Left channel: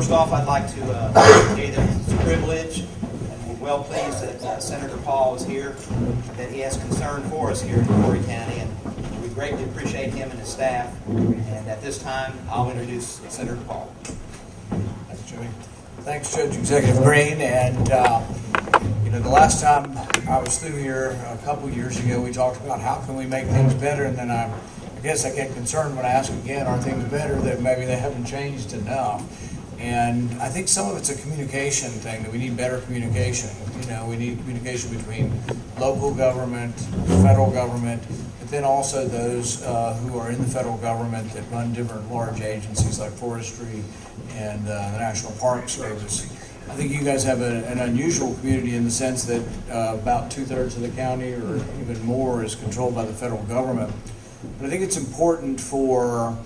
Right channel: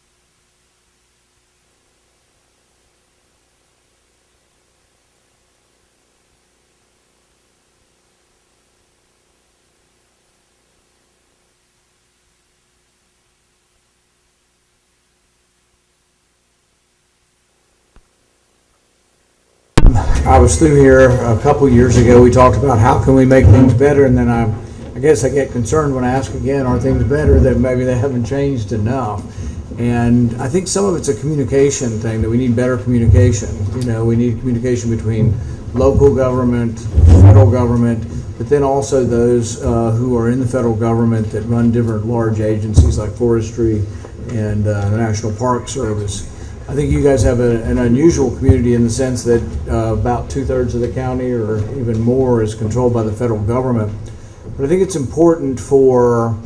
First off, I'd like to say that it's a privilege, and we're well pleased that Senator Paul is here, that he has concern for us here in McCreary County, and we greatly appreciate him and his staff. And at this time, I'll introduce Senator Paul. Thanks, Jimmy. Thanks, Judge Executive Green. And the last time I was through here a couple years ago, we talked about how can we make things better, and then I guess I get concerned when I ask again, are things better, that maybe they haven't changed enough. And I think some of it's a communication thing, that we need better communication. We need communication between local government, federal government, but then also those who are in the federal government that run different large agencies like Forestry and the National Park Service. I think you guys have an unusual community in the sense that about 2/3 of the county or even more is controlled by the federal government. But I think it's important for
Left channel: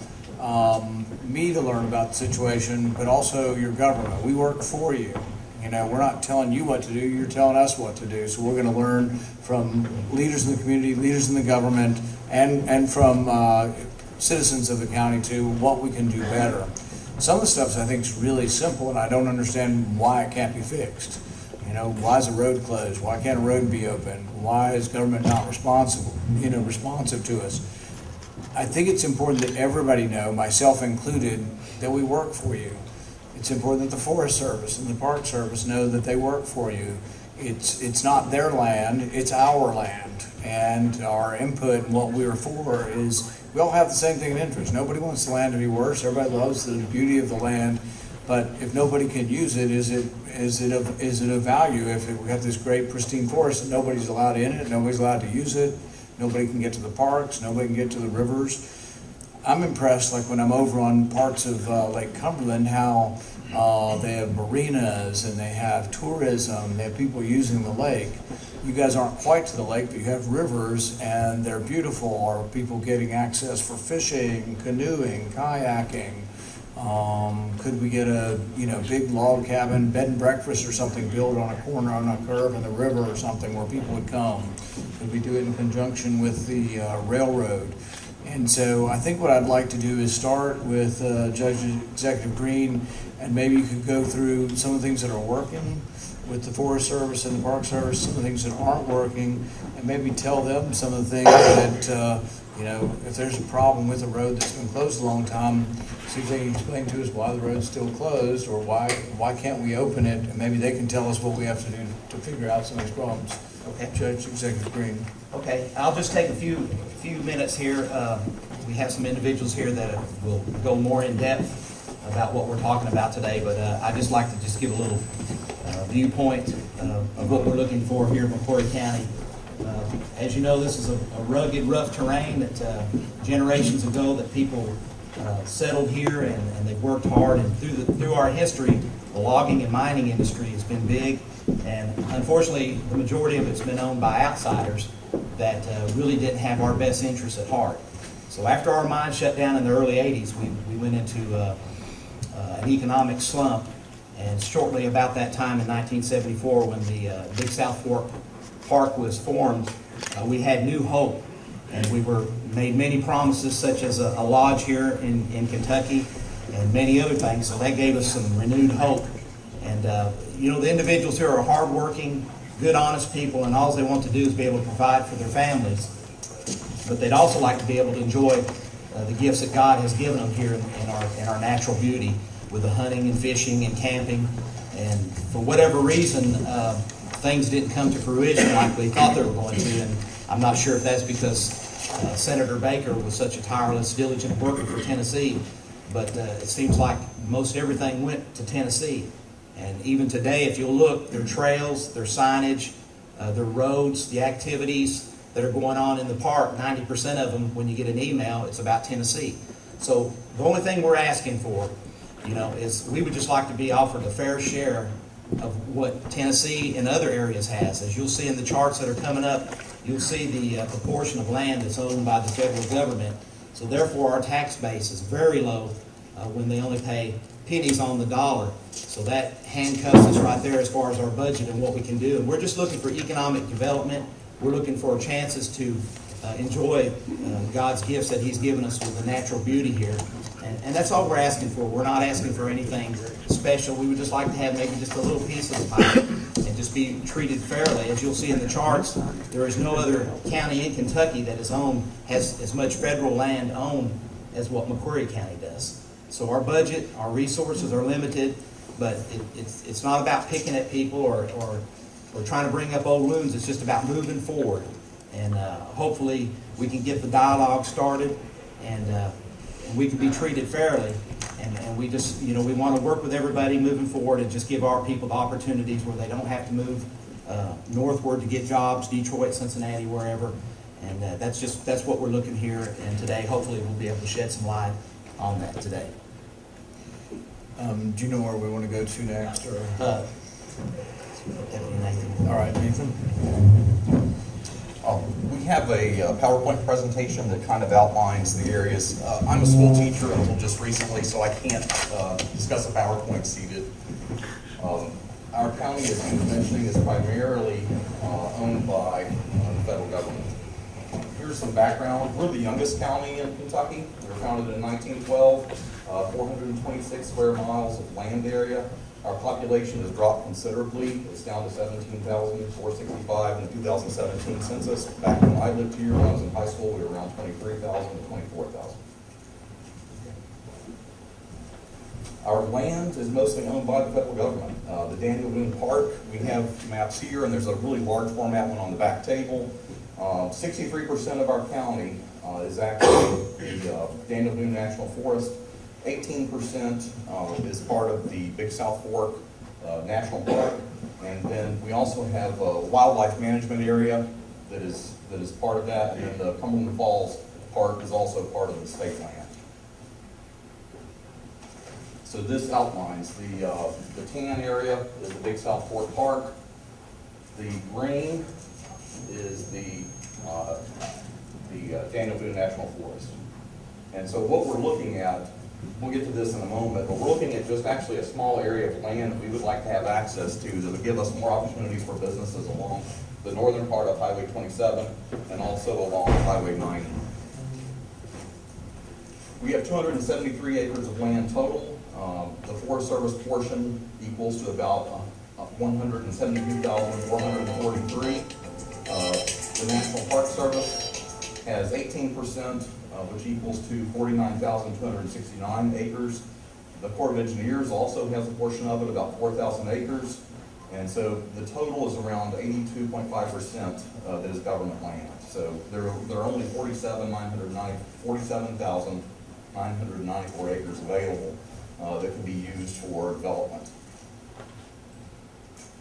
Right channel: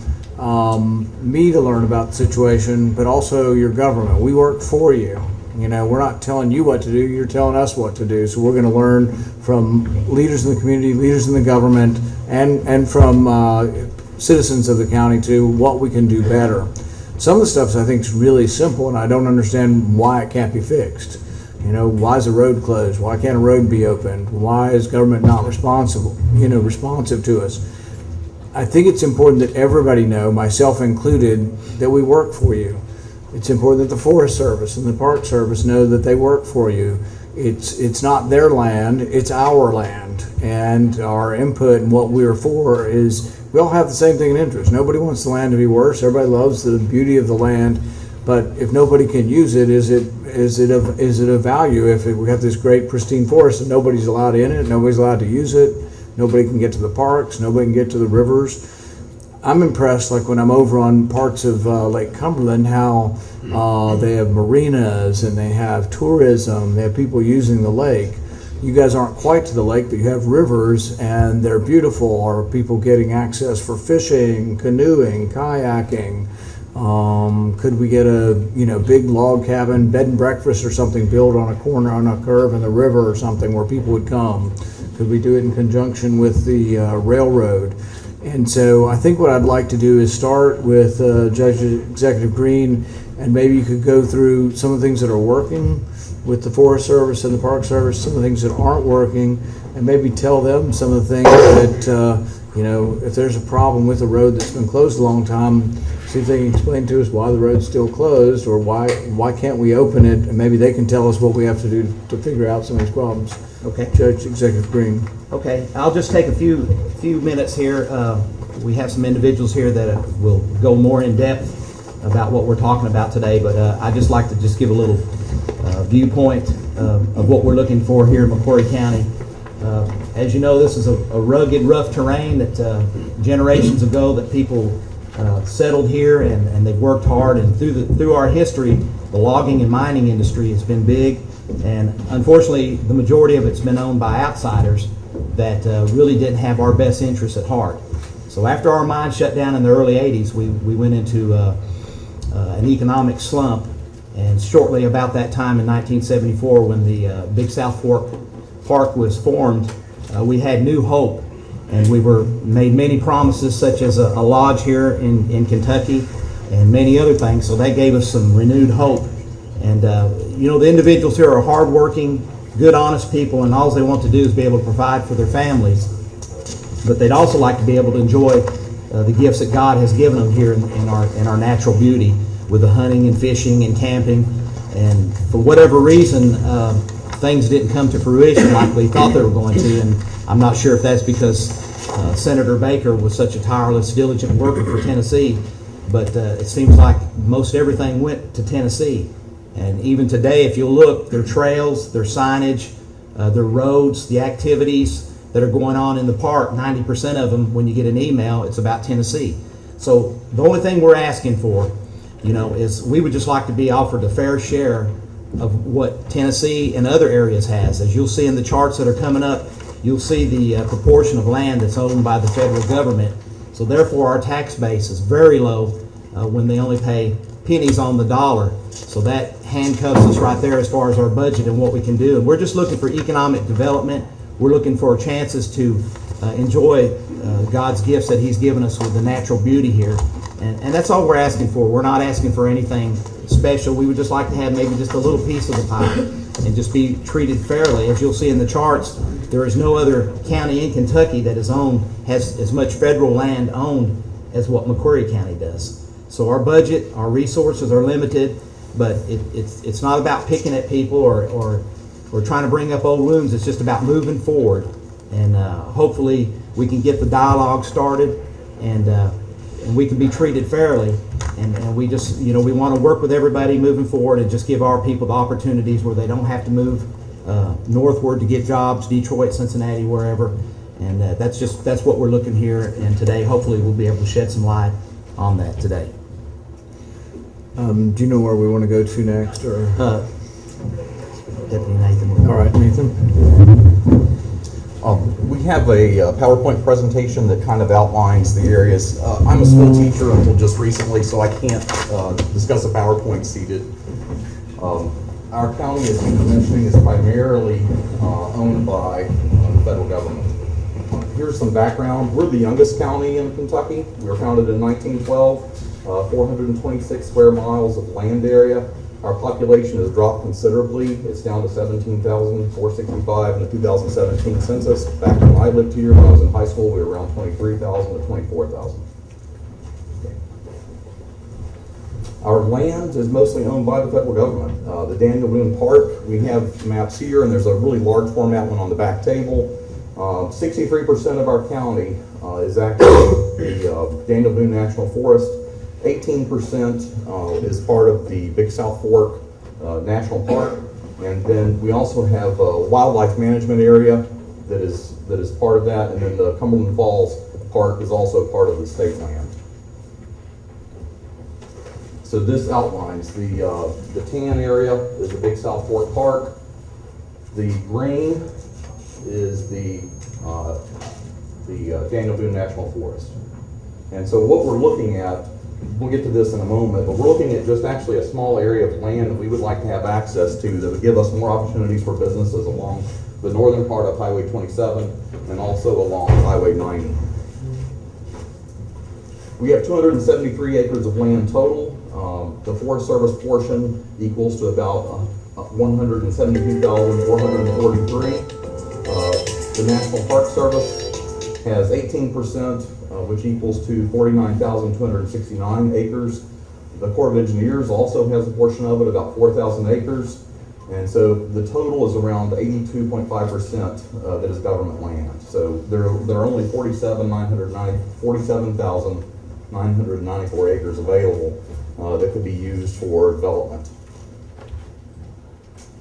me to learn about the situation, but also your government. We work for you. We're not telling you what to do, you're telling us what to do. So we're going to learn from leaders in the community, leaders in the government, and from citizens of the county too, what we can do better. Some of the stuff I think is really simple, and I don't understand why it can't be fixed. Why is a road closed? Why can't a road be opened? Why is government not responsive to us? I think it's important that everybody know, myself included, that we work for you. It's important that the Forest Service and the Park Service know that they work for you. It's not their land, it's our land. And our input and what we're for is, we all have the same thing in interest. Nobody wants the land to be worse. Everybody loves the beauty of the land. But if nobody can use it, is it of value? If we have this great pristine forest and nobody's allowed in it, nobody's allowed to use it, nobody can get to the parks, nobody can get to the rivers. I'm impressed, like when I'm over on parts of Lake Cumberland, how they have marinas and they have tourism, they have people using the lake. You guys aren't quite to the lake, but you have rivers and they're beautiful. Are people getting access for fishing, canoeing, kayaking? Could we get a big log cabin, bed and breakfast or something built on a corner, on a curve in the river or something where people would come? Could we do it in conjunction with the railroad? And so I think what I'd like to do is start with Judge Executive Green, and maybe you could go through some of the things that are working with the Forest Service and the Park Service, some of the things that aren't working, and maybe tell them some of the things that, if there's a problem with a road that's been closed a long time, see if they can explain to us why the road's still closed, or why can't we open it, and maybe they can tell us what we have to do to figure out some of these problems. Okay. Judge Executive Green. Okay, I'll just take a few minutes here. We have some individuals here that will go more in depth about what we're talking about today, but I'd just like to just give a little viewpoint of what we're looking for here in McCreary County. As you know, this is a rugged, rough terrain that generations ago that people settled here, and they've worked hard, and through our history, the logging and mining industry has been big, and unfortunately the majority of it's been owned by outsiders that really didn't have our best interests at heart. So after our mine shut down in the early 80s, we went into an economic slump, and shortly about that time in 1974, when the Big South Fork Park was formed, we had new hope, and we were made many promises, such as a lodge here in Kentucky and many other things. So that gave us some renewed hope. And the individuals here are hardworking, good, honest people, and all they want to do is be able to provide for their families. But they'd also like to be able to enjoy the gifts that God has given them here in our natural beauty, with the hunting and fishing and camping. And for whatever reason, things didn't come to fruition like we thought they were going to. And I'm not sure if that's because Senator Baker was such a tireless, diligent worker for Tennessee, but it seems like most everything went to Tennessee. And even today, if you'll look, their trails, their signage, their roads, the activities that are going on in the park, 90% of them, when you get an email, it's about Tennessee. So the only thing we're asking for, is we would just like to be offered a fair share of what Tennessee and other areas has. As you'll see in the charts that are coming up, you'll see the proportion of land that's owned by the federal government. So therefore, our tax base is very low when they only pay pennies on the dollar. So that handcuffs us right there as far as our budget and what we can do. And we're just looking for economic development. We're looking for chances to enjoy God's gifts that He's given us with the natural beauty here. And that's all we're asking for. We're not asking for anything special. We would just like to have maybe just a little piece of the pie and just be treated fairly. As you'll see in the charts, there is no other county in Kentucky that has as much federal land owned as what McCreary County does. So our budget, our resources are limited, but it's not about picking at people or trying to bring up old wounds. It's just about moving forward. And hopefully we can get the dialogue started and we can be treated fairly. And we just, we want to work with everybody moving forward and just give our people the opportunities where they don't have to move northward to get jobs, Detroit, Cincinnati, wherever. And that's what we're looking here. And today, hopefully, we'll be able to shed some light on that today. Do you know where we want to go to next? Or Deputy Nathan. all right, Nathan. We have a PowerPoint presentation that kind of outlines the areas. I'm a school teacher until just recently, so I can't discuss a PowerPoint seated. Our county, as you were mentioning, is primarily owned by the federal government. Here's some background. We're the youngest county in Kentucky. We were founded in 1912, 426 square miles of land area. Our population has dropped considerably. It's down to 17,465 in the 2017 census. Back when I lived here, when I was in high school, we were around 23,000 to 24,000. Our land is mostly owned by the federal government. The Daniel Boone Park, we have maps here, and there's a really large format one on the back table. 63% of our county is actually the Daniel Boone National Forest. 18% is part of the Big South Fork National Park, and then we also have a wildlife management area that is part of that, and then the Cumberland Falls Park is also part of the state land. So this outlines the tan area is the Big South Fork Park. The green is the Daniel Boone National Forest. And so what we're looking at, we'll get to this in a moment, but we're looking at just actually a small area of land that we would like to have access to that would give us more opportunities for businesses along the northern part of Highway 27 and also along Highway 90. We have 273 acres of land total. The Forest Service portion equals to about 172,443. The National Park Service has 18%, which equals to 49,269 acres. The Corps of Engineers also has a portion of it, about 4,000 acres. And so the total is around 82.5% that is government land. So there are only 47,994 acres available that could be used for development.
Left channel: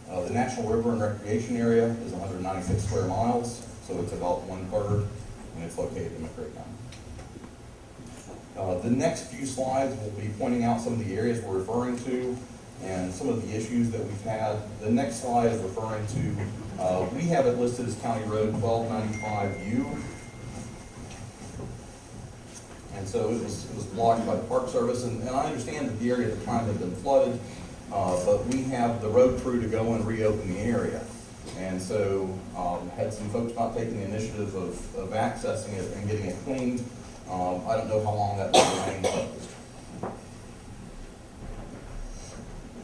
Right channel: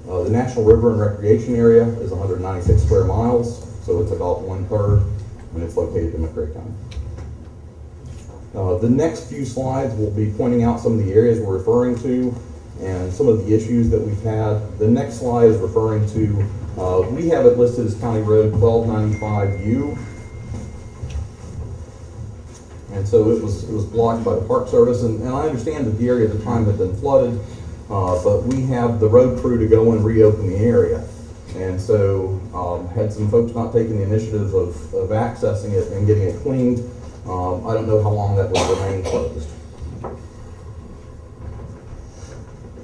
The National River and Recreation Area is 196 square miles, so it's about 1/3, and it's located in McCreary County. The next few slides will be pointing out some of the areas we're referring to and some of the issues that we've had. The next slide is referring to, we have it listed as County Road 1295U. And so it was blocked by the Park Service, and I understand that the area at the time had been flooded, but we have the road crew to go and reopen the area. And so had some folks not taking the initiative of accessing it and getting it cleaned. I don't know how long that will remain closed.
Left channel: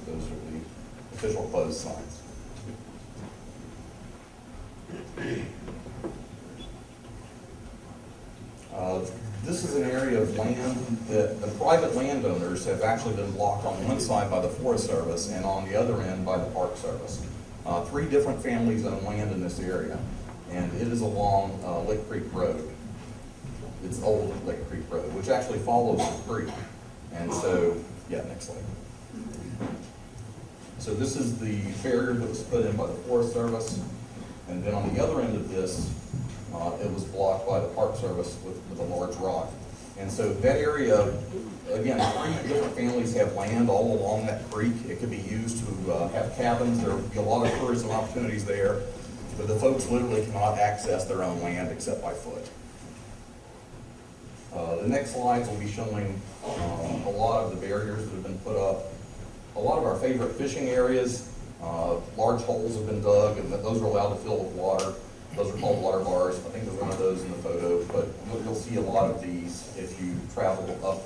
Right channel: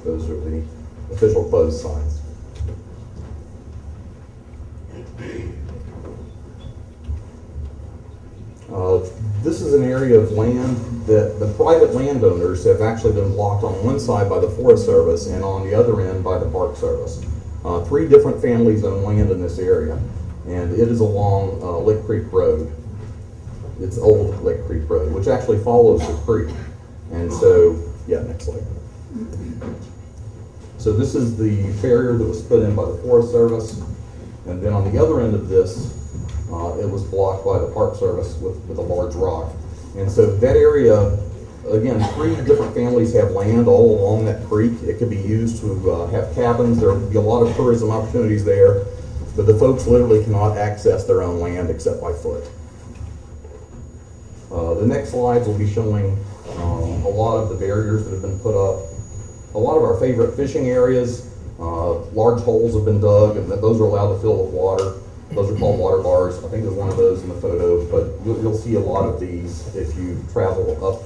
Those are the official closed signs. This is an area of land that the private landowners have actually been blocked on one side by the Forest Service and on the other end by the Park Service. 3 different families own land in this area, and it is along Lick Creek Road. It's Old Lick Creek Road, which actually follows the creek. And so, yeah, next slide. So this is the barrier that was put in by the Forest Service, and then on the other end of this, it was blocked by the Park Service with a large rock. And so that area, again, 3 different families have land all along that creek. It could be used to have cabins. There would be a lot of tourism opportunities there, but the folks literally cannot access their own land except by foot. The next slides will be showing a lot of the barriers that have been put up. A lot of our favorite fishing areas, large holes have been dug, and those are allowed to fill with water. Those are called water bars. I think there's one of those in the photo, but you'll see a lot of these if you travel up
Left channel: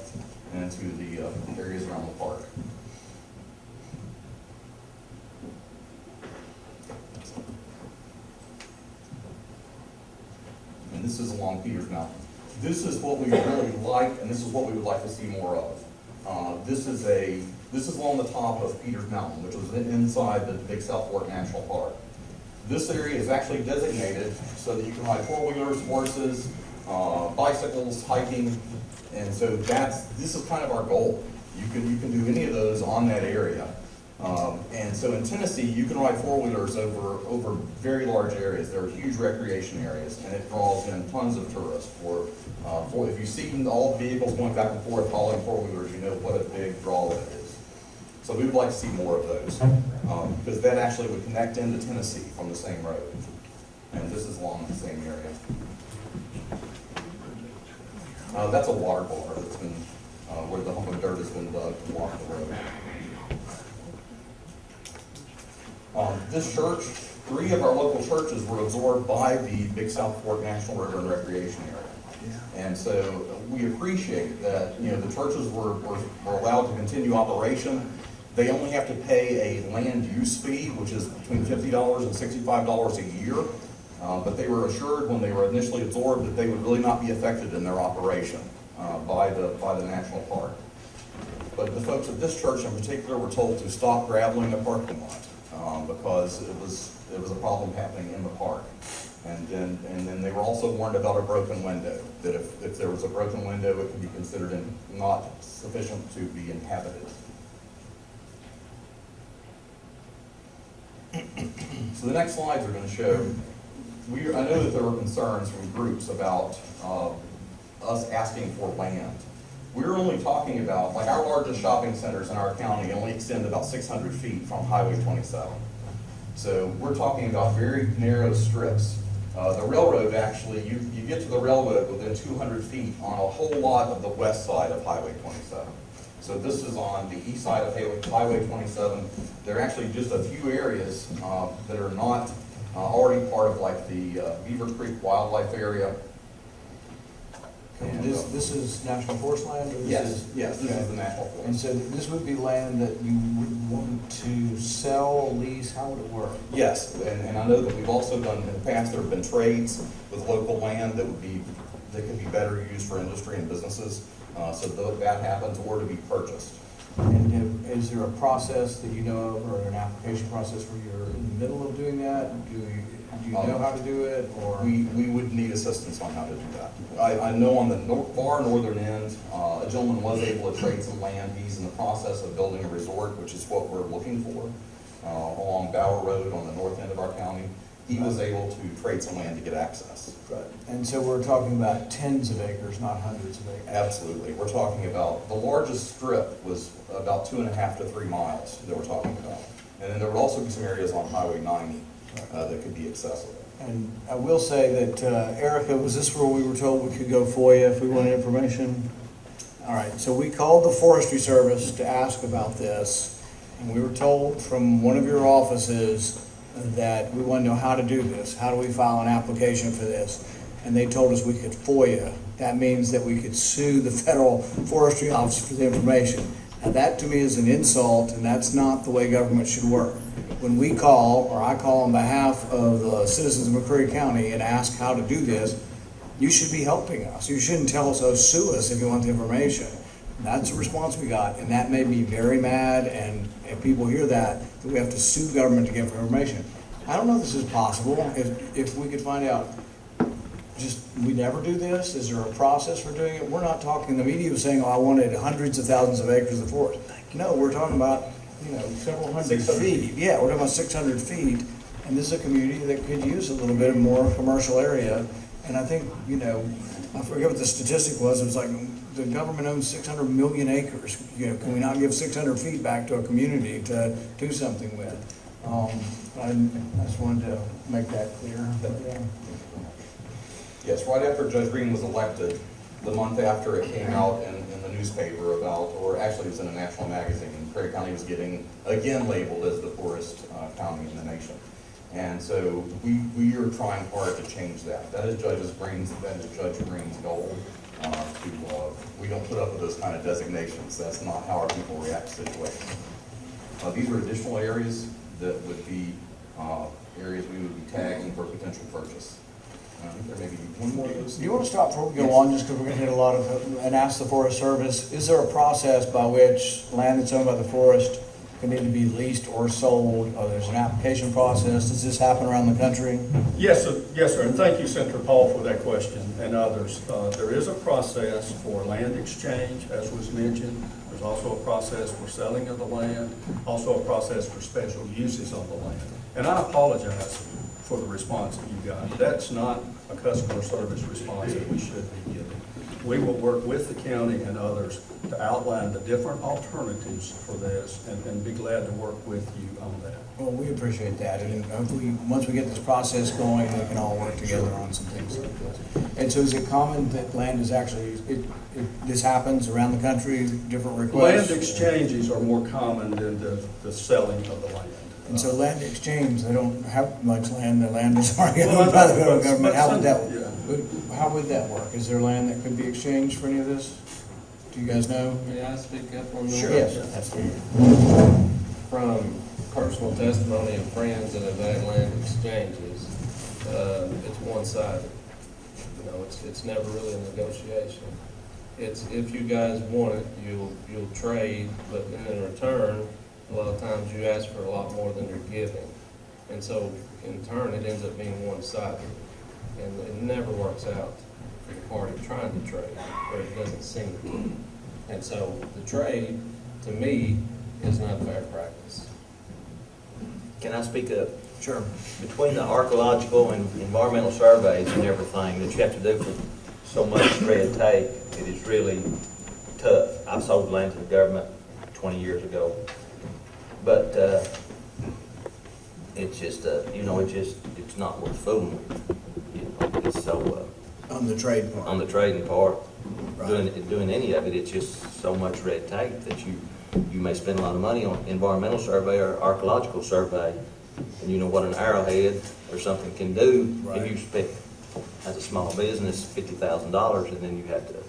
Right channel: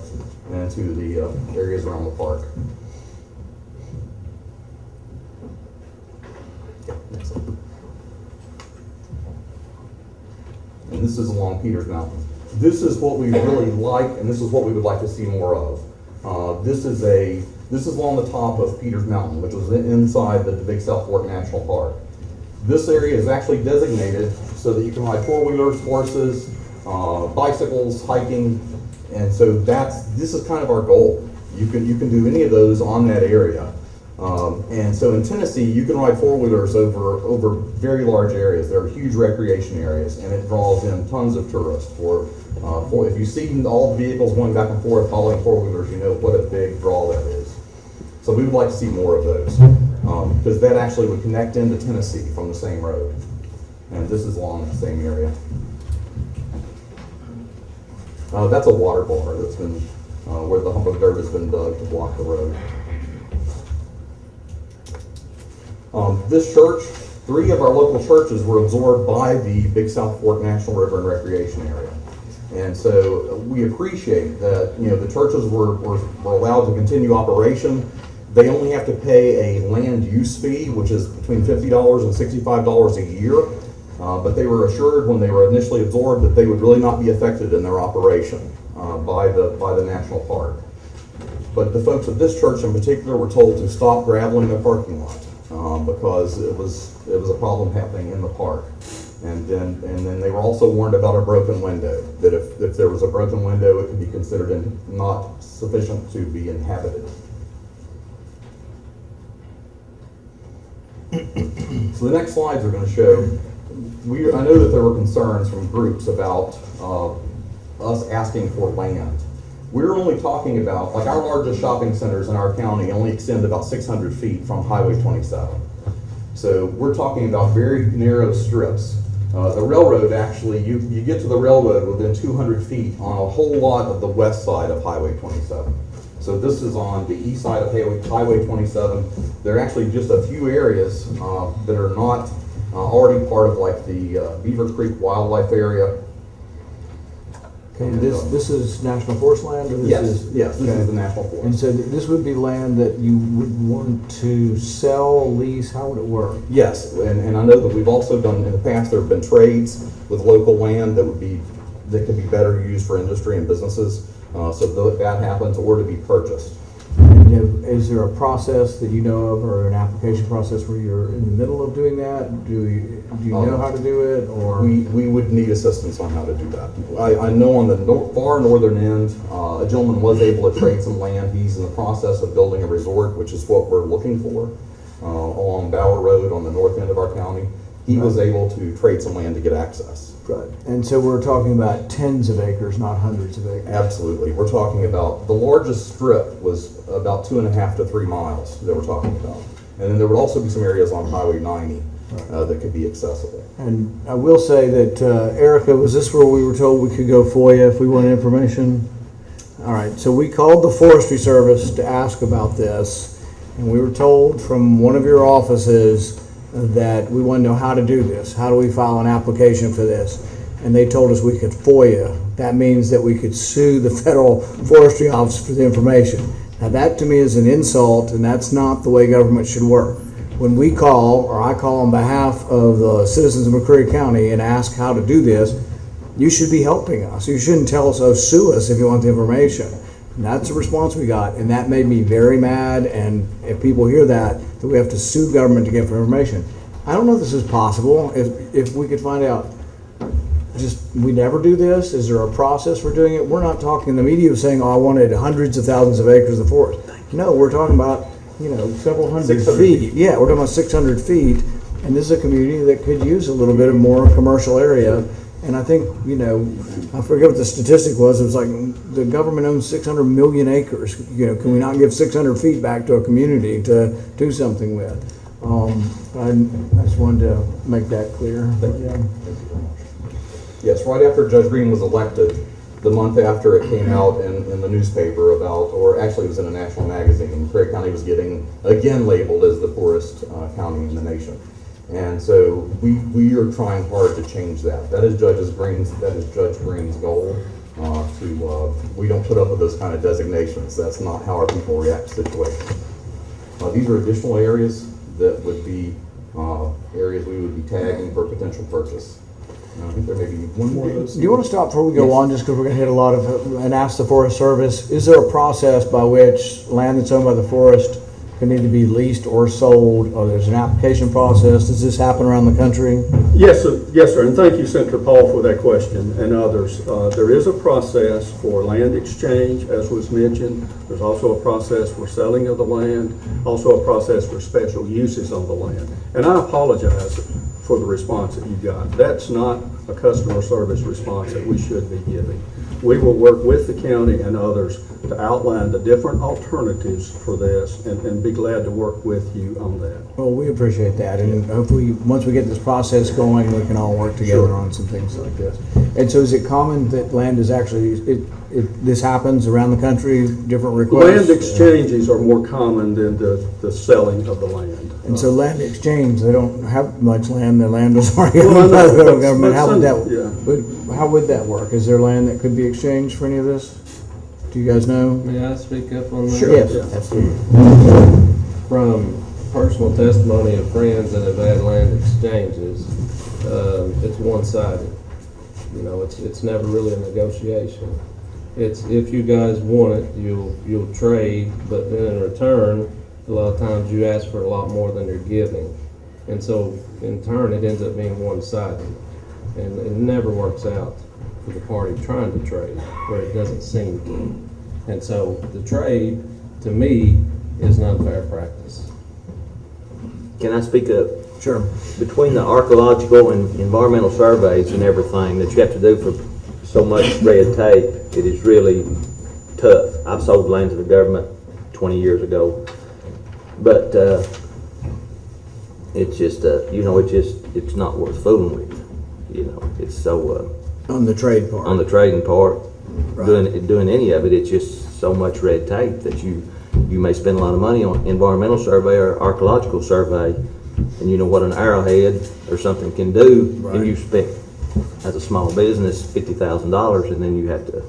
into the areas around the park. this is along Peters Mountain. This is what we really like, and this is what we would like to see more of. This is along the top of Peters Mountain, which was inside the Big South Fork National Park. This area is actually designated so that you can ride four-wheelers, horses, bicycles, hiking, and so this is kind of our goal. You can do any of those on that area. And so in Tennessee, you can ride four-wheelers over very large areas. There are huge recreation areas, and it draws in tons of tourists. If you see all the vehicles going back and forth hauling four-wheelers, you know what a big draw that is. So we would like to see more of those, because that actually would connect into Tennessee from the same road. And this is along the same area. That's a water bar that's been, where the hump of dirt has been dug to block the road. This church, 3 of our local churches were absorbed by the Big South Fork National River and Recreation Area. And so we appreciate that, the churches were allowed to continue operation. They only have to pay a land use fee, which is between $50 and $65 a year. But they were assured when they were initially absorbed that they would really not be affected in their operation by the national park. But the folks at this church in particular were told to stop graveling the parking lot because it was a problem happening in the park. And then they were also warned about a broken window, that if there was a broken window, it could be considered not sufficient to be inhabited. So the next slides are going to show, I know that there were concerns from groups about us asking for land. We're only talking about, like, our largest shopping centers in our county only extend about 600 feet from Highway 27. So we're talking about very narrow strips. The railroad, actually, you get to the railroad within 200 feet on a whole lot of the west side of Highway 27. So this is on the east side of Highway 27. There are actually just a few areas that are not already part of, like, the Beaver Creek Wildlife Area. And this is National Forest land? Or this Yes, this is the National Forest. And so this would be land that you would want to sell, lease, how would it work? Yes, and I know that we've also done, in the past, there have been trades with local land that could be better used for industry and businesses. So that happens, or to be purchased. Is there a process that you know of, or an application process where you're in the middle of doing that? Do you know how to do it, or? We would need assistance on how to do that. I know on the far northern end, a gentleman was able to trade some land. He's in the process of building a resort, which is what we're looking for, along Bower Road on the north end of our county. He was able to trade some land to get access. Right. And so we're talking about tens of acres, not hundreds of acres. Absolutely. We're talking about, the largest strip was about 2.5 to 3 miles that we're talking about. And then there would also be some areas on Highway 90 that could be accessible. And I will say that, Erica, was this where we were told we could go FOIA if we wanted information? All right, so we called the Forestry Service to ask about this, and we were told from one of your offices that we want to know how to do this. How do we file an application for this? And they told us we could FOIA. That means that we could sue the Federal Forestry Office for the information. Now that to me is an insult, and that's not the way government should work. When we call, or I call on behalf of the citizens of McCreary County and ask how to do this, you should be helping us. You shouldn't tell us, oh, sue us if you want the information. And that's the response we got, and that made me very mad, and if people hear that we have to sue government to get information. I don't know if this is possible. If we could find out, we never do this? Is there a process for doing it? We're not talking, the media was saying, oh, I wanted hundreds of thousands of acres of forest. No, we're talking about, several hundred feet. Yeah, we're talking about 600 feet, and this is a community that could use a little bit of more commercial area. And I think, I forget what the statistic was. It was like the government owns 600 million acres. Can we not give 600 feet back to a community to do something with? I just wanted to make that clear. Yes, right after Judge Green was elected, the month after it came out in the newspaper or actually it was in a national magazine, Prairie County was getting, again, labeled as the poorest county in the nation. And so we are trying hard to change that. That is Judge Green's goal. We don't put up with those kind of designations. That's not how our people react to situations. These are additional areas that would be areas we would be tagging for potential purchase. I think there may be one more of those. Do you want to stop before we go on, just because we're going to hit a lot of, and ask the Forest Service, is there a process by which land that's owned by the forest can either be leased or sold, or there's an application process? Does this happen around the country? Yes, sir, and thank you, Senator Paul, for that question and others. There is a process for land exchange, as was mentioned. There's also a process for selling of the land, also a process for special uses on the land. And I apologize for the response that you got. That's not a customer service response that we should be giving. We will work with the county and others to outline the different alternatives for this and be glad to work with you on that. Well, we appreciate that, and hopefully, once we get this process going, they can all work together on some things like this. And so, is it common that land is actually this happens around the country? Different requests. Land exchanges are more common than the selling of the land. And so, land exchange, they don't have much land. Their land is already owned by the federal government. How would that work? Is there land that could be exchanged for any of this? Do you guys know? May I speak up on that? Sure. Yes, absolutely. From personal testimony of friends that have had land exchanges, it's one-sided. You know, it's never really a negotiation. It's if you guys want it, you'll trade, but then in return, a lot of times you ask for a lot more than you're giving, and so in turn it ends up being one-sided, and it never works out for the party trying to trade where it doesn't seem to. And so the trade, to me, is not fair practice. Can I speak up? Sure. Between the archaeological and environmental surveys and everything that you have to do for so much red tape, it is really tough. I've sold land to the government 20 years ago, but it's just, it's not worth fooling with. You know, it's so... On the trade part. On the trading part, Right. doing any of it, it's just so much red tape that you may spend a lot of money on environmental survey or archaeological survey, and you know what an arrowhead or something can do, Right. and you spent, as a small business, $50,000, and then you have to,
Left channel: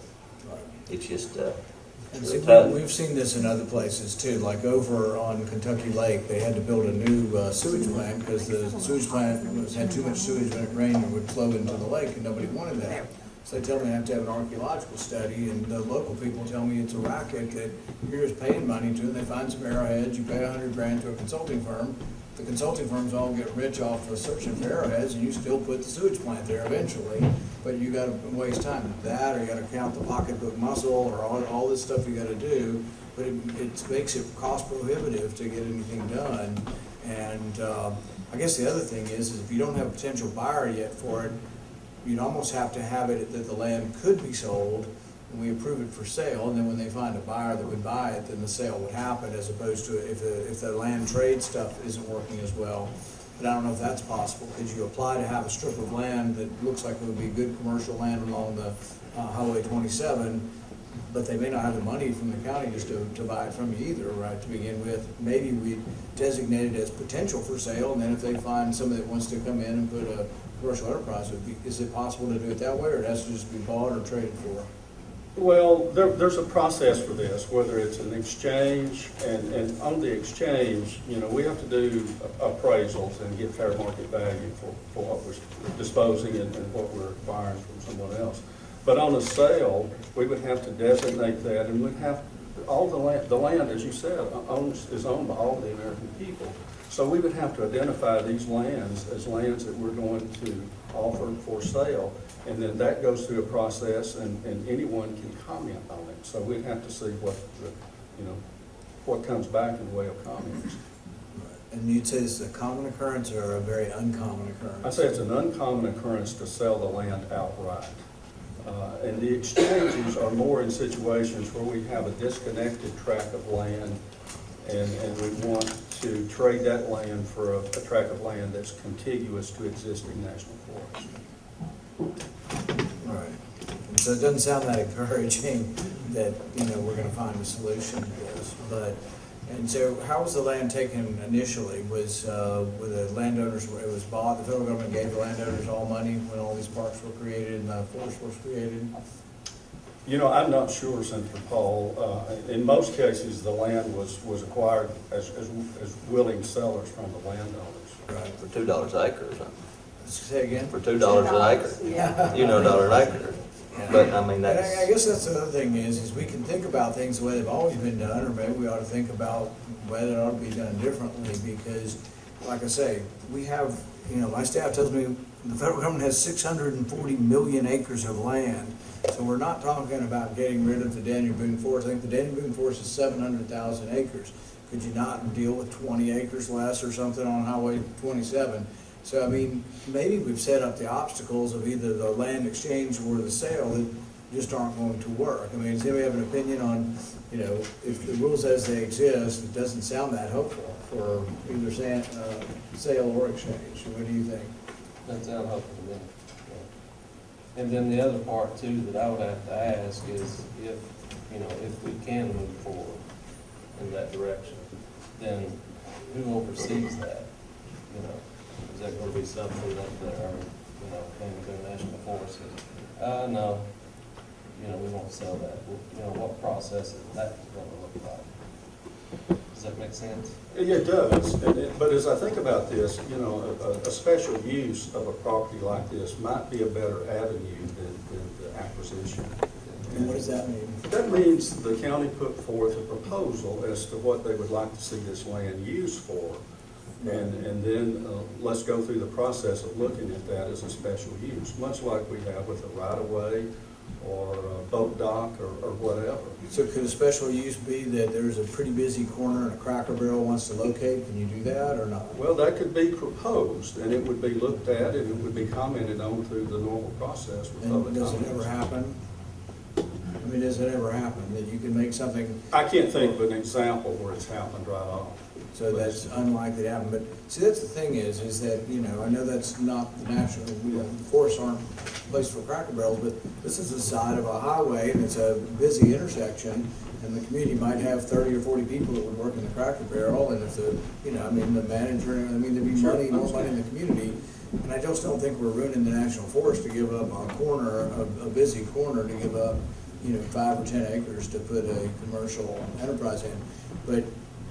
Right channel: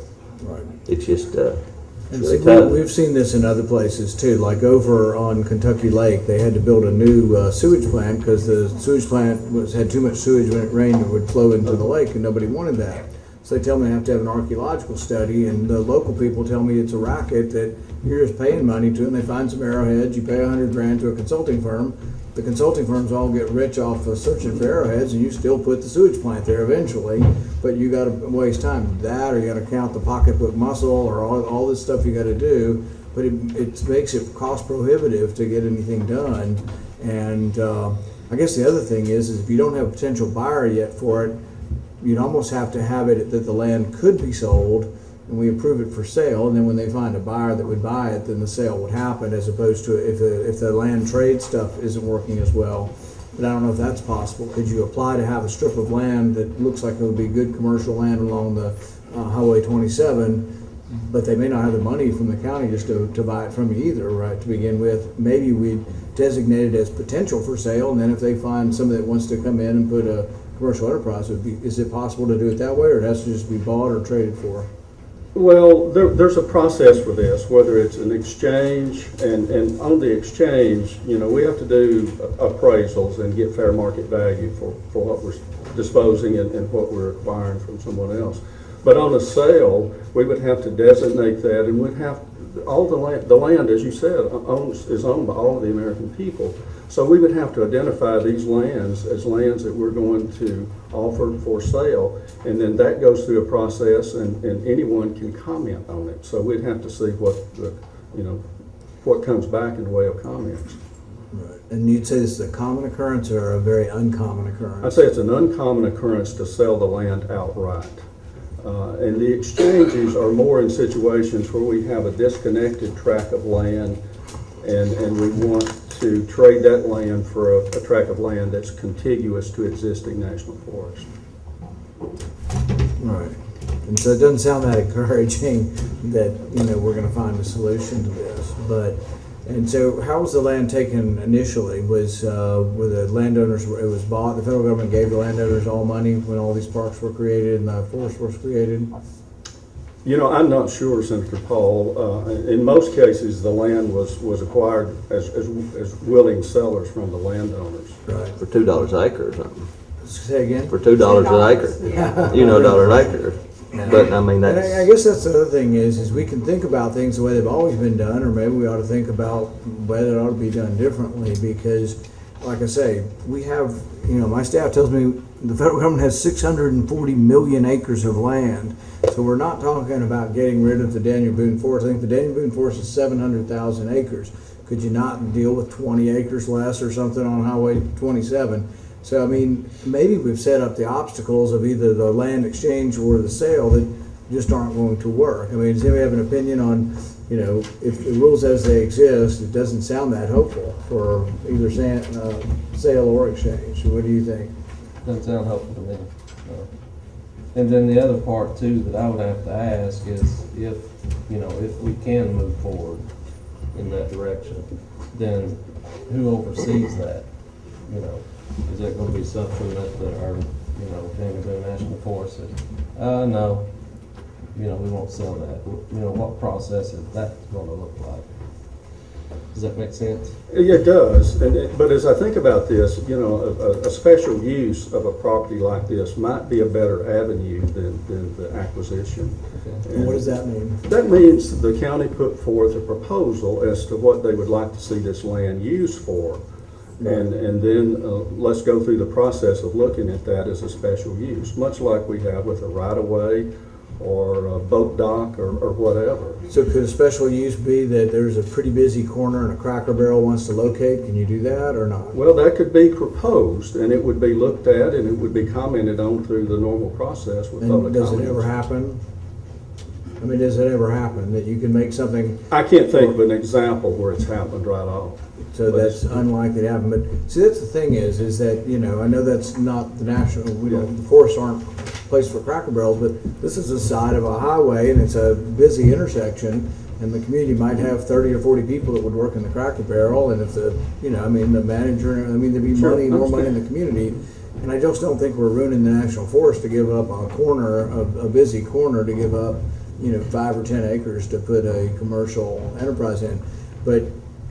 Right. it's just, And really so tough. we've seen this in other places too, like over on Kentucky Lake, they had to build a new sewage plant because the sewage plant had too much sewage when it rained, it would flow into the lake, and nobody wanted that. So they tell me I have to have an archaeological study, and the local people tell me it's a racket that you're just paying money to, and they find some arrowheads, you pay $100 grand to a consulting firm. The consulting firms all get rich off of searching for arrowheads, and you still put the sewage plant there eventually, but you gotta waste time with that, or you gotta count the pocketbook muscle, or all this stuff you gotta do, but it makes it cost prohibitive to get anything done. And I guess the other thing is if you don't have a potential buyer yet for it, you'd almost have to have it that the land could be sold, and we approve it for sale, and then when they find a buyer that would buy it, then the sale would happen, as opposed to if the land trade stuff isn't working as well. But I don't know if that's possible. Could you apply to have a strip of land that looks like it would be good commercial land along the Highway 27, but they may not have the money from the county just to buy it from you either, right, to begin with? Maybe we'd designate it as potential for sale, and then if they find somebody that wants to come in and put a commercial enterprise, is it possible to do it that way, or it has to just be bought or traded for? Well, there's a process for this, whether it's an exchange, and on the exchange, you know, we have to do appraisals and get fair market value for what we're disposing and what we're acquiring from someone else. But on a sale, we would have to designate that, and we'd have all the land, as you said, is owned by all of the American people. So we would have to identify these lands as lands that we're going to offer for sale, and then that goes through a process, and anyone can comment on it. So we'd have to see what comes back in the way of comments. Right. And you'd say this is a common occurrence or a very uncommon occurrence? I'd say it's an uncommon occurrence to sell the land outright. And the exchanges are more in situations where we have a disconnected tract of land, and we want to trade that land for a tract of land that's contiguous to existing national forest. All right. And so it doesn't sound that encouraging that, we're going to find a solution to this. And so how was the land taken initially? Were the landowners, it was bought, the federal government gave the landowners all money when all these parks were created and the forest was created? You know, I'm not sure, Senator Paul. In most cases, the land was acquired as willing sellers from the landowners. Right. For $2 an acre or something. Say again? for $2 an acre. You know, $1 an acre. But I mean, And that's. I guess that's the other thing is we can think about things the way they've always been done, or maybe we ought to think about whether it ought to be done differently, because, like I say, we have, my staff tells me the federal government has 640 million acres of land, so we're not talking about getting rid of the Daniel Boone Forest. I think the Daniel Boone Forest is 700,000 acres. Could you not deal with 20 acres less or something on Highway 27? So, I mean, maybe we've set up the obstacles of either the land exchange or the sale that just aren't going to work. I mean, does anybody have an opinion on, if the rules as they exist, it doesn't sound that hopeful for either sale or exchange. What do you think? Doesn't sound hopeful to me. No. And then the other part too that I would have to ask is if we can move forward in that direction, then who oversees that? Is that gonna be something that our, Daniel National Forest says, no, we won't sell that. What process is that gonna look like? Does that make sense? It does, but as I think about this, a special use of a property like this might be a better avenue than the acquisition. And what does that mean? That means the county put forth a proposal as to what they would like to see this land used for. And then let's go through the process of looking at that as a special use, much like we have with a right-of-way or a boat dock or whatever. So could a special use be that there's a pretty busy corner and a Cracker Barrel wants to locate? Can you do that or not? Well, that could be proposed, and it would be looked at, and it would be commented on through the normal process with public And does it comments. ever happen? I mean, does it ever happen that you can make something, I can't think of an example where it's happened right off. so that's unlikely to happen? But see, that's the thing is that, I know that's not the national, the forests aren't a place for Cracker Barrels, but this is the side of a highway and it's a busy intersection, and the community might have 30 or 40 people that would work in the Cracker Barrel, and if the, the manager, there'd be Sure, money, more money in the community. And I just don't think we're ruining the national forest to give up a corner, a busy corner, to give up 5 or 10 acres to put a commercial enterprise in. But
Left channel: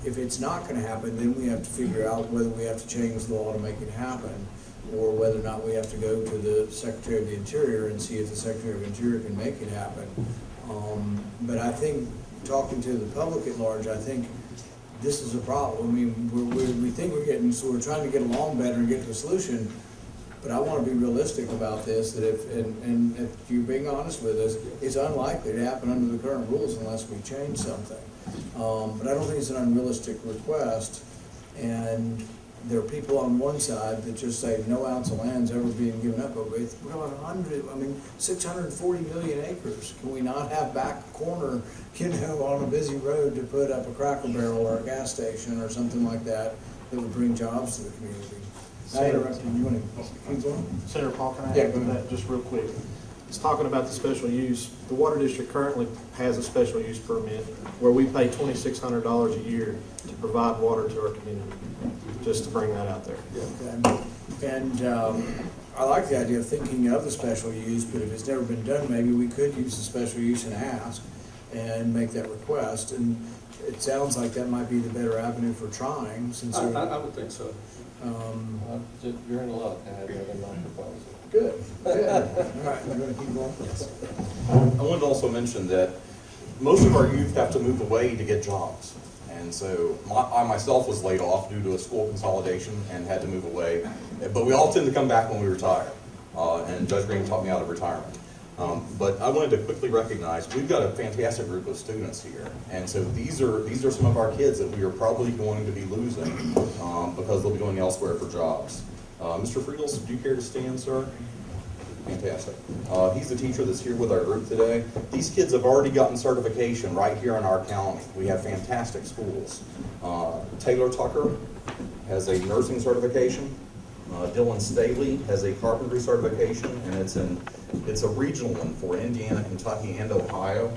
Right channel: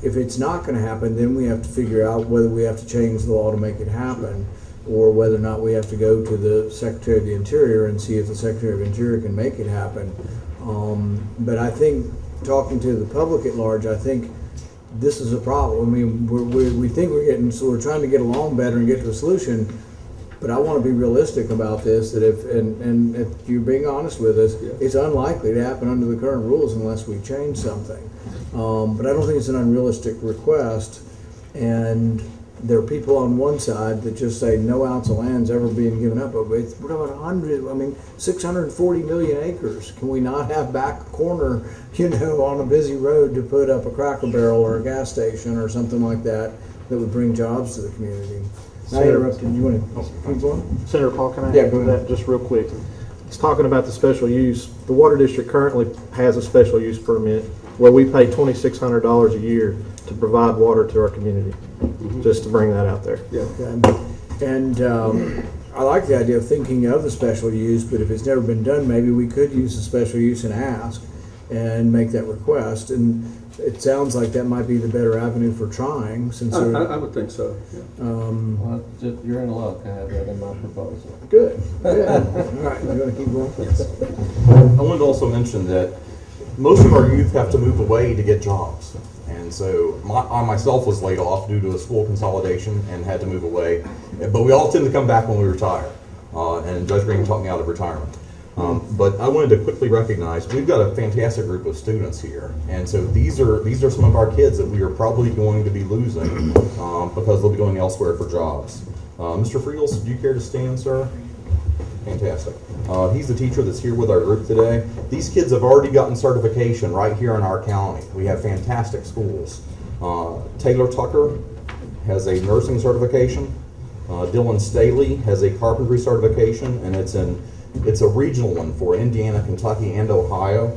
if it's not gonna happen, then we have to figure out whether we have to change the law to make it happen, or whether or not we have to go to the Secretary of the Interior and see if the Secretary of the Interior can make it happen. But I think, talking to the public at large, I think this is a problem. I mean, we think we're trying to get along better and get to a solution. But I want to be realistic about this, that if you're being honest with us, it's unlikely to happen under the current rules unless we change something. But I don't think it's an unrealistic request. And there are people on one side that just say no ounce of land's ever being given up. But we're talking 640 million acres. Can we not have back a corner, on a busy road to put up a Cracker Barrel or a gas station or something like that would bring jobs to the community? I interrupted. You want to keep going? Senator Paul, can I Yeah, add go to ahead. that just real quick? It's talking about the special use. The Water District currently has a special use permit where we pay $2,600 a year to provide water to our community, just to bring that out there. Yeah. And I like the idea of thinking of the special use, but if it's never been done, maybe we could use the special use and ask and make that request. And it sounds like that might be the better avenue for trying, since I would think so. Yeah. Well, you're in luck. I have that in my proposal. Good. All right, I'm going to keep going. I wanted to also mention that most of our youth have to move away to get jobs. And so I myself was laid off due to a school consolidation and had to move away. But we all tend to come back when we retire. And Judge Green taught me out of retirement. But I wanted to quickly recognize we've got a fantastic group of students here. And so these are some of our kids that we are probably going to be losing because they'll be going elsewhere for jobs. Mr. Friedels, do you care to stand, sir? Fantastic. He's the teacher that's here with our group today. These kids have already gotten certification right here in our county. We have fantastic schools. Taylor Tucker has a nursing certification. Dylan Staley has a carpentry certification, and it's a regional one for Indiana, Kentucky, and Ohio.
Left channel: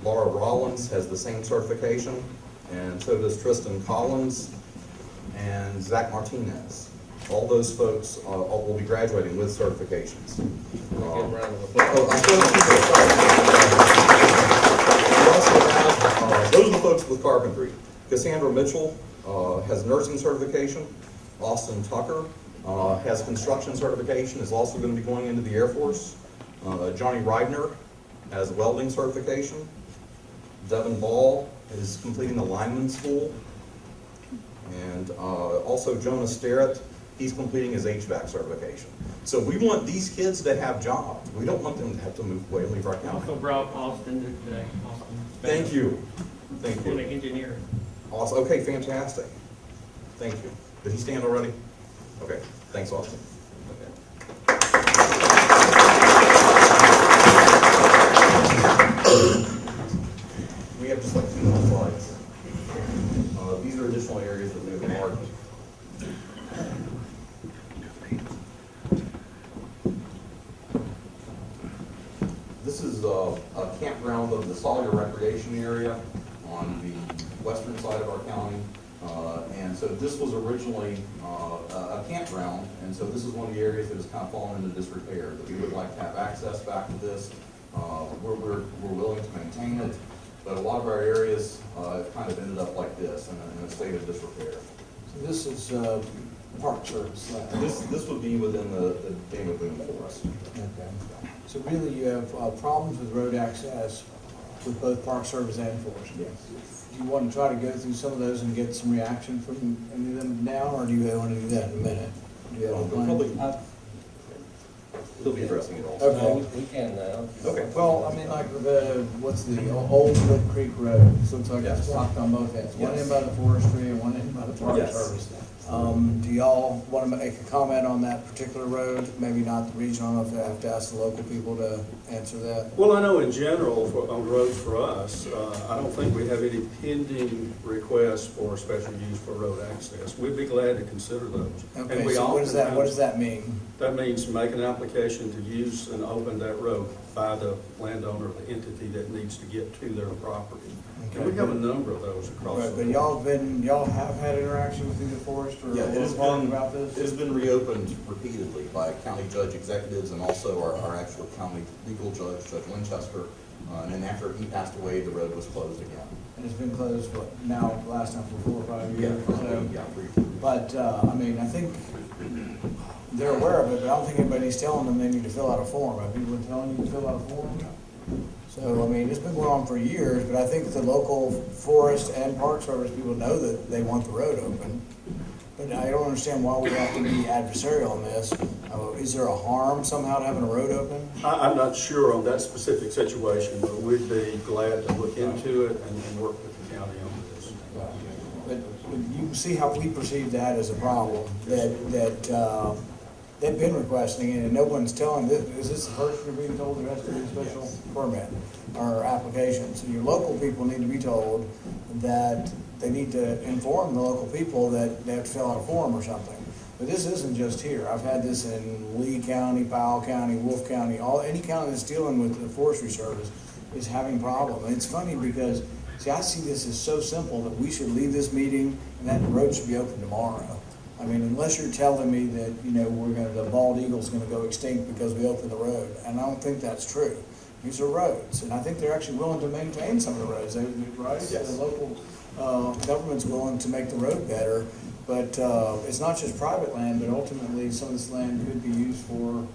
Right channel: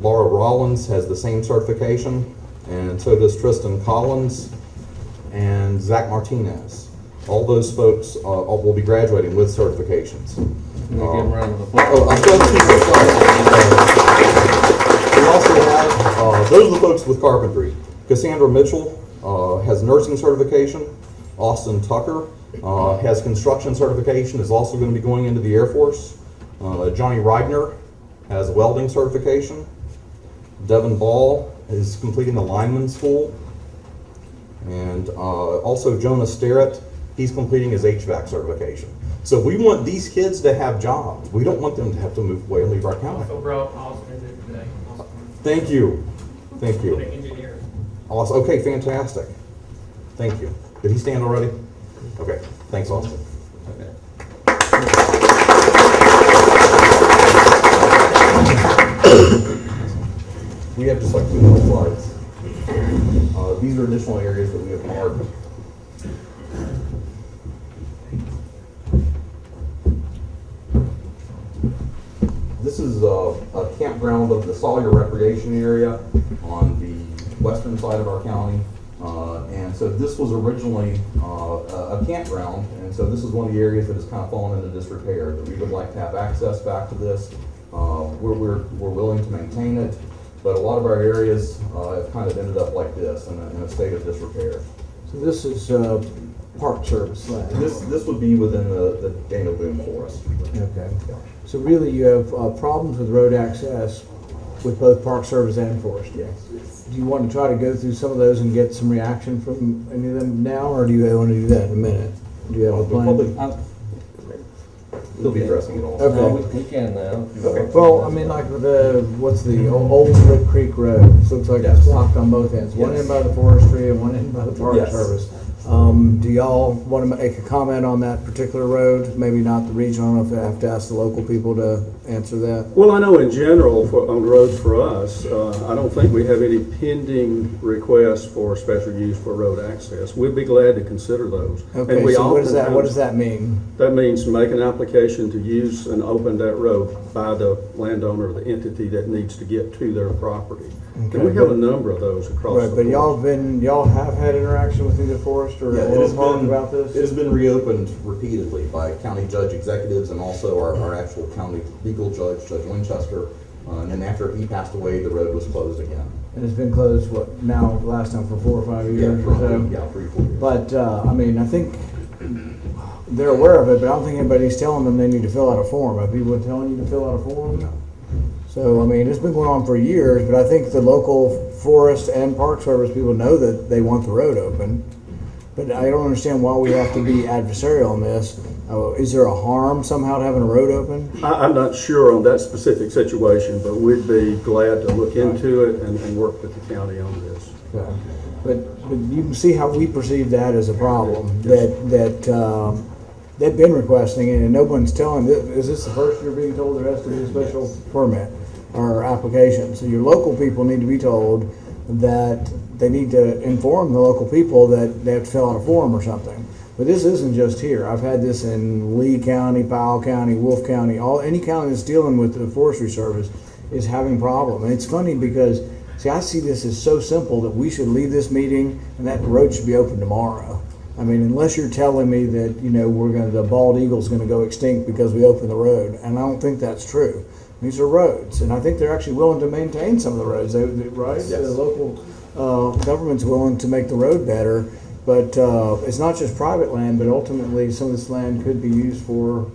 Laura Rollins has the same certification, and so does Tristan Collins and Zach Martinez. All those folks will be graduating with certifications. Can we give them a round of applause? Oh, I'm still we also have, those are the folks with carpentry. Cassandra Mitchell has nursing certification. Austin Tucker has construction certification, is also going to be going into the Air Force. Johnny Reidner has welding certification. Devin Ball is completing the lineman school. And also Jonah Sterrett, he's completing his HVAC certification. So we want these kids to have jobs. We don't want them to have to move away and leave our county. Also brought Austin today. Thank you. Thank The you. engineer. Awesome. Okay, fantastic. Thank you. Did he stand already? Okay, thanks, Austin. We have just like 2 more slides. These are additional areas that we have marked. This is a campground of the Sawyer Recreation Area on the western side of our county. And so this was originally a campground, and so this is one of the areas that has kind of fallen into disrepair, that we would like to have access back to this. We're willing to maintain it, but a lot of our areas have kind of ended up like this, in a state of disrepair. So this is Park Service land. This would be within the Daniel Boone Forest. Okay. So really you have problems with road access with both Park Service and Forestry? Yes. Do you want to try to go through some of those and get some reaction from any of them now, or do you want to do that in a minute? Do you have a plan? We'll be addressing it all. Okay. We can now. Okay. Well, I mean, like what's the old Lick Creek Road? So it's like it's Yes. blocked on both ends. One Yes. end by the Forestry and one end by the Park Yes. Service. Do y'all want to make a comment on that particular road? Maybe not the regional, I don't know if I have to ask the local people to answer that. Well, I know in general, on roads for us, I don't think we have any pending requests for special use for road access. We'd be glad to consider those. And Okay, we so what does oftentimes- that mean? That means make an application to use and open that road by the landowner or the entity that needs to get to their property. And we have a number of those across Right, the but board. y'all have had interaction with either Forest or Yeah, it has Park been, about it this? has been reopened repeatedly by county judge executives and also our actual county legal judge, Judge Winchester. And then after he passed away, the road was closed again. And it's been closed, what, now, last time for 4 or 5 years or so? Yeah, 3-4 years. But, I mean, I think they're aware of it, but I don't think anybody's telling them they need to fill out a form. Have people been telling you to fill out a form? So, I mean, it's been going on for years, but I think the local forest and park service people know that they want the road open. But I don't understand why we have to be adversarial on this. Is there a harm somehow to having a road open? I'm not sure on that specific situation, but we'd be glad to look into it and work with the county on this. But you can see how we perceive that as a problem, that they've been requesting it and no one's telling, is this the first you're being told there has to be a special permit or application? So your local people need to be told that they need to inform the local people that they have to fill out a form or something. But this isn't just here. I've had this in Lee County, Powell County, Wolf County, any county that's dealing with the Forestry Service is having a problem. And it's funny because, see, I see this as so simple that we should leave this meeting and that road should be open tomorrow. I mean, unless you're telling me that, you know, the bald eagle's gonna go extinct because we opened the road, and I don't think that's true. These are roads, and I think they're actually willing to maintain some of the roads, right? Yes. The local government's willing to make the road better, but it's not just private land, but ultimately some of this land could be used for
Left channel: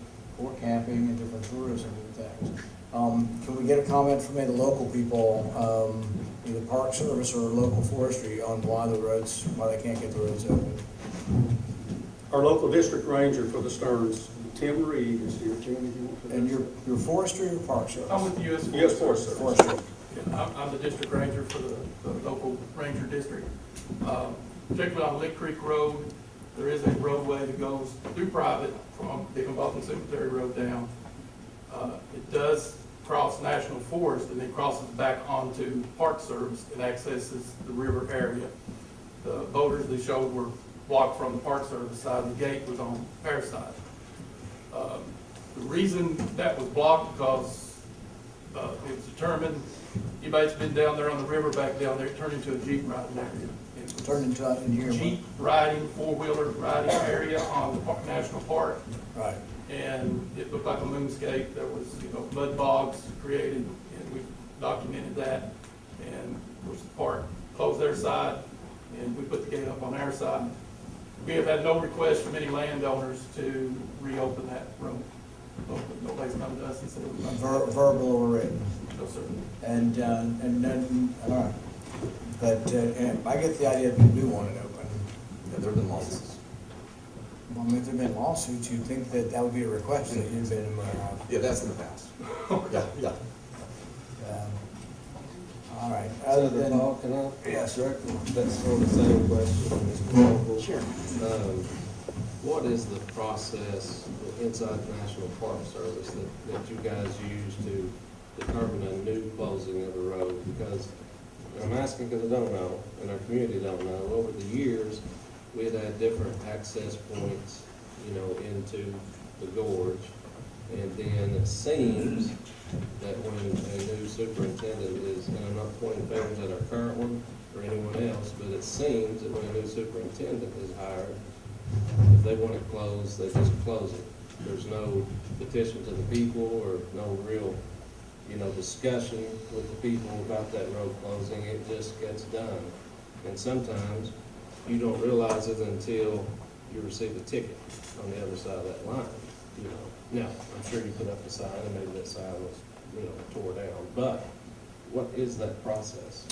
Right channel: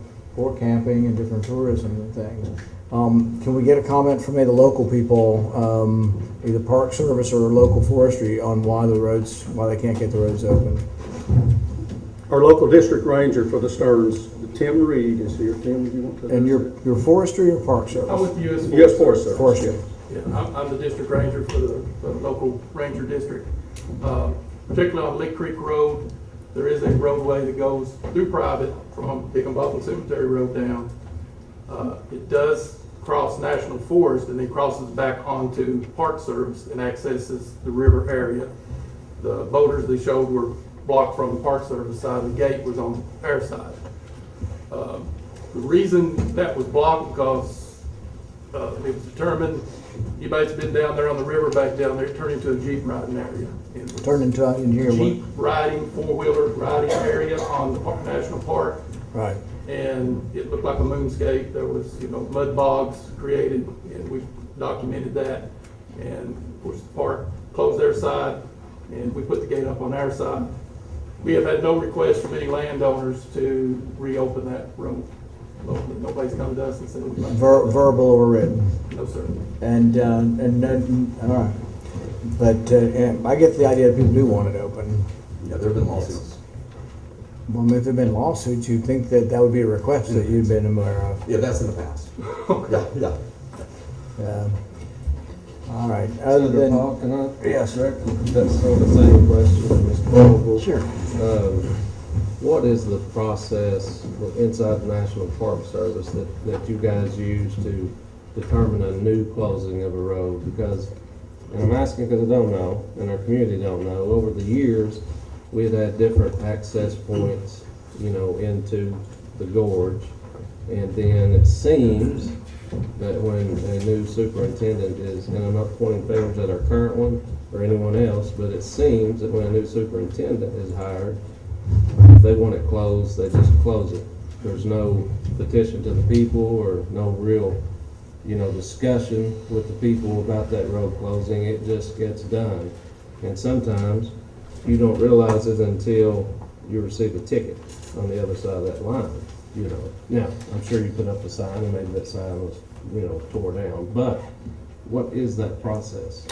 camping and different tourism and things. Can we get a comment from any of the local people, either Park Service or local forestry, on why they can't get the roads open? Our local district ranger for the Stearns, Tim Reed, is here. Tim, do you want to? And your forestry or Park Service? I'm with the U.S. Yes, Forest Service. Forestry. Yeah, I'm the district ranger for the local ranger district. Particularly on Lick Creek Road, there is a roadway that goes through private from Higginbotham Cemetery Road down. It does cross National Forest and then crosses back onto Park Service and accesses the river area. The boulders they showed were blocked from the Park Service side, the gate was on our side. The reason that was blocked because it was determined, anybody's been down there on the river back down there, it turned into a Jeep riding area. Turn into in here. Jeep riding, four-wheeler riding area on the National Park. Right. And it looked like a moonscape. There was, mud bogs created, and we documented that. And of course, the park closed their side, and we put the gate up on our side. We have had no request from any landowners to reopen that road. Nobody's come to us and said, we'd like to- Verbal or written? no, sir. And then, all right. But I get the idea that people do want it open. Yeah, there have been lawsuits. Well, if there'd been lawsuits, you'd think that that would be a request that you'd been aware of. Yeah, that's in the past. Yeah. All right, other Senator than, Paul, can I? yes, sir. That's on the same question, Ms. Vogel. Sure. What is the process inside the National Park Service that you guys use to determine a new closing of a road? Because, and I'm asking because I don't know, and our community don't know, over the years, we had different access points, you know, into the gorge. And then it seems that when a new superintendent is, and I'm not pointing fingers at our current one or anyone else, but it seems that when a new superintendent is hired, if they want it closed, they just close it. There's no petition to the people or no real, you know, discussion with the people about that road closing. It just gets done. And sometimes you don't realize it until you receive a ticket on the other side of that line, you know. Now, I'm sure you put up a sign and maybe that sign was, you know, tore down, but what is that process?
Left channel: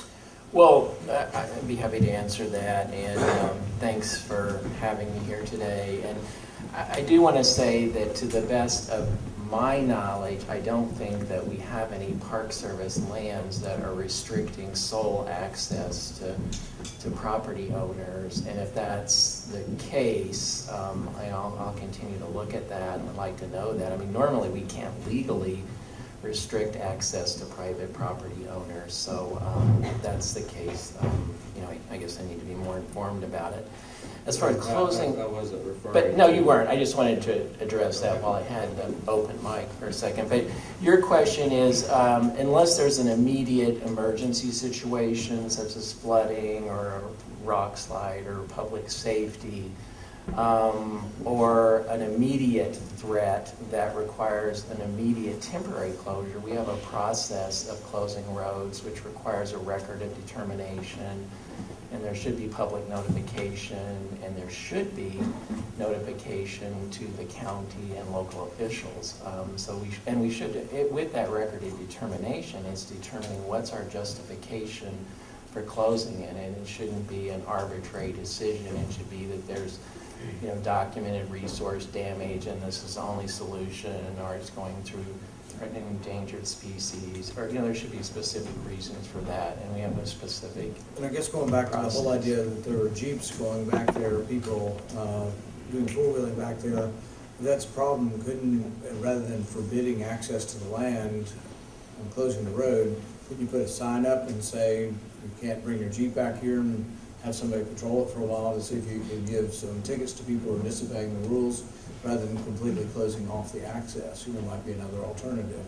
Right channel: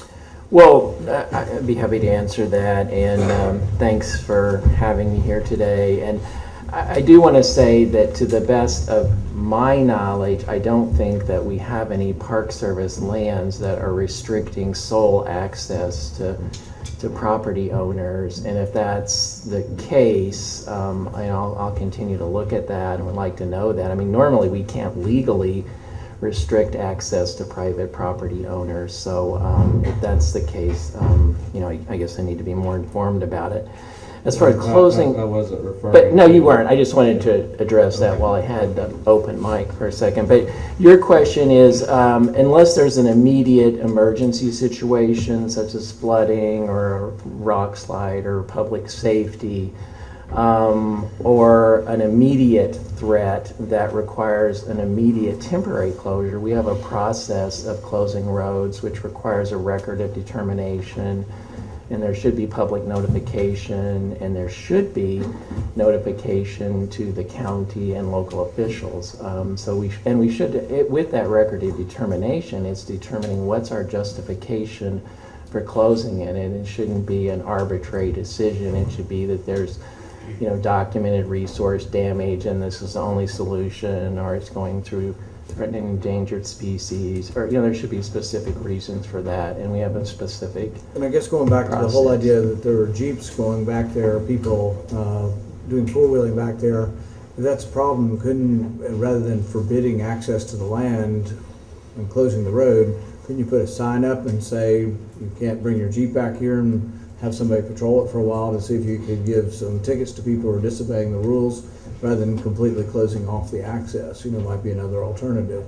Well, I'd be happy to answer that, and thanks for having me here today. And I do want to say that to the best of my knowledge, I don't think that we have any Park Service lands that are restricting sole access to property owners. And if that's the case, I'll continue to look at that and would like to know that. I mean, normally we can't legally restrict access to private property owners. So if that's the case, you know, I guess I need to be more informed about it. As far as closing, I wasn't referring. but no, you weren't. I just wanted to address that while I had the open mic for a second. But your question is, unless there's an immediate emergency situation such as flooding or a rock slide or public safety, or an immediate threat that requires an immediate temporary closure, we have a process of closing roads which requires a record of determination, and there should be public notification, and there should be notification to the county and local officials. We should, with that record of determination, it's determining what's our justification for closing it, and it shouldn't be an arbitrary decision. It should be that there's, you know, documented resource damage and this is the only solution, or it's going through threatened endangered species, or, you know, there should be specific reasons for that, and we have a specific. And I guess going back to the whole process. idea that there are Jeeps going back there, people doing four-wheeling back there, if that's a problem, rather than forbidding access to the land and closing the road, couldn't you put a sign up and say, you can't bring your Jeep back here, and have somebody patrol it for a while to see if you could give some tickets to people who are disobeying the rules, rather than completely closing off the access? You know, might be another alternative.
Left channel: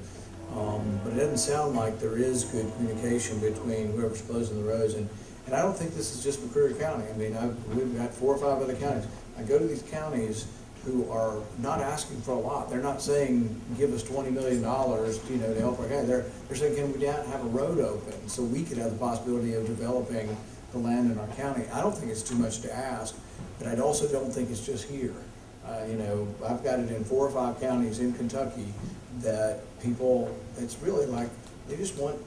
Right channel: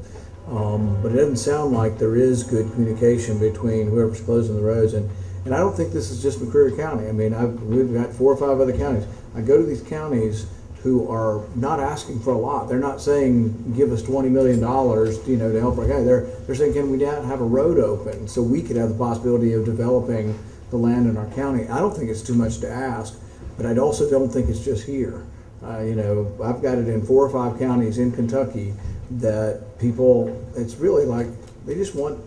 But it doesn't sound like there is good communication between whoever's closing the roads, and I don't think this is just McCreary County. I mean, we've got 4 or 5 other counties. I go to these counties who are not asking for a lot. They're not saying, give us $20 million, you know, to help our guy. They're saying, can we have a road open so we could have the possibility of developing the land in our county? I don't think it's too much to ask, but I also don't think it's just here. You know, I've got it in 4 or 5 counties in Kentucky that people, it's really like, they just want,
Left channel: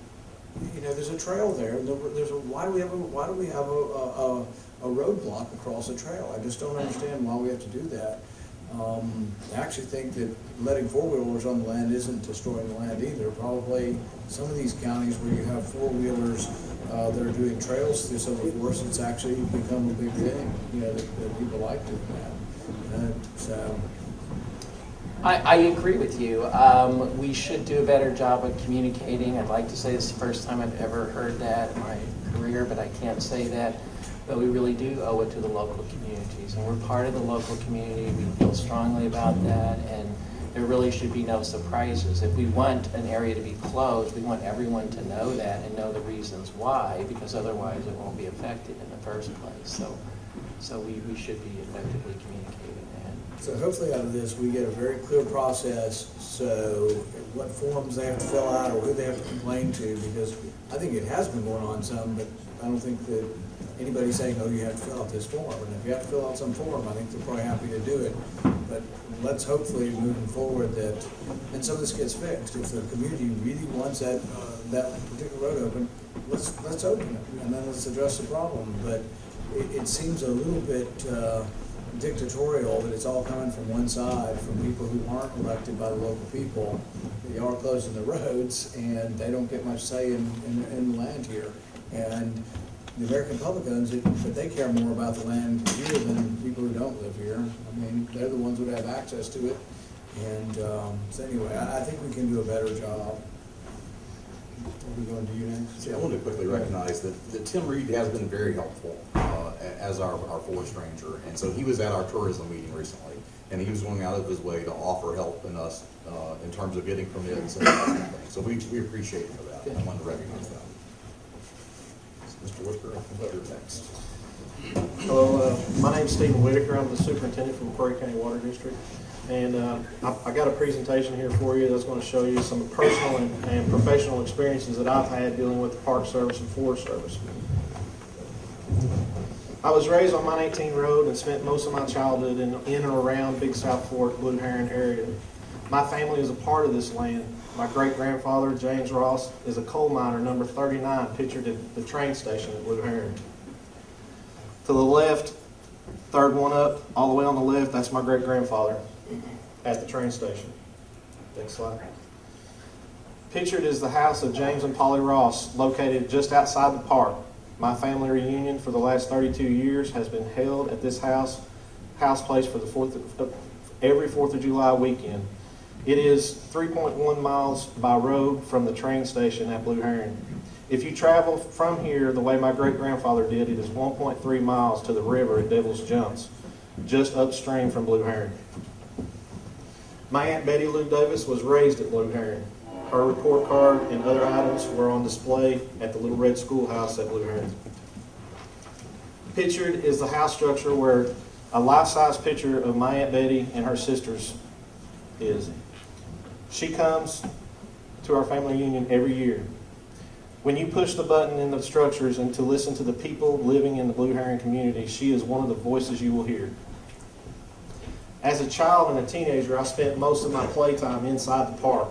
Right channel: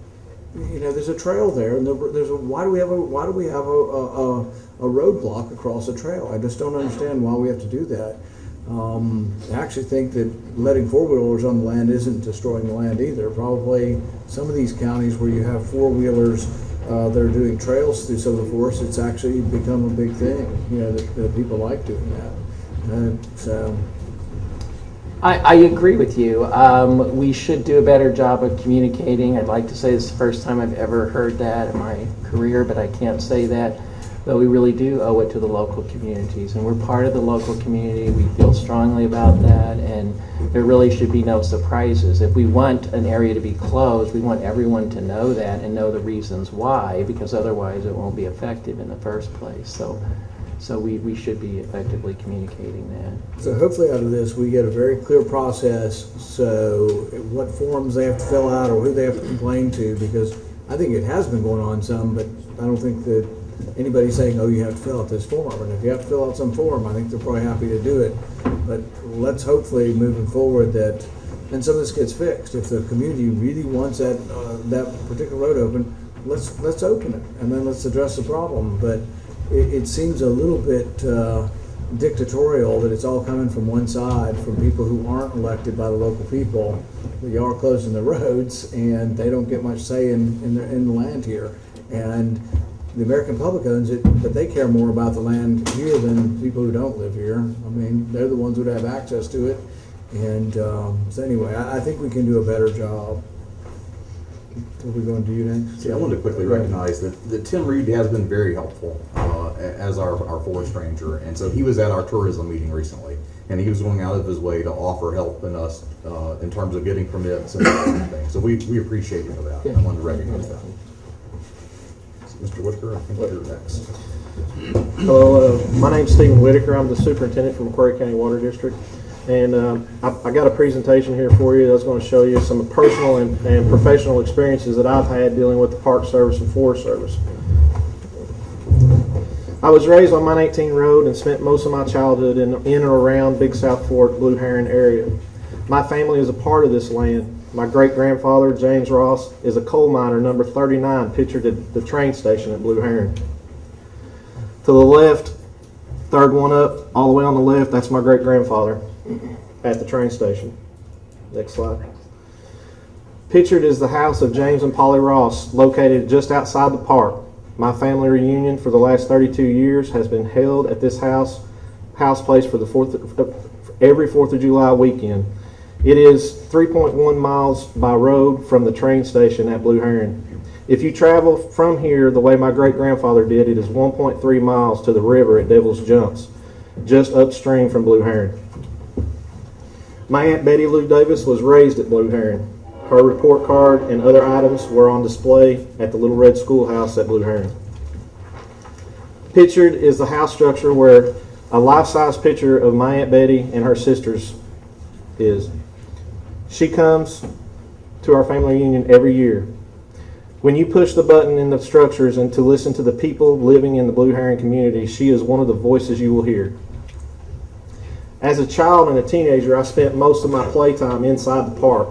you know, there's a trail there, and why do we have a roadblock across a trail? I just don't understand why we have to do that. I actually think that letting four-wheelers on the land isn't destroying the land either. Probably some of these counties where you have four-wheelers that are doing trails through some of the forests, it's actually become a big thing, you know, that people like doing that. So I agree with you. We should do a better job of communicating. I'd like to say this is the first time I've ever heard that in my career, but I can't say that. But we really do owe it to the local communities, and we're part of the local community. We feel strongly about that, and there really should be no surprises. If we want an area to be closed, we want everyone to know that and know the reasons why, because otherwise it won't be effective in the first place. So we should be effectively communicating that. So hopefully out of this, we get a very clear process, so what forms they have to fill out or who they have to complain to, because I think it has been going on some, but I don't think that anybody saying, oh, you have to fill out this form. And if you have to fill out some form, I think they're probably happy to do it. But let's hopefully, moving forward, that, and some of this gets fixed. If the community really wants that, that particular road open, let's open it, and then let's address the problem. But it seems a little bit dictatorial that it's all coming from one side, from people who aren't elected by the local people. You are closing the roads, and they don't get much say in the land here. And the American public owns it, but they care more about the land here than people who don't live here. I mean, they're the ones who would have access to it. And so anyway, I think we can do a better job. Are we going to you next? Yeah, I wanted to quickly recognize that Tim Reed has been very helpful as our forest ranger. And so he was at our tourism meeting recently, and he was going out of his way to offer help in us in terms of getting permits and everything. So we appreciate him for that. I wanted to recognize that. Mr. Whitaker, I think you're next. Hello, my name's Stephen Whitaker. I'm the superintendent for McCreary County Water District. And I got a presentation here for you that's going to show you some personal and professional experiences that I've had dealing with the Park Service and Forest Service. I was raised on Mine 18 Road and spent most of my childhood in and around Big South Fork, Blue Heron area. My family is a part of this land. My great-grandfather, James Ross, is a coal miner, number 39, pictured at the train station at Blue Heron. To the left, third one up, all the way on the left, that's my great-grandfather at the train station. Next slide. Pictured is the house of James and Polly Ross, located just outside the park. My family reunion for the last 32 years has been held at this house place for the every 4th of July weekend. It is 3.1 miles by road from the train station at Blue Heron. If you travel from here the way my great-grandfather did, it is 1.3 miles to the river at Devil's Jumps, just upstream from Blue Heron. My Aunt Betty Lou Davis was raised at Blue Heron. Her report card and other items were on display at the Little Red Schoolhouse at Blue Heron. Pictured is the house structure where a life-size picture of my Aunt Betty and her sisters is. She comes to our family reunion every year. When you push the button in the structures and to listen to the people living in the Blue Heron community, she is one of the voices you will hear. As a child and a teenager, I spent most of my playtime inside the park.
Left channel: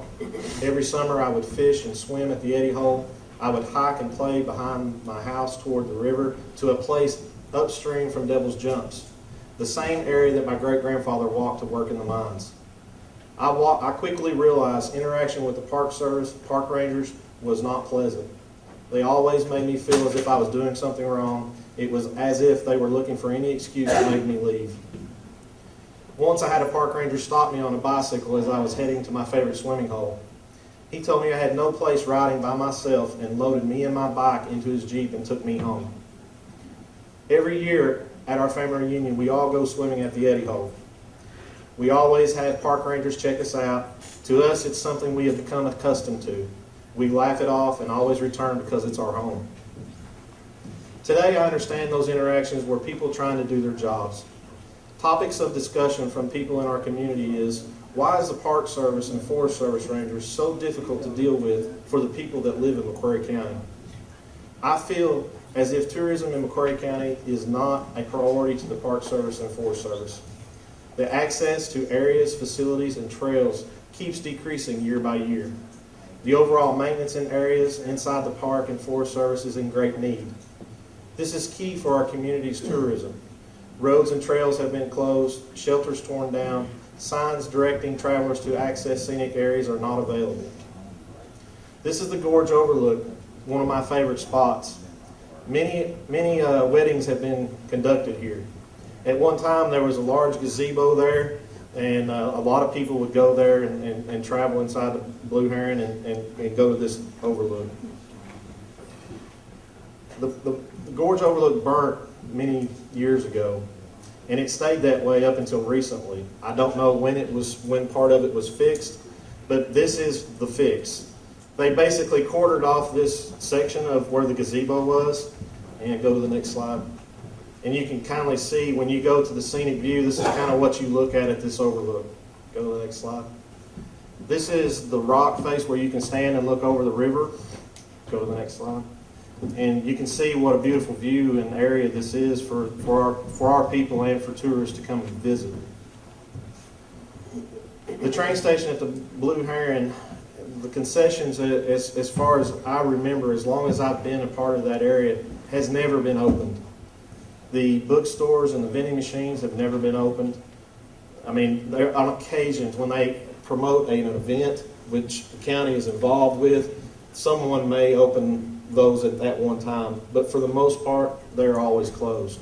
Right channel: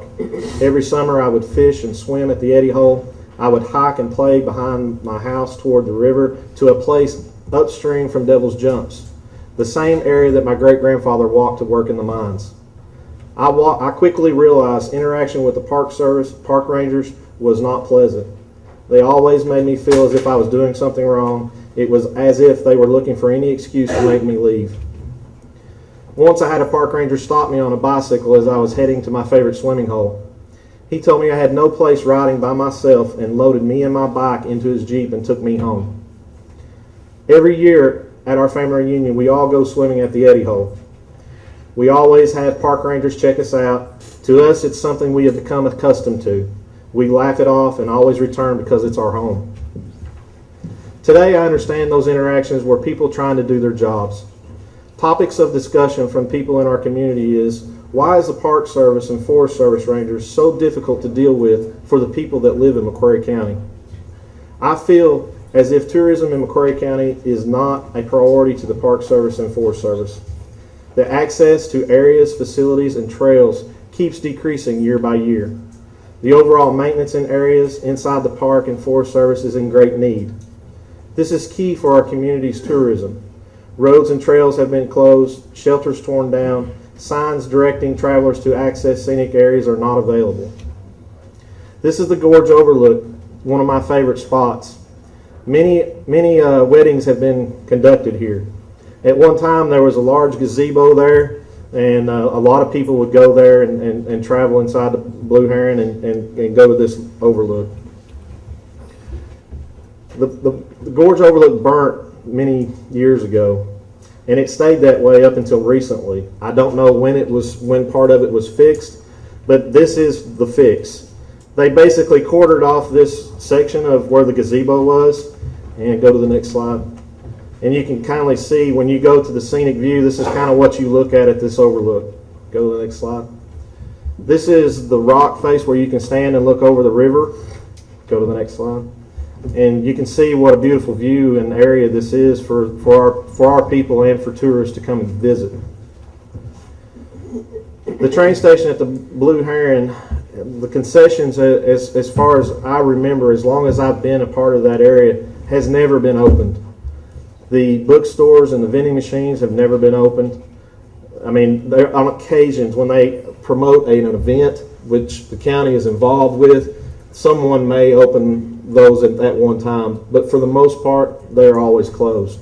Every summer I would fish and swim at the Eddy Hole. I would hike and play behind my house toward the river to a place upstream from Devil's Jumps, the same area that my great-grandfather walked to work in the mines. I quickly realized interaction with the Park Service, park rangers, was not pleasant. They always made me feel as if I was doing something wrong. It was as if they were looking for any excuse to make me leave. Once I had a park ranger stop me on a bicycle as I was heading to my favorite swimming hole. He told me I had no place riding by myself and loaded me and my bike into his Jeep and took me home. Every year at our family reunion, we all go swimming at the Eddy Hole. We always have park rangers check us out. To us, it's something we have become accustomed to. We laugh it off and always return because it's our home. Today, I understand those interactions were people trying to do their jobs. Topics of discussion from people in our community is, why is the Park Service and Forest Service Rangers so difficult to deal with for the people that live in McCreary County? I feel as if tourism in McCreary County is not a priority to the Park Service and Forest Service. The access to areas, facilities, and trails keeps decreasing year by year. The overall maintenance in areas inside the Park and Forest Service is in great need. This is key for our community's tourism. Roads and trails have been closed, shelters torn down, signs directing travelers to access scenic areas are not available. This is the Gorge Overlook, one of my favorite spots. Many weddings have been conducted here. At one time there was a large gazebo there, and a lot of people would go there and travel inside the Blue Heron and go to this overlook. The Gorge Overlook burnt many years ago, and it stayed that way up until recently. I don't know when part of it was fixed, but this is the fix. They basically quartered off this section of where the gazebo was, and go to the next slide. And you can kindly see when you go to the scenic view, this is kind of what you look at this overlook. Go to the next slide. This is the rock face where you can stand and look over the river. Go to the next slide. And you can see what a beautiful view and area this is for our people and for tourists to come and visit. The train station at the Blue Heron, the concessions, as far as I remember, as long as I've been a part of that area, has never been opened. The bookstores and the vending machines have never been opened. I mean, on occasions when they promote an event which the county is involved with, someone may open those at that one time, but for the most part, they're always closed.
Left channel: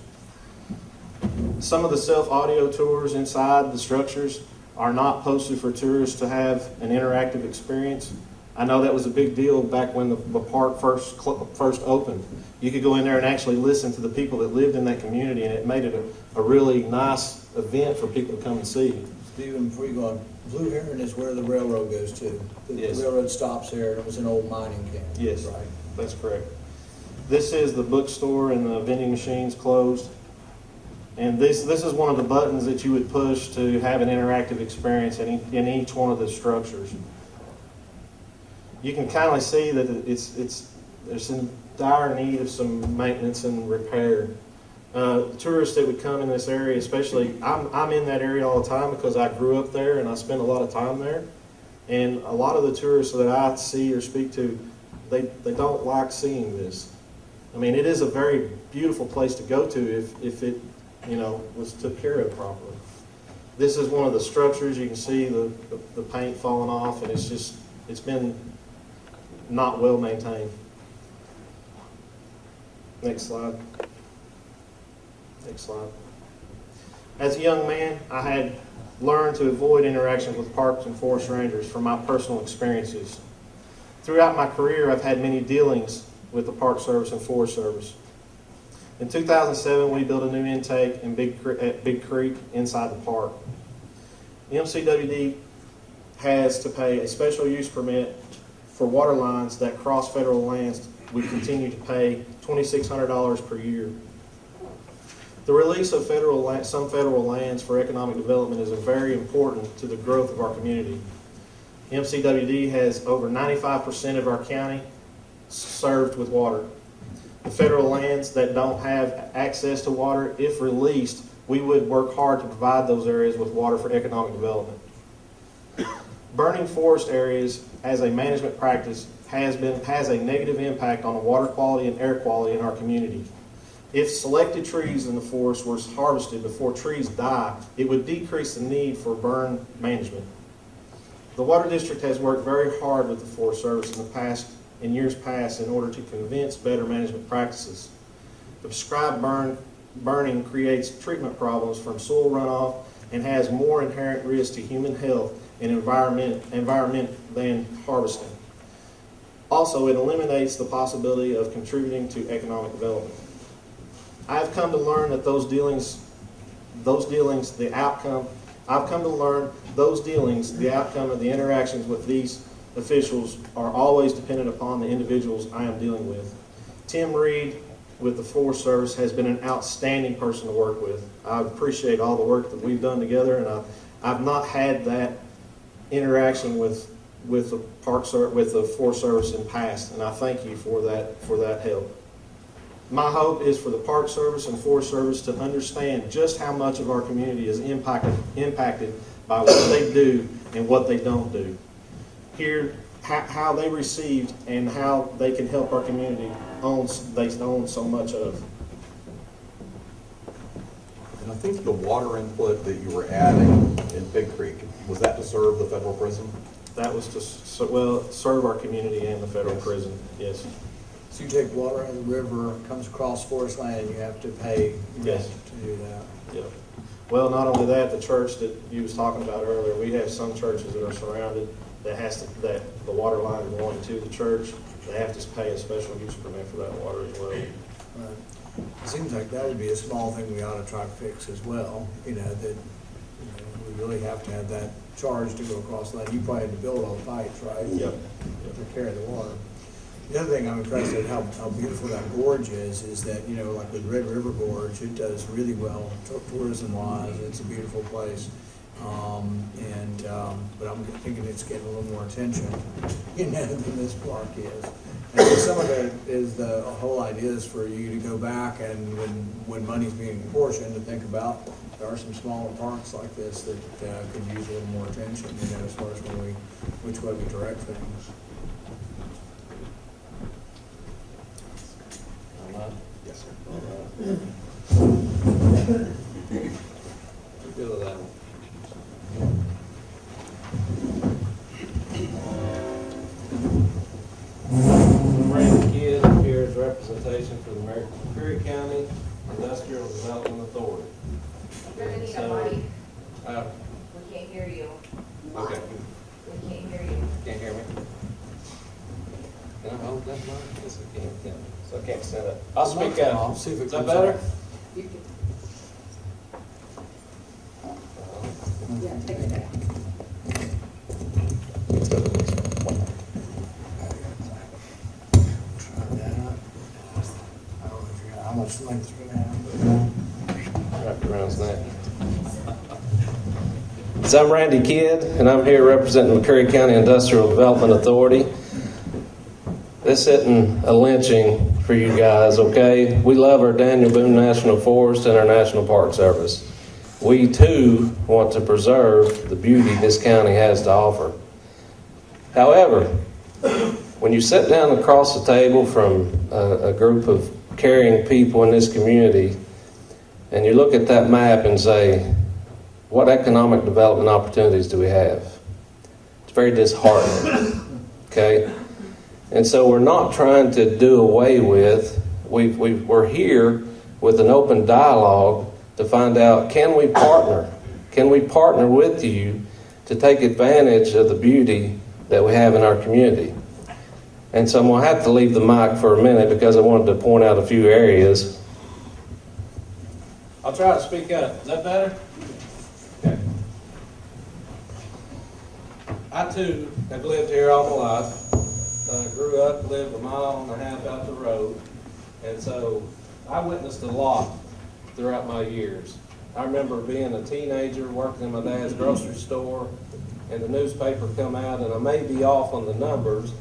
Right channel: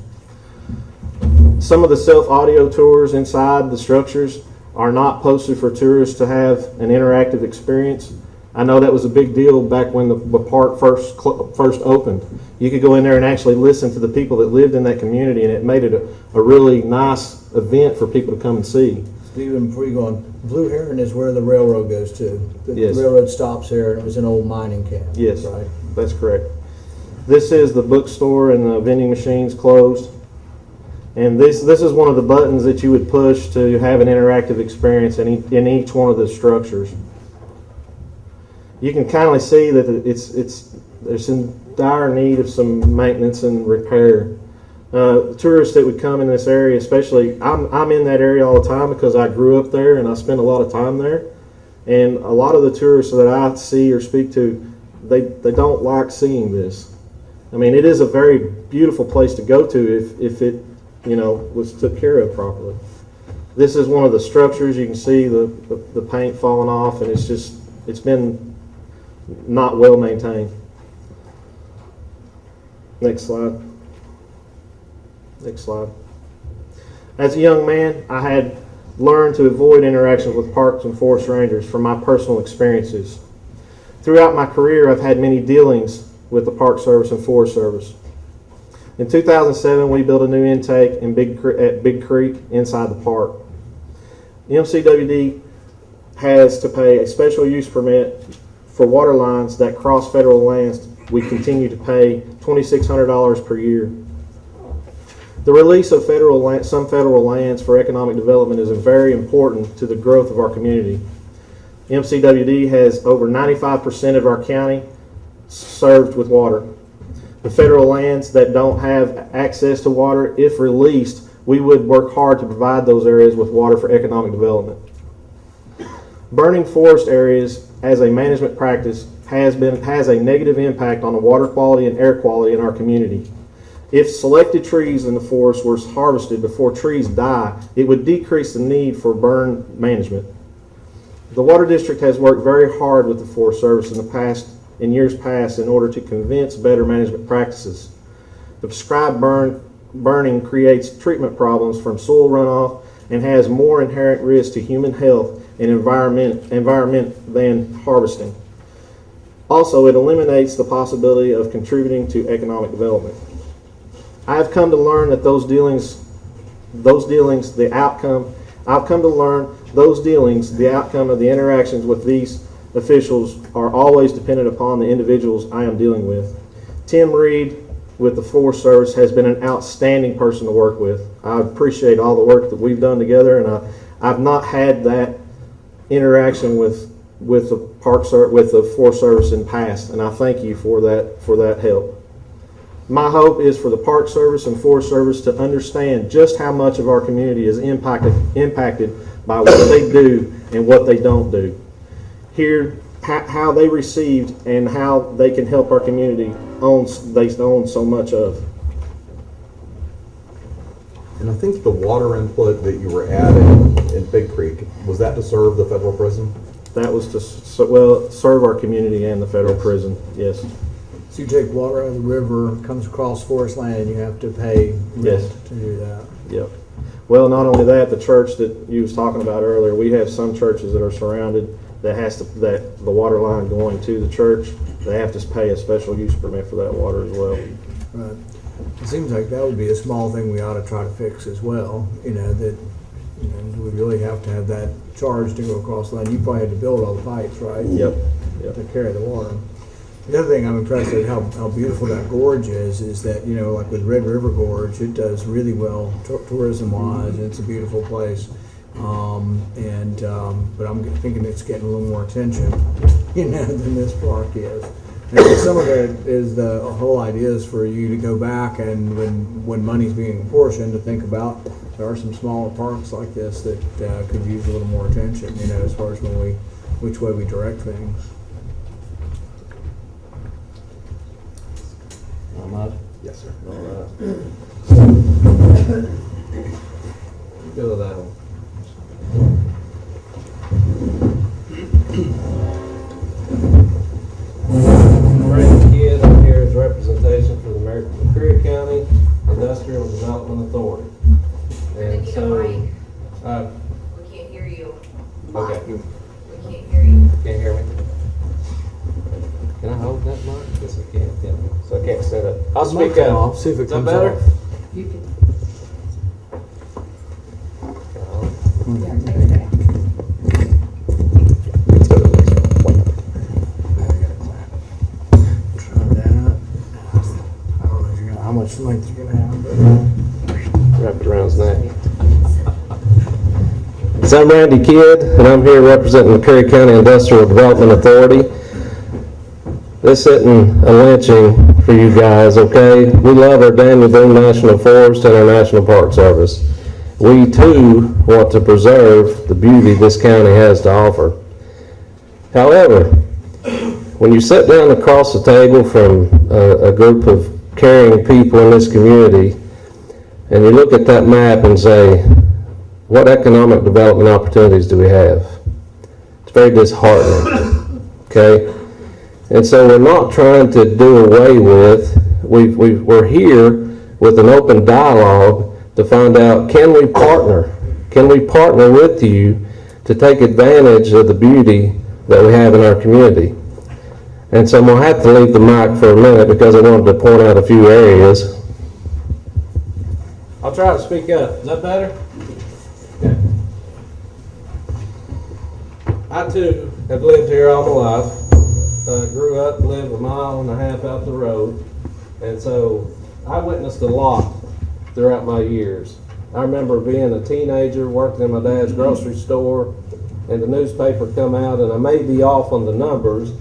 Some of the self-audio tours inside the structures are not posted for tourists to have an interactive experience. I know that was a big deal back when the park first opened. You could go in there and actually listen to the people that lived in that community, and it made it a really nice event for people to come and see. Stephen, before you go on, Blue Heron is where the railroad goes to. The Yes. railroad stops there, and it was an old mining camp. Yes, Right. that's correct. This is the bookstore and the vending machines closed. And this is one of the buttons that you would push to have an interactive experience in each one of the structures. You can kind of see that it's in dire need of some maintenance and repair. Tourists that would come in this area, especially, I'm in that area all the time because I grew up there and I spend a lot of time there. And a lot of the tourists that I see or speak to, they don't like seeing this. I mean, it is a very beautiful place to go to if it, was took care of properly. This is one of the structures. You can see the paint falling off, and it's been not well maintained. Next slide. Next slide. As a young man, I had learned to avoid interactions with parks and forest rangers from my personal experiences. Throughout my career, I've had many dealings with the Park Service and Forest Service. In 2007, we built a new intake at Big Creek inside the park. MCWD has to pay a special use permit for water lines that cross federal lands. We continue to pay $2,600 per year. The release of some federal lands for economic development is very important to the growth of our community. MCWD has over 95% of our county served with water. The federal lands that don't have access to water, if released, we would work hard to provide those areas with water for economic development. Burning forest areas as a management practice has a negative impact on the water quality and air quality in our community. If selected trees in the forest were harvested before trees die, it would decrease the need for burn management. The Water District has worked very hard with the Forest Service in years past in order to convince better management practices. The prescribed burning creates treatment problems from soil runoff and has more inherent risk to human health and environment than harvesting. Also, it eliminates the possibility of contributing to economic development. I have come to learn that the outcome of the interactions with these officials are always dependent upon the individuals I am dealing with. Tim Reed with the Forest Service has been an outstanding person to work with. I appreciate all the work that we've done together, and I've not had that interaction with the Forest Service in the past, and I thank you for that help. My hope is for the Park Service and Forest Service to understand just how much of our community is impacted by what they do and what they don't do. Hear how they received and how they can help our community they own so much of. And I think the water input that you were adding in Big Creek, was that to serve the federal prison? That was to serve our community and the federal prison, yes. So you take water out of the river, comes across forest land, and you have to pay Yes. to do that. Yep. Well, not only that, the church that you was talking about earlier, we have some churches that are surrounded that the water line going to the church, they have to pay a special use permit for that water as well. Right. It seems like that would be a small thing we ought to try to fix as well, that we really have to have that charge to go across the line. You probably had to build all the pipes, right? Yep. To carry the water. The other thing I'm impressed at how beautiful that gorge is that, like with Red River Gorge, it does really well tourism-wise, and it's a beautiful place. But I'm thinking it's getting a little more attention, than this park is. Some of it is the whole idea is for you to go back and when money's being apportioned, to think about, there are some smaller parks like this that could use a little more attention, you know, as far as which way we direct things. Yes, sir. Go with that one. Brandon Kidd, I'm here as representation for the McCreary County Industrial Development Authority. We're gonna need a mic. Uh, We can't hear you. okay, We can't hear you. can't hear me? Can I hold that mic? Yes, I can. So I can't stand up. I'll speak up. I'll see if it Is that comes better? off. You can. Uh, Yeah, take it down. Try that out. I don't know if you're gonna, how much length you're gonna have, Wrapped around his neck. So I'm Randy Kidd, and I'm here representing McCreary County Industrial Development Authority. This isn't a lynching for you guys, okay? We love our Daniel Boone National Forest and our National Park Service. We too want to preserve the beauty this county has to offer. However, when you sit down across the table from a group of caring people in this community, and you look at that map and say, what economic development opportunities do we have? It's very disheartening, okay? And so we're not trying to do away with, we're here with an open dialogue to find out, can we partner? Can we partner with you to take advantage of the beauty that we have in our community? And so I'm going to have to leave the mic for a minute because I wanted to point out a few areas. I'll try to speak up. Is that better? Okay. I too have lived here all my life. Grew up and lived a mile and a half out the road. And so I witnessed a lot throughout my years. I remember being a teenager working in my dad's grocery store, and the newspaper come out, and I may be off on the numbers,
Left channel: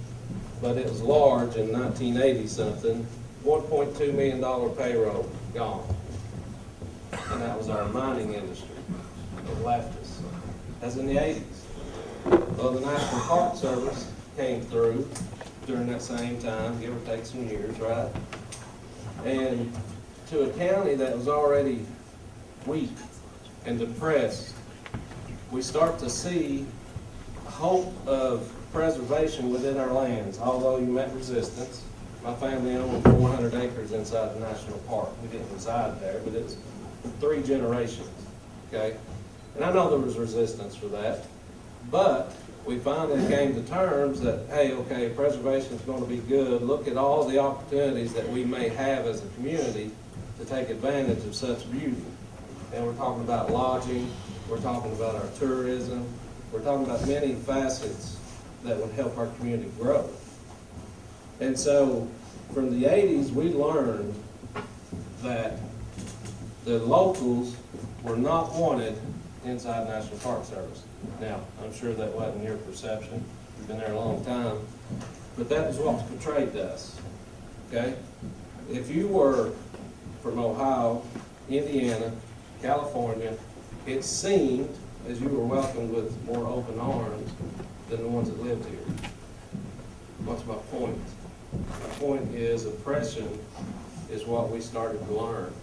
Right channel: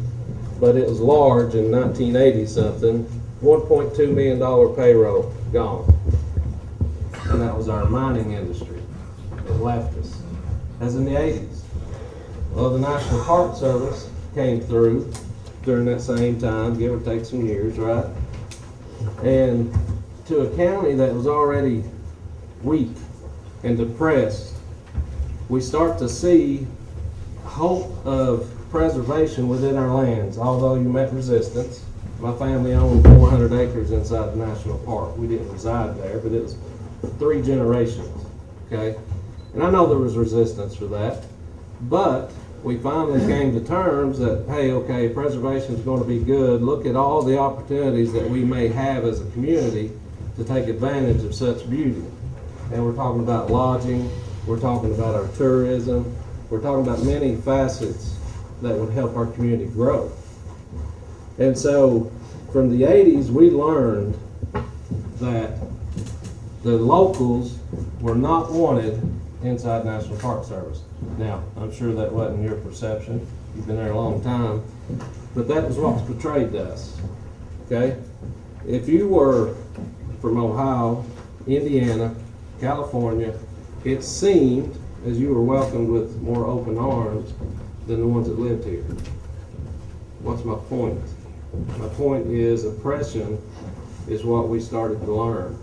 but it was large in 1980 something, $1.2 million payroll gone. And that was our mining industry. It left us. As in the 80s. Well, the National Park Service came through during that same time, give or take some years, right? And to a county that was already weak and depressed, we start to see hope of preservation within our lands, although you met resistance. My family owned 400 acres inside the national park. We didn't reside there, but it was 3 generations, okay? And I know there was resistance for that, but we finally came to terms that, hey, okay, preservation is going to be good. Look at all the opportunities that we may have as a community to take advantage of such beauty. And we're talking about lodging, we're talking about our tourism, we're talking about many facets that would help our community grow. And so from the 80s, we learned that the locals were not wanted inside National Park Service. Now, I'm sure that wasn't your perception. You've been there a long time. But that was what was portrayed to us, okay? If you were from Ohio, Indiana, California, it seemed as you were welcomed with more open arms than the ones that lived here. What's my point? My point is oppression is what we started to learn.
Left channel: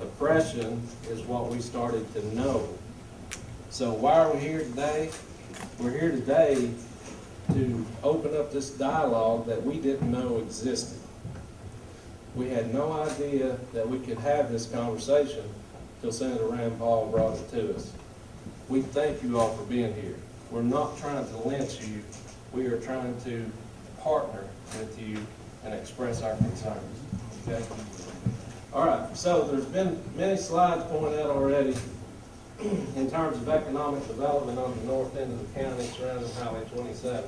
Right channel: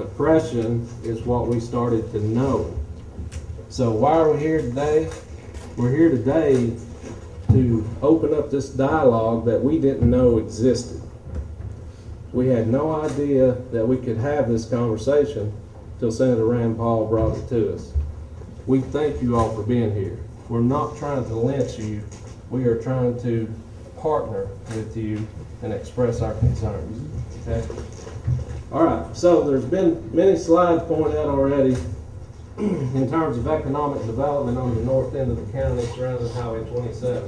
Oppression is what we started to know. So why are we here today? We're here today to open up this dialogue that we didn't know existed. We had no idea that we could have this conversation till Senator Rand Paul brought it to us. We thank you all for being here. We're not trying to lynch you. We are trying to partner with you and express our concerns. Okay? All right, so there's been many slides pointed out already in terms of economic development on the north end of the county surrounding Highway 27.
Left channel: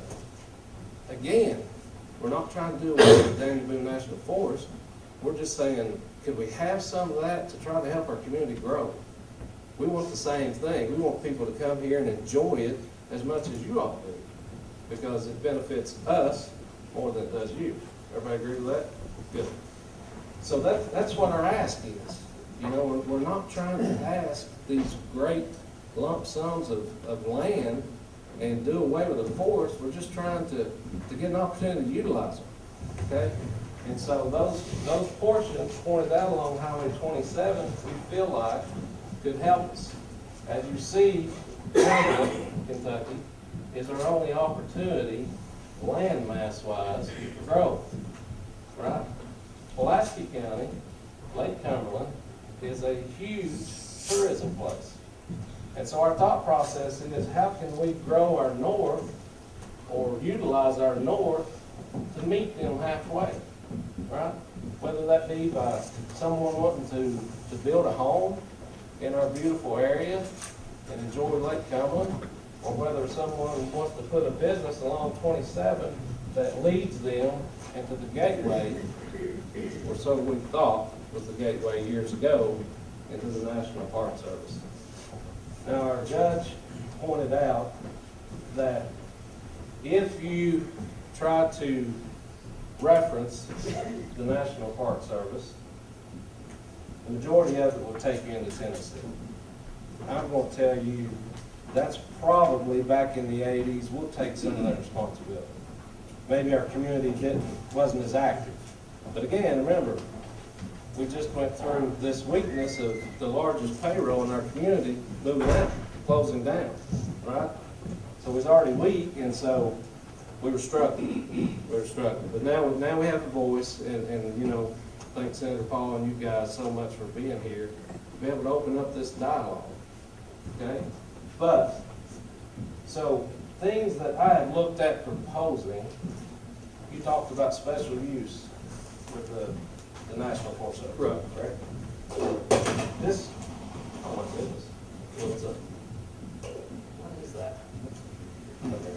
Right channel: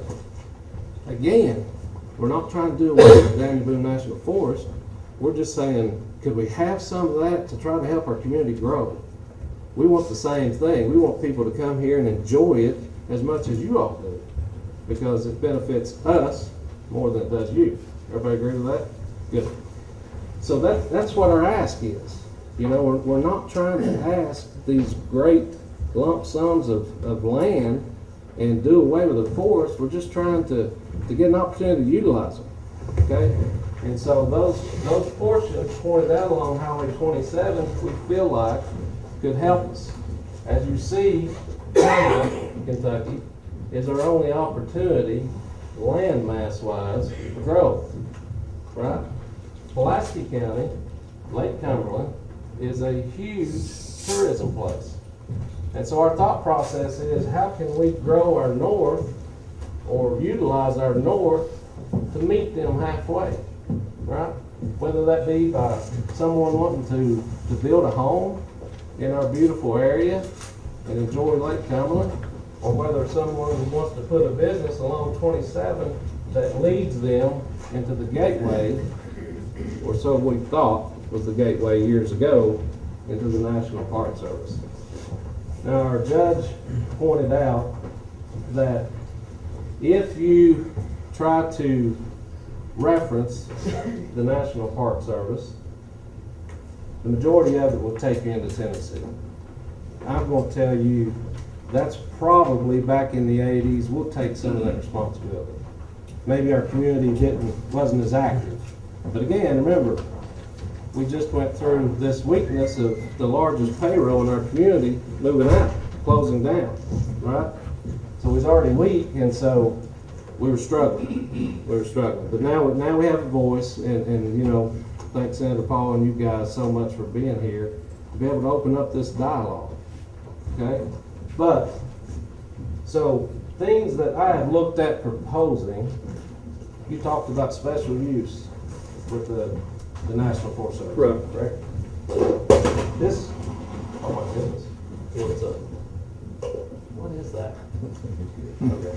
Again, we're not trying to do away with Daniel Boone National Forest. We're just saying, could we have some of that to try to help our community grow? We want the same thing. We want people to come here and enjoy it as much as you all do, because it benefits us more than it does you. Everybody agree with that? Good. So that's what our ask is. You know, we're not trying to ask these great lump sums of land and do away with the forest. We're just trying to get an opportunity to utilize them, okay? And so those portions pointed out along Highway 27, we feel like could help us. As you see, Kentucky is our only opportunity, land mass wise, for growth, right? Pulaski County, Lake Cumberland, is a huge tourism place. And so our thought process is, how can we grow our north or utilize our north to meet them halfway, right? Whether that be by someone wanting to build a home in our beautiful area and enjoy Lake Cumberland, or whether someone wants to put a business along 27 that leads them into the gateway, or so we thought was the gateway years ago, into the National Park Service. Now, our judge pointed out that if you try to reference the National Park Service, the majority of it will take you into Tennessee. I'm going to tell you, that's probably back in the 80s, we'll take some of that responsibility. Maybe our community wasn't as active. But again, remember, we just went through this weakness of the largest payroll in our community moving out, closing down, right? So it was already weak, and so we were struggling. But now we have a voice, and you know, thanks Senator Paul and you guys so much for being here, to be able to open up this dialogue, okay? But, so, things that I have looked at proposing, you talked about special use with the National Forest Service. Right. This, oh my goodness, what's up? What is that? Okay.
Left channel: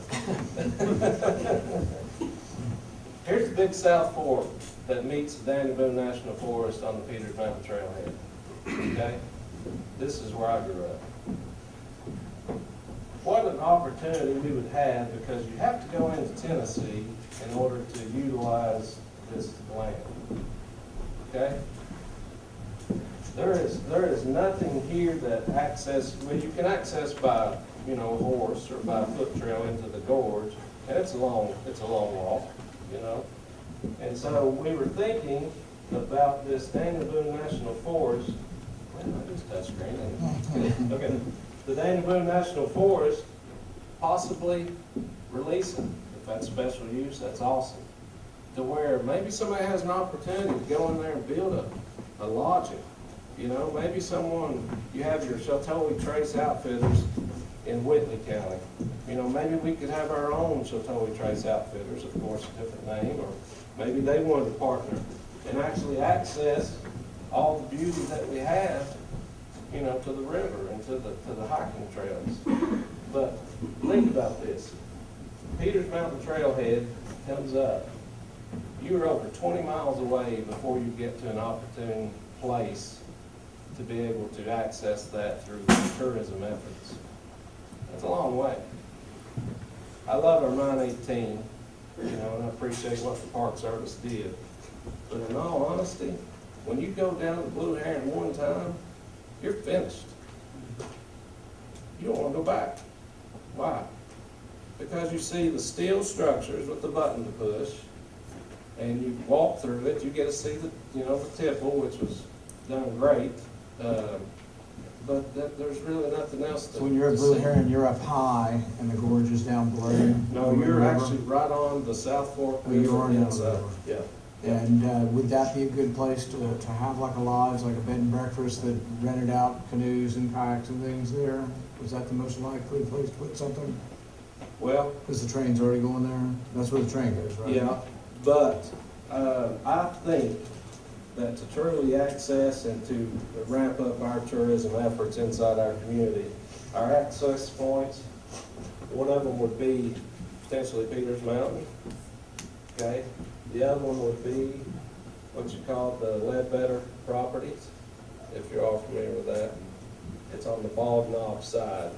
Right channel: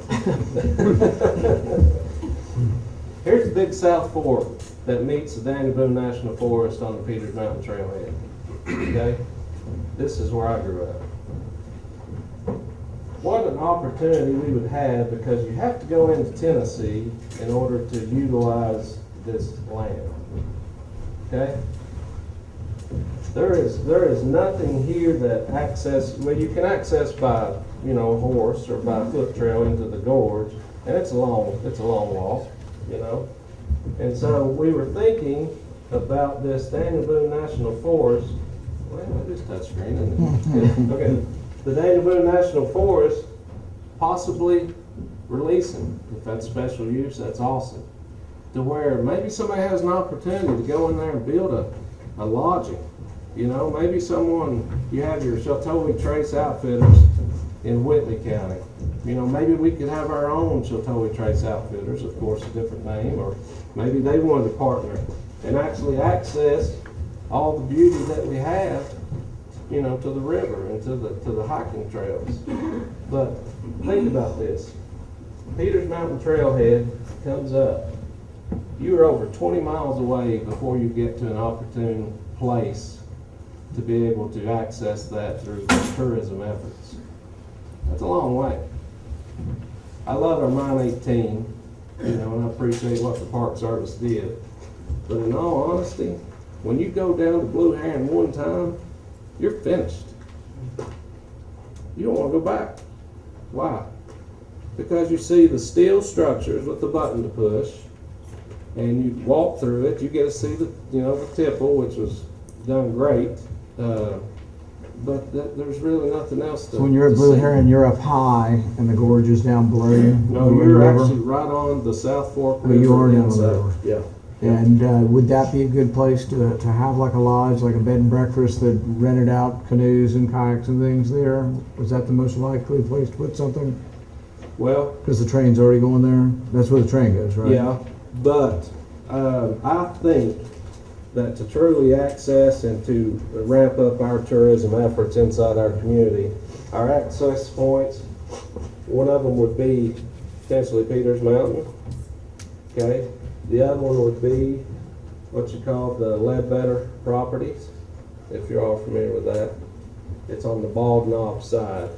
Here's the big South Fork that meets the Danny Boone National Forest on the Peters Mountain Trailhead. Okay? This is where I grew up. What an opportunity we would have, because you have to go into Tennessee in order to utilize this land. Okay? There is nothing here that you can access by, you know, horse or by foot trail into the gorge, and it's a long walk, you know. And so we were thinking about this Danny Boone National Forest. Well, that is touchscreen, isn't it? Okay. The Danny Boone National Forest possibly releasing, if that's special use, that's awesome. To where maybe somebody has an opportunity to go in there and build a lodging. You know, maybe you have your Chateau Trace Outfitters in Whitley County. You know, maybe we could have our own Chateau Trace Outfitters, of course, a different name, or maybe they wanted to partner and actually access all the beauty that we have, you know, to the river and to the hiking trails. But think about this. Peters Mountain Trailhead comes up. You are over 20 miles away before you get to an opportune place to be able to access that through tourism efforts. That's a long way. I love our Mine 18, you know, and I appreciate what the Park Service did. But in all honesty, when you go down to Blue Heron one time, you're finished. You don't want to go back. Why? Because you see the steel structures with the button to push, and you walk through it. You get to see the tipple, which was done great. But there's really nothing else to. So when you're at Blue see. Heron, you're up high, and the gorge is down below you. No, you're actually right on the South Fork. Well, you are down inside. the river. Yeah. And would that be a good place to have like a lodge, like a bed and breakfast that rented out canoes and kayaks and things there? Was that the most likely place to put something? Well, Because the train's already going there? That's where the train goes, right? yeah, but I think that to truly access and to ramp up our tourism efforts inside our community, our access points, one of them would be potentially Peters Mountain, okay? The other one would be what you call the Ledbetter properties, if you're all familiar with that. It's on the Bog Knob side.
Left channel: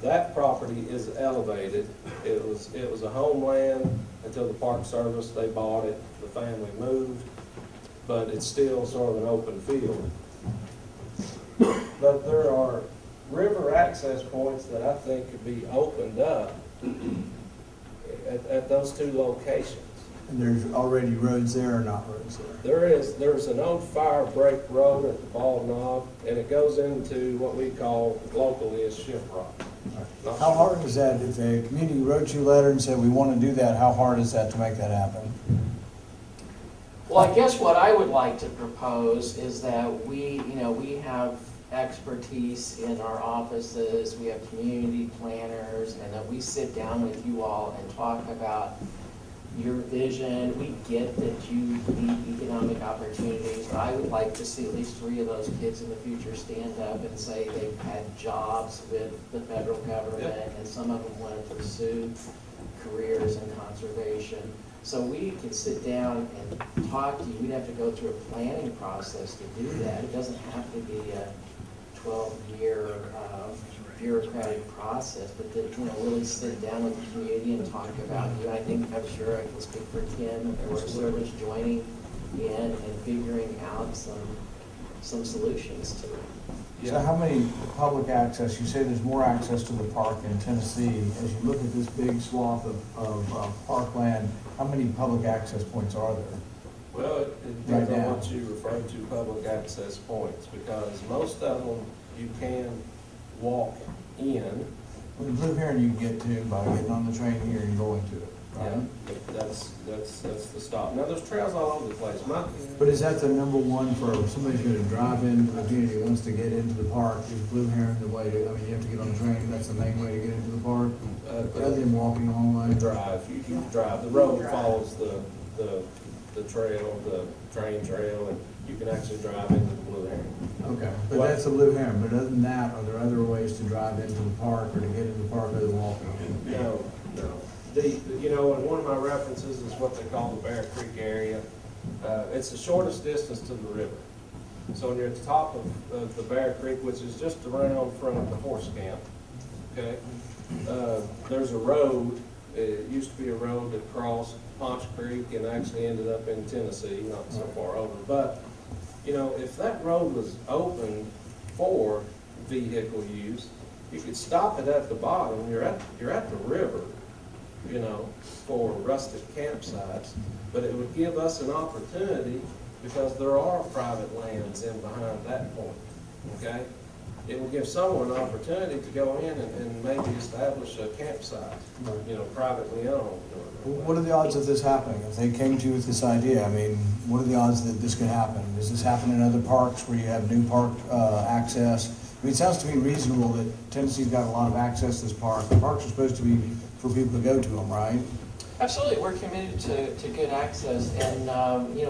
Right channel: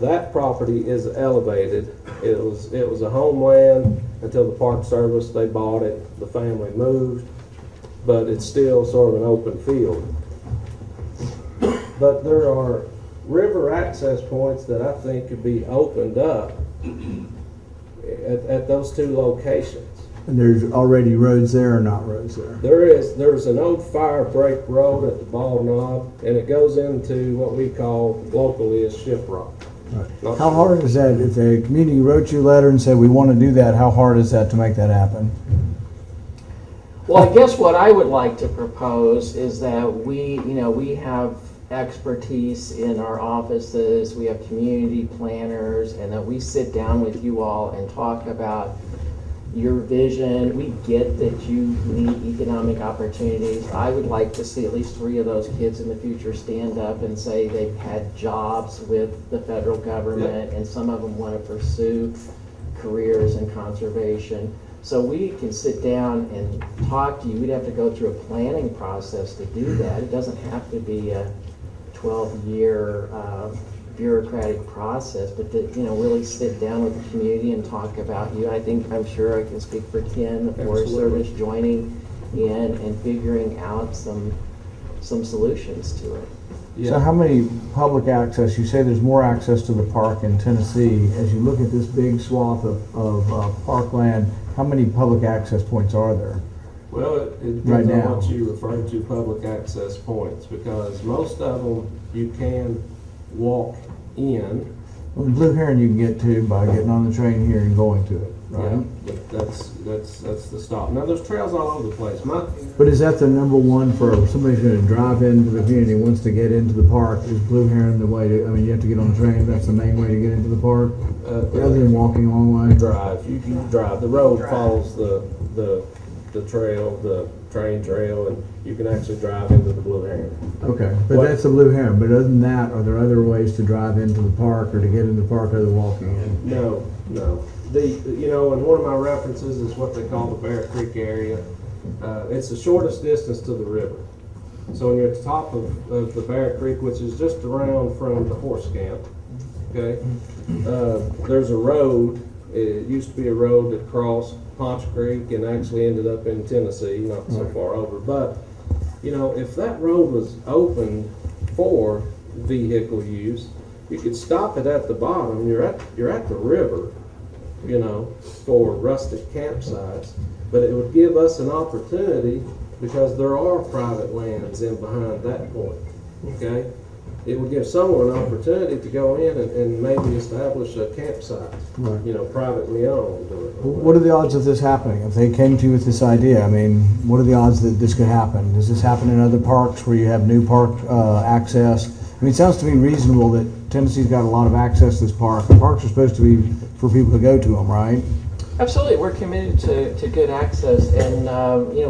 That property is elevated. It was a homeland until the Park Service, they bought it, the family moved, but it's still sort of an open field. But there are river access points that I think could be opened up at those two locations. And there's already roads there or not roads there? There's an old fire break road at the Bald Knob, and it goes into what we call locally as Ship Rock. How hard is that, if a community wrote you a letter and said, we want to do that, how hard is that to make that happen? Well, I guess what I would like to propose is that we have expertise in our offices, we have community planners, and that we sit down with you all and talk about your vision. We get that you need economic opportunities. I would like to see at least 3 of those kids in the future stand up and say they've had jobs with the federal government, and some of them want to pursue careers in conservation. So we can sit down and talk to you. We'd have to go through a planning process to do that. It doesn't have to be a 12-year bureaucratic process, but to really sit down with the community and talk about you. I'm sure I can speak for Ken, the Forest Service, joining in and figuring out some solutions to it. Yeah. So how many public access, you say there's more access to the park in Tennessee, as you look at this big swath of parkland, how many public access points are there? Well, it Right depends on now. what you refer to public access points, because most of them you can walk in. Well, the Blue Heron you can get to by getting on the train here and going to it, Yeah, right? but that's the stop. Now, there's trails all over the place. But is that the number one for somebody's gonna drive into the community and wants to get into the park? Is Blue Heron the way to, you have to get on the train, that's the main way to get into the park? Other than walking a long way? drive. You drive. The road follows the trail, the train trail, and you can actually drive into the Blue Heron. Okay, but that's the Blue Heron, but other than that, are there other ways to drive into the park or to get into the park other than walking in? No. And one of my references is what they call the Bear Creek area. It's the shortest distance to the river. So when you're at the top of the Bear Creek, which is just around from the horse camp, okay, there's a road. It used to be a road that crossed Ponch Creek and actually ended up in Tennessee, not so far over. But, if that road was open for vehicle use, you could stop it at the bottom. You're at the river, for rustic campsites. But it would give us an opportunity, because there are private lands in behind that point, okay? It would give someone an opportunity to go in and maybe establish a campsite, Right. privately owned. What are the odds of this happening? If they came to you with this idea, what are the odds that this could happen? Does this happen in other parks where you have new park access? It sounds to me reasonable that Tennessee's got a lot of access to this park. The parks are supposed to be for people to go to them, right? Absolutely, we're committed to good access, and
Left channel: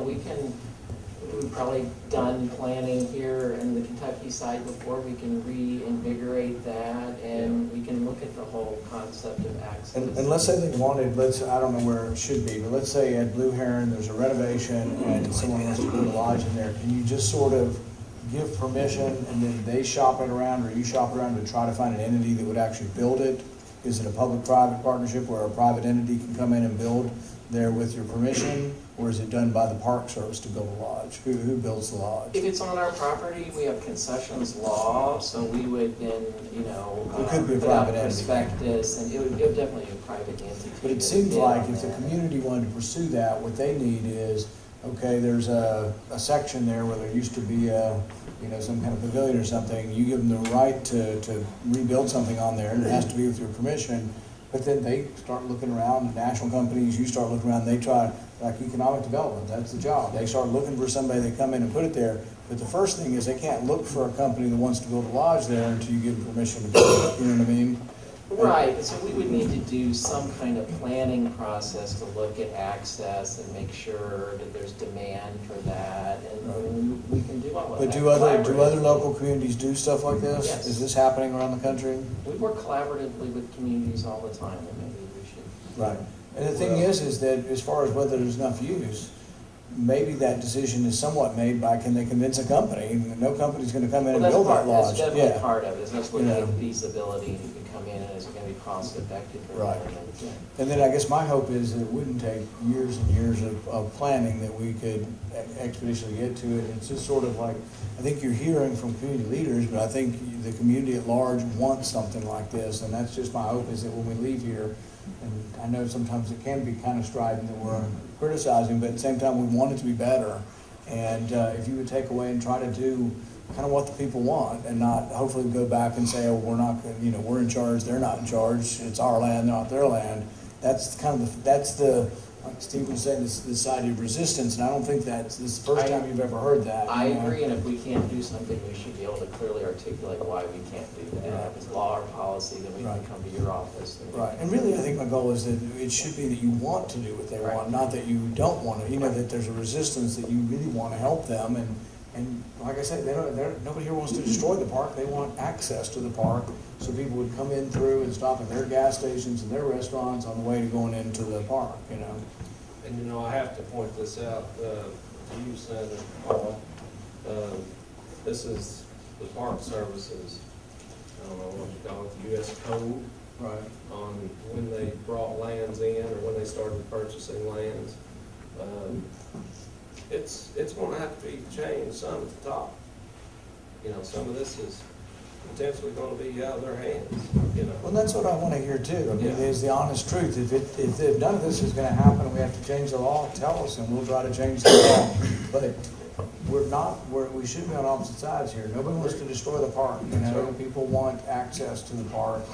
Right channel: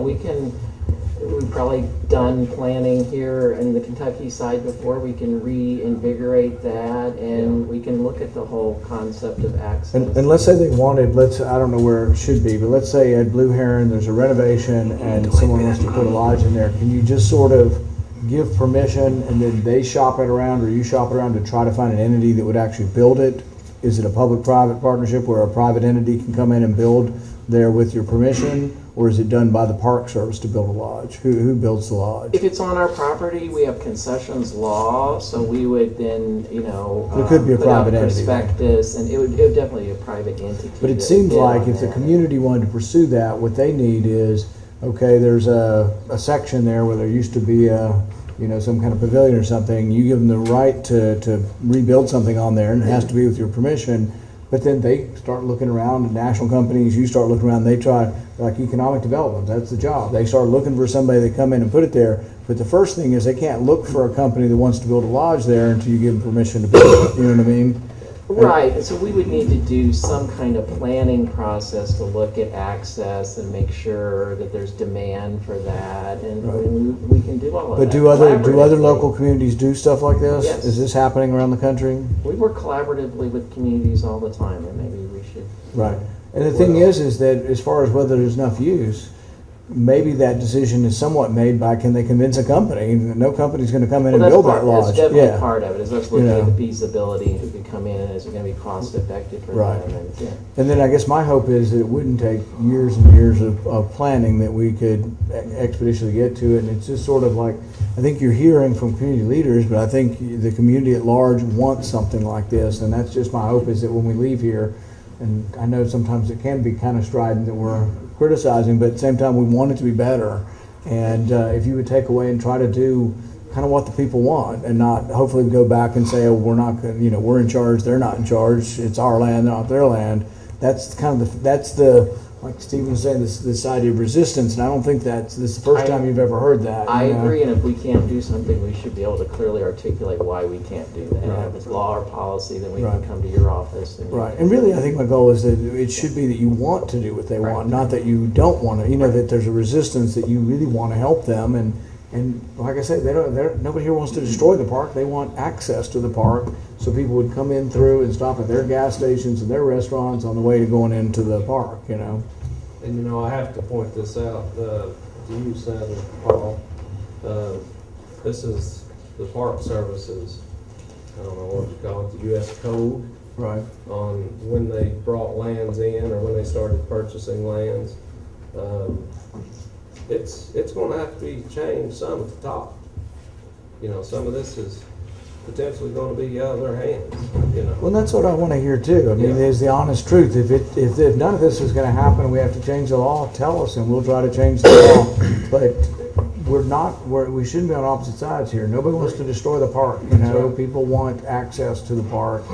we've probably done planning here in the Kentucky side before. We can reinvigorate that, and we can look at the whole concept of access. And let's say they wanted, I don't know where it should be, but let's say at Blue Heron, there's a renovation and someone wants to put a lodge in there. Can you just sort of give permission and then they shop it around, or you shop it around to try to find an entity that would actually build it? Is it a public-private partnership where a private entity can come in and build there with your permission? Or is it done by the Park Service to build a lodge? Who builds the lodge? If it's on our property, we have concessions law, so we would then, It could be a put out private entity, prospectus, and it would definitely be a private entity. But it that seems would bid like on if the that. community wanted to pursue that, what they need is, okay, there's a section there where there used to be some kind of pavilion or something. You give them the right to rebuild something on there, and it has to be with your permission. But then they start looking around, and national companies, you start looking around, they try, like economic development, that's the job. They start looking for somebody to come in and put it there. But the first thing is they can't look for a company that wants to build a lodge there until you give them permission to build it, you know what I mean? Right, so we would need to do some kind of planning process to look at access and make sure that there's demand for that, and we can do all of that. But do other collaboratively. local communities do stuff like this? Yes. Is this happening around the country? We work collaboratively with communities all the time, and maybe we should. Right. And the thing is that as far as whether there's enough use, maybe that decision is somewhat made by, can they convince a company? No company's gonna come in and Well, build that lodge. That's definitely Yeah. part of it, is us looking You at know. the feasibility, and who can come in, and is it gonna be cost effective for Right. them, and, yeah. And then I guess my hope is that it wouldn't take years and years of planning, that we could expeditiously get to it. And it's just sort of like, I think you're hearing from community leaders, but I think the community at large wants something like this. And that's just my hope, is that when we leave here, and I know sometimes it can be kind of strident that we're criticizing, but at the same time, we want it to be better. And if you would take away and try to do kind of what the people want, and not hopefully go back and say, oh, we're not, we're in charge, they're not in charge, it's our land, not their land. That's kind of that's the, like Stephen was saying, this idea of resistance, and I don't think this is the first time you've ever heard that. I you know? agree, and if we can't do something, we should be able to clearly articulate why we can't do that. Right. If it's law or policy, then we Right. can come to your office. And Right, and really, I think my goal is that it should be that you want to do what they Right. want, not that you don't want to. That there's a resistance, that you really want to help them, and like I said, nobody here wants to destroy the park. They want access to the park, so people would come in through and stop at their gas stations and their restaurants on the way to going into the park. And I have to point this out to you, Senator Paul. This is the Park Services, I don't know what you call it, the U.S. Code Right. on when they brought lands in, or when they started purchasing lands. It's going to have to be changed some at the top. Some of this is potentially going to be out of their hands. Well, that's what I want to hear too. Yeah. There's the honest truth. If none of this is going to happen and we have to change the law, tell us and we'll try to change the law. But we shouldn't be on opposite sides here. Nobody wants to destroy the park. People want access to the park,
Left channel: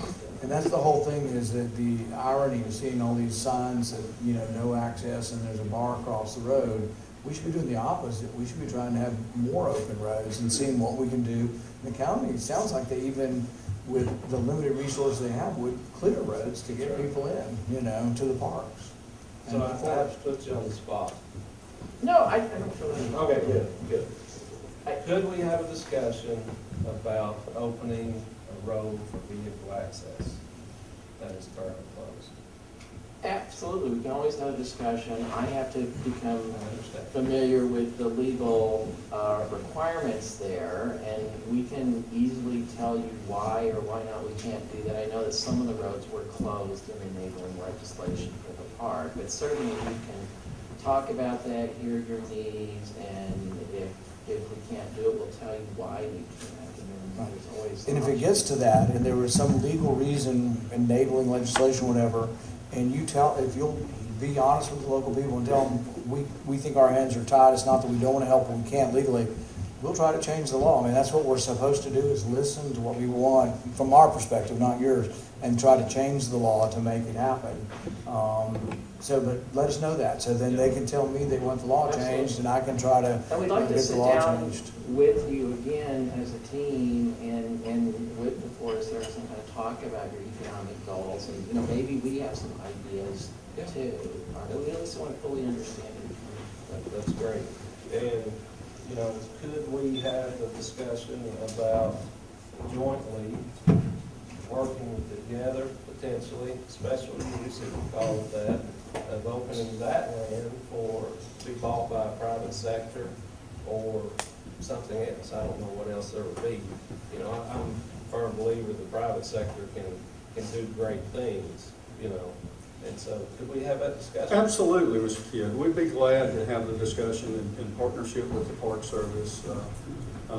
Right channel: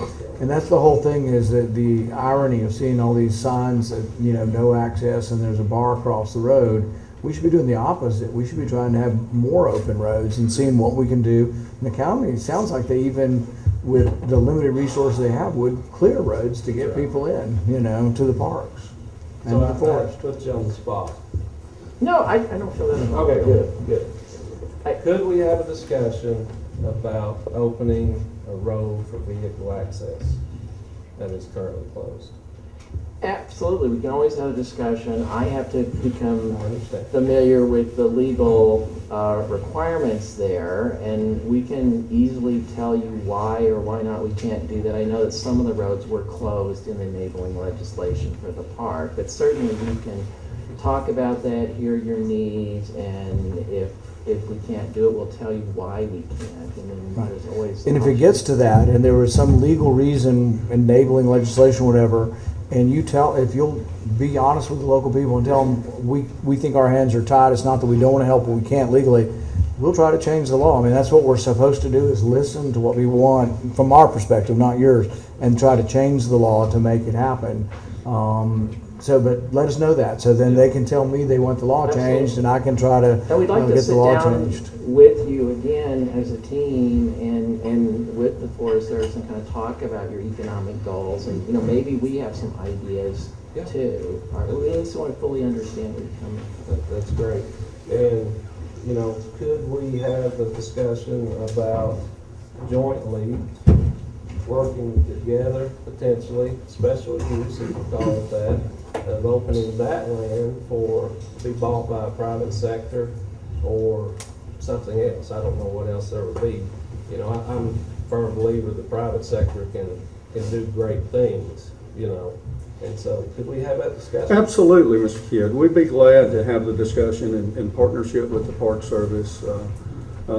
and that's the whole thing. Is that the irony of seeing all these signs that no access, and there's a bar across the road. We should be doing the opposite. We should be trying to have more open roads and seeing what we can do. And the county, it sounds like they even, with the limited resources they have, would clear roads to get people in, to the parks and So to I the forest. put you on the spot. No, I don't feel that. Okay, good. Could we have a discussion about opening a road for vehicle access that is currently closed? Absolutely, we can always have a discussion. I have to become I understand. familiar with the legal requirements there, and we can easily tell you why or why not we can't do that. I know that some of the roads were closed in enabling legislation for the park, but certainly we can talk about that, hear your needs, and if we can't do it, we'll tell you why we can't. And there's always And if it gets to that, and there was some legal reason enabling legislation, whatever, and if you'll be honest with the local people and tell them, we think our hands are tied, it's not that we don't want to help, but we can't legally, we'll try to change the law. I mean, that's what we're supposed to do, is listen to what we want from our perspective, not yours, and try to change the law to make it happen. But let us know that, so then they can tell me they want the law changed, and I can try to And we'd like to get the sit law down changed. with you again as a team and with the Forest Service and kind of talk about your economic goals. And, maybe we have some ideas too. Or we at least want to fully understand where you're coming from. That's great. And, could we have a discussion about jointly working together, potentially, special use, if you call it that, of opening that land to be bought by a private sector or something else? I don't know what else there would be. I'm a firm believer the private sector can do great things, and so could we have that discussion? Absolutely, Mr. Kidd. We'd be glad to have the discussion in partnership with the Park Service.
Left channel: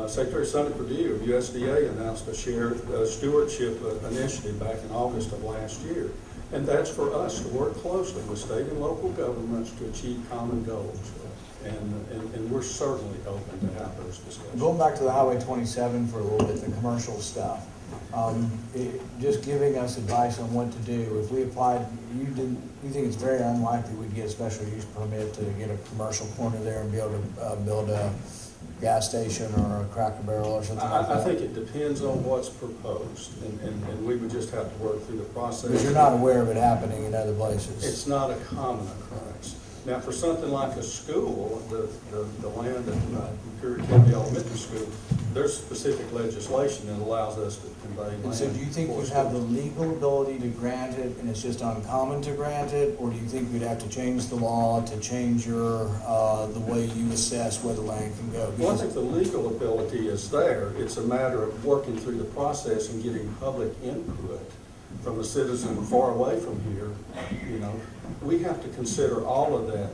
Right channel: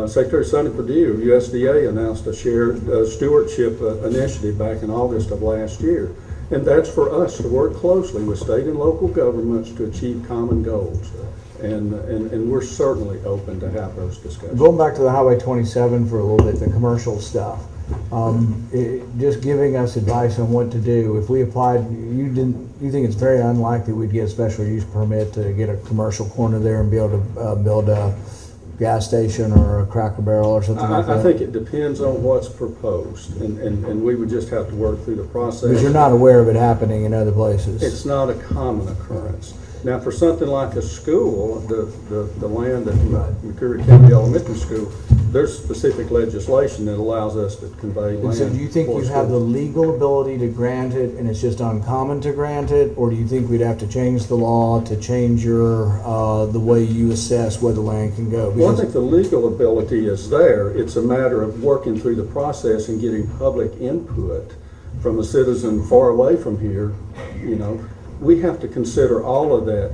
Secretary Sonny Perdue of USDA announced a shared stewardship initiative back in August of last year. And that's for us to work closely with state and local governments to achieve common goals. And we're certainly open to have those discussions. Going back to the Highway 27 for a little bit, the commercial stuff, just giving us advice on what to do. If we applied, you think it's very unlikely we'd get a special use permit to get a commercial corner there and be able to build a gas station or a Cracker Barrel or something like that? I think it depends on what's proposed, and we would just have to work through the process. Because you're not aware of it happening in other places. It's not a common occurrence. Now, for something like a school, the land at McCreary County Elementary School, there's specific legislation that allows us to convey land. And so do you think for you have the schools. legal ability to grant it and it's just uncommon to grant it? Or do you think we'd have to change the law to change your, the way you assess where the land can go? Well, I Because- think the legal ability is there. It's a matter of working through the process and getting public input from a citizen far away from here. You know, we have to consider all of that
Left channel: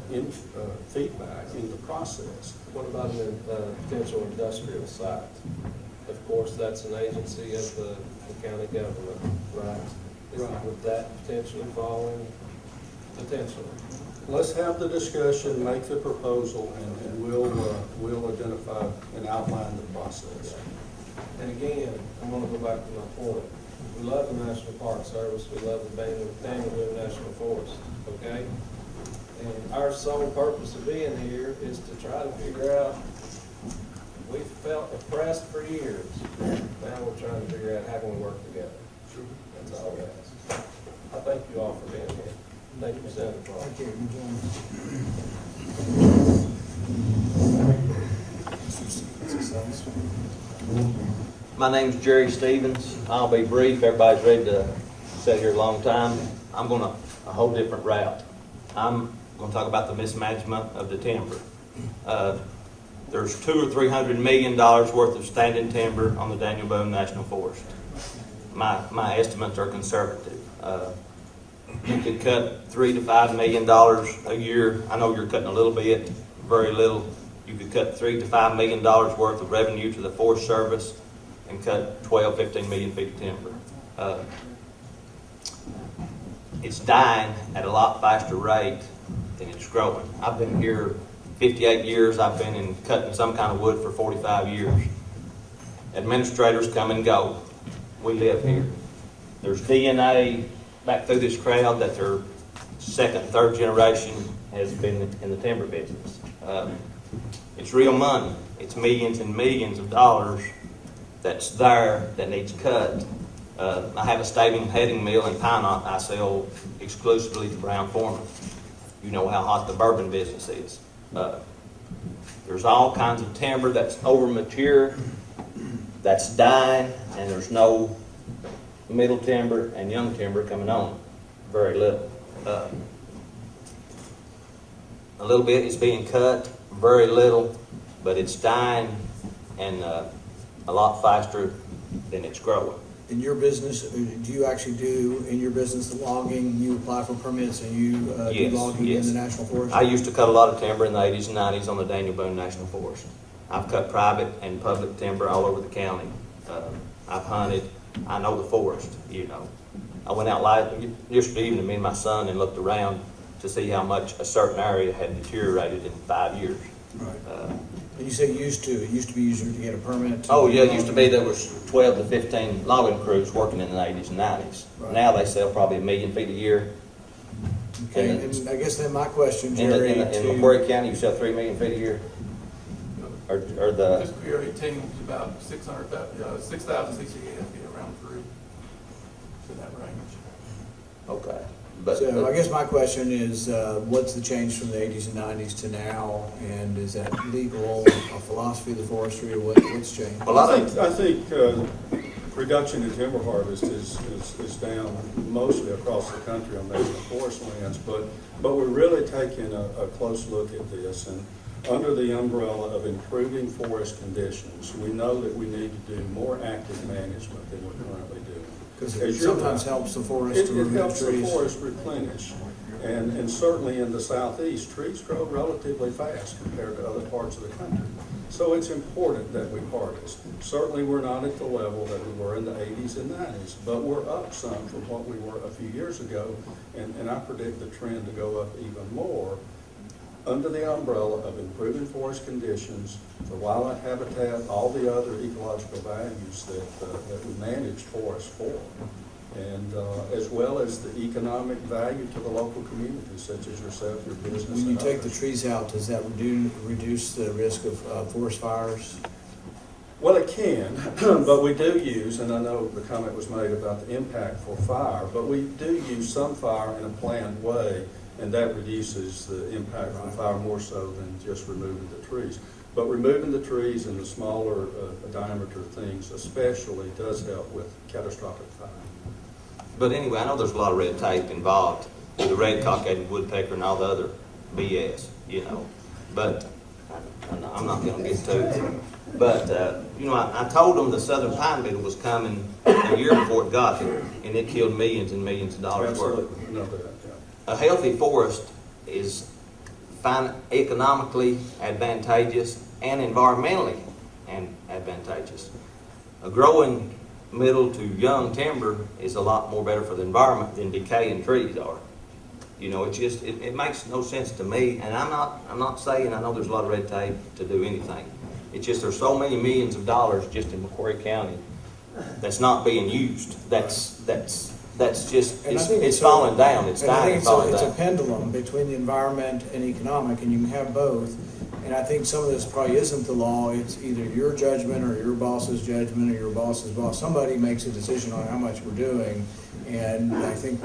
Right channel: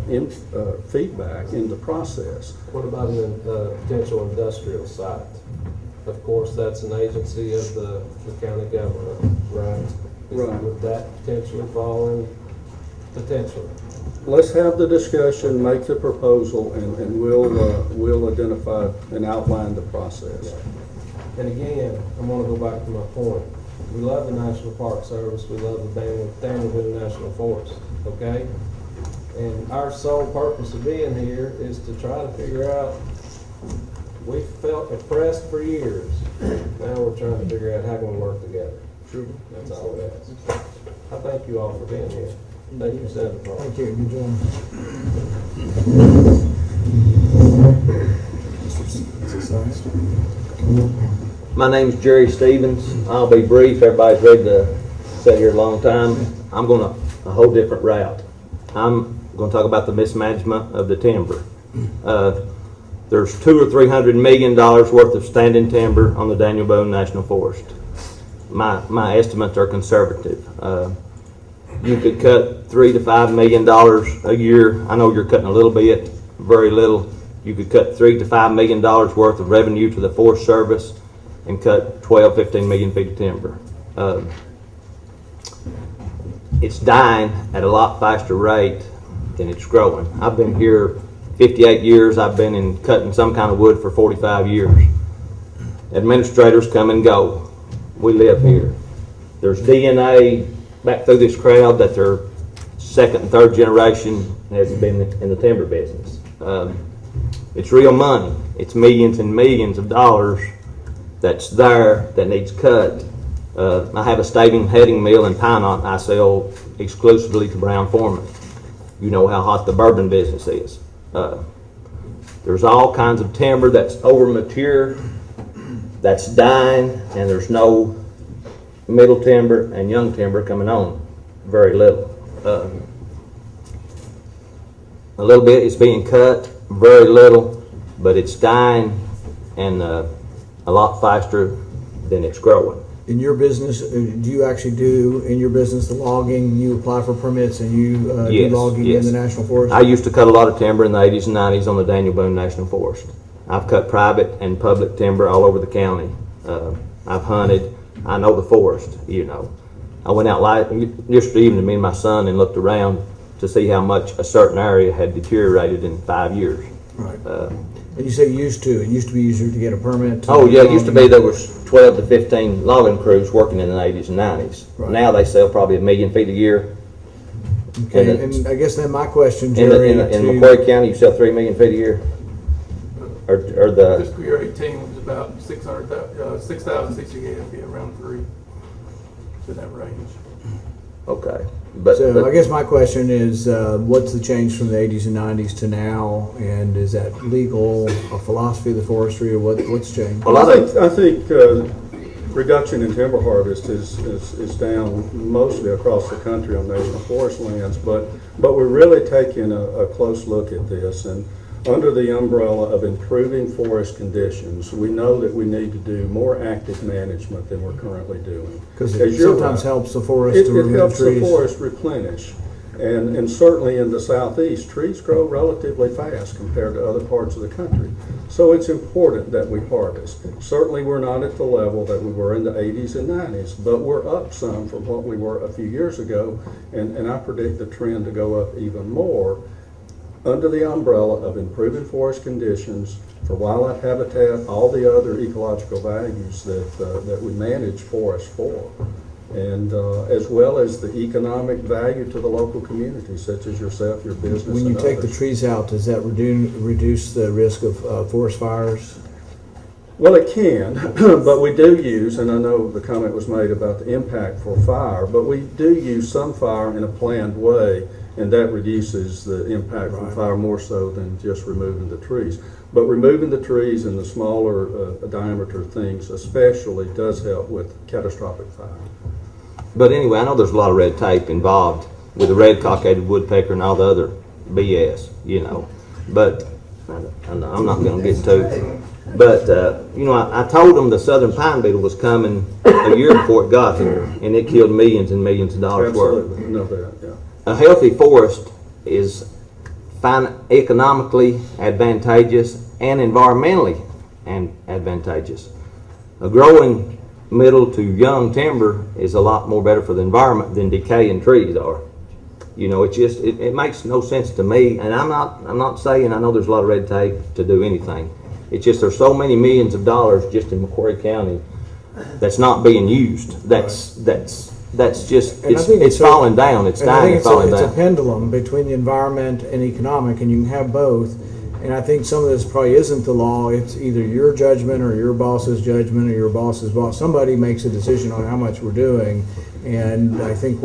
feedback in the process. What about a potential industrial site? Of course, that's an agency of the county government, right? Right. Would that potentially fall in? Potentially. Let's have the discussion, make the proposal, and we'll identify and outline the process. And again, I'm gonna go back to my point. We love the National Park Service, we love the Daniel National Forest, okay? And our sole purpose of being here is to try to figure out, we felt oppressed for years. Now we're trying to figure out how can we work together. That's all we ask. I thank you all for being here. Thank you, Senator. Thank you, you gentlemen. My name's Jerry Stevens. I'll be brief. Everybody's ready to sit here a long time. I'm going a whole different route. I'm going to talk about the mismanagement of the timber. There's $200 or $300 million worth of standing timber on the Daniel Boone National Forest. My estimates are conservative. You could cut $3 to $5 million a year. I know you're cutting a little bit, very little. You could cut $3 to $5 million worth of revenue to the Forest Service and cut 12, 15 million feet of timber. It's dying at a lot faster rate than it's growing. I've been here 58 years. I've been in cutting some kind of wood for 45 years. Administrators come and go. We live here. There's DNA back through this crowd that their second and third generation has been in the timber business. It's real money. It's millions and millions of dollars that's there that needs cut. I have a staving heading mill in Pinot I sell exclusively to Brown Foreman. You know how hot the bourbon business is. There's all kinds of timber that's over mature, that's dying, and there's no middle timber and young timber coming on. Very little. A little bit is being cut, very little, but it's dying and a lot faster than it's growing. In your business, do you actually do, in your business, the logging, you apply for permits and you do Yes, logging yes. in the National Forest? I used to cut a lot of timber in the 80s and 90s on the Daniel Boone National Forest. I've cut private and public timber all over the county. I've hunted. I know the forest, you know. I went out yesterday evening, me and my son, and looked around to see how much a certain area had deteriorated in 5 years. Right. And you say used to. It used to be easier to get a permit. Oh, yeah, it used to be there was 12 to 15 logging crews working in the 80s and 90s. Right. Now they sell probably 1 million feet a year. Okay, and I guess then my question, Jerry, In McCreary County, you sell 3 million feet a year? Or the, Fiscal year 18 was about 6,068, it'd be around 3, in that range. okay. so I guess my question is, what's the change from the 80s and 90s to now? And is that legal, a philosophy of the forestry, or what's changed? Well, I think reduction in timber harvest is down mostly across the country on national forest lands, but we're really taking a close look at this, and under the umbrella of improving forest conditions, we know that we need to do more active management than we're currently doing. Because As it you're sometimes right, helps the forest It to remove helps the trees. forest replenish. And certainly in the southeast, trees grow relatively fast compared to other parts of the country. So it's important that we harvest. Certainly we're not at the level that we were in the 80s and 90s, but we're up some from what we were a few years ago. And I predict the trend to go up even more under the umbrella of improving forest conditions for wildlife habitat, all the other ecological values that we manage forests for. And as well as the economic value to the local community, such as yourself, your business, When you and take the others. trees out, does that reduce the risk of forest fires? Well, it can, but we do use, and I know the comment was made about the impact for fire, but we do use some fire in a planned way And that reduces the impact from fire more so than just removing the trees. But removing the trees and the smaller diameter things especially does help with catastrophic fire. But anyway, I know there's a lot of red tape involved with the red cockaded woodpecker and all the other BS, you know. But I'm not going to get to it. But, you know, I told them the southern pine beetle was coming a year before it got here, and it killed millions and millions of dollars worth. Absolutely, no doubt, yeah. A healthy forest is economically advantageous and environmentally advantageous. A growing middle to young timber is a lot more better for the environment than decaying trees are. You know, it makes no sense to me, and I'm not saying I know there's a lot of red tape to do anything. It's just there's so many millions of dollars just in McCreary County that's not being used. That's just And I think it's falling down. It's and I dying think and falling it's a down. pendulum between the environment and economic, and you can have both. And I think some of this probably isn't the law. It's either your judgment or your boss's judgment or your boss's boss. Somebody makes a decision on how much we're doing. And I think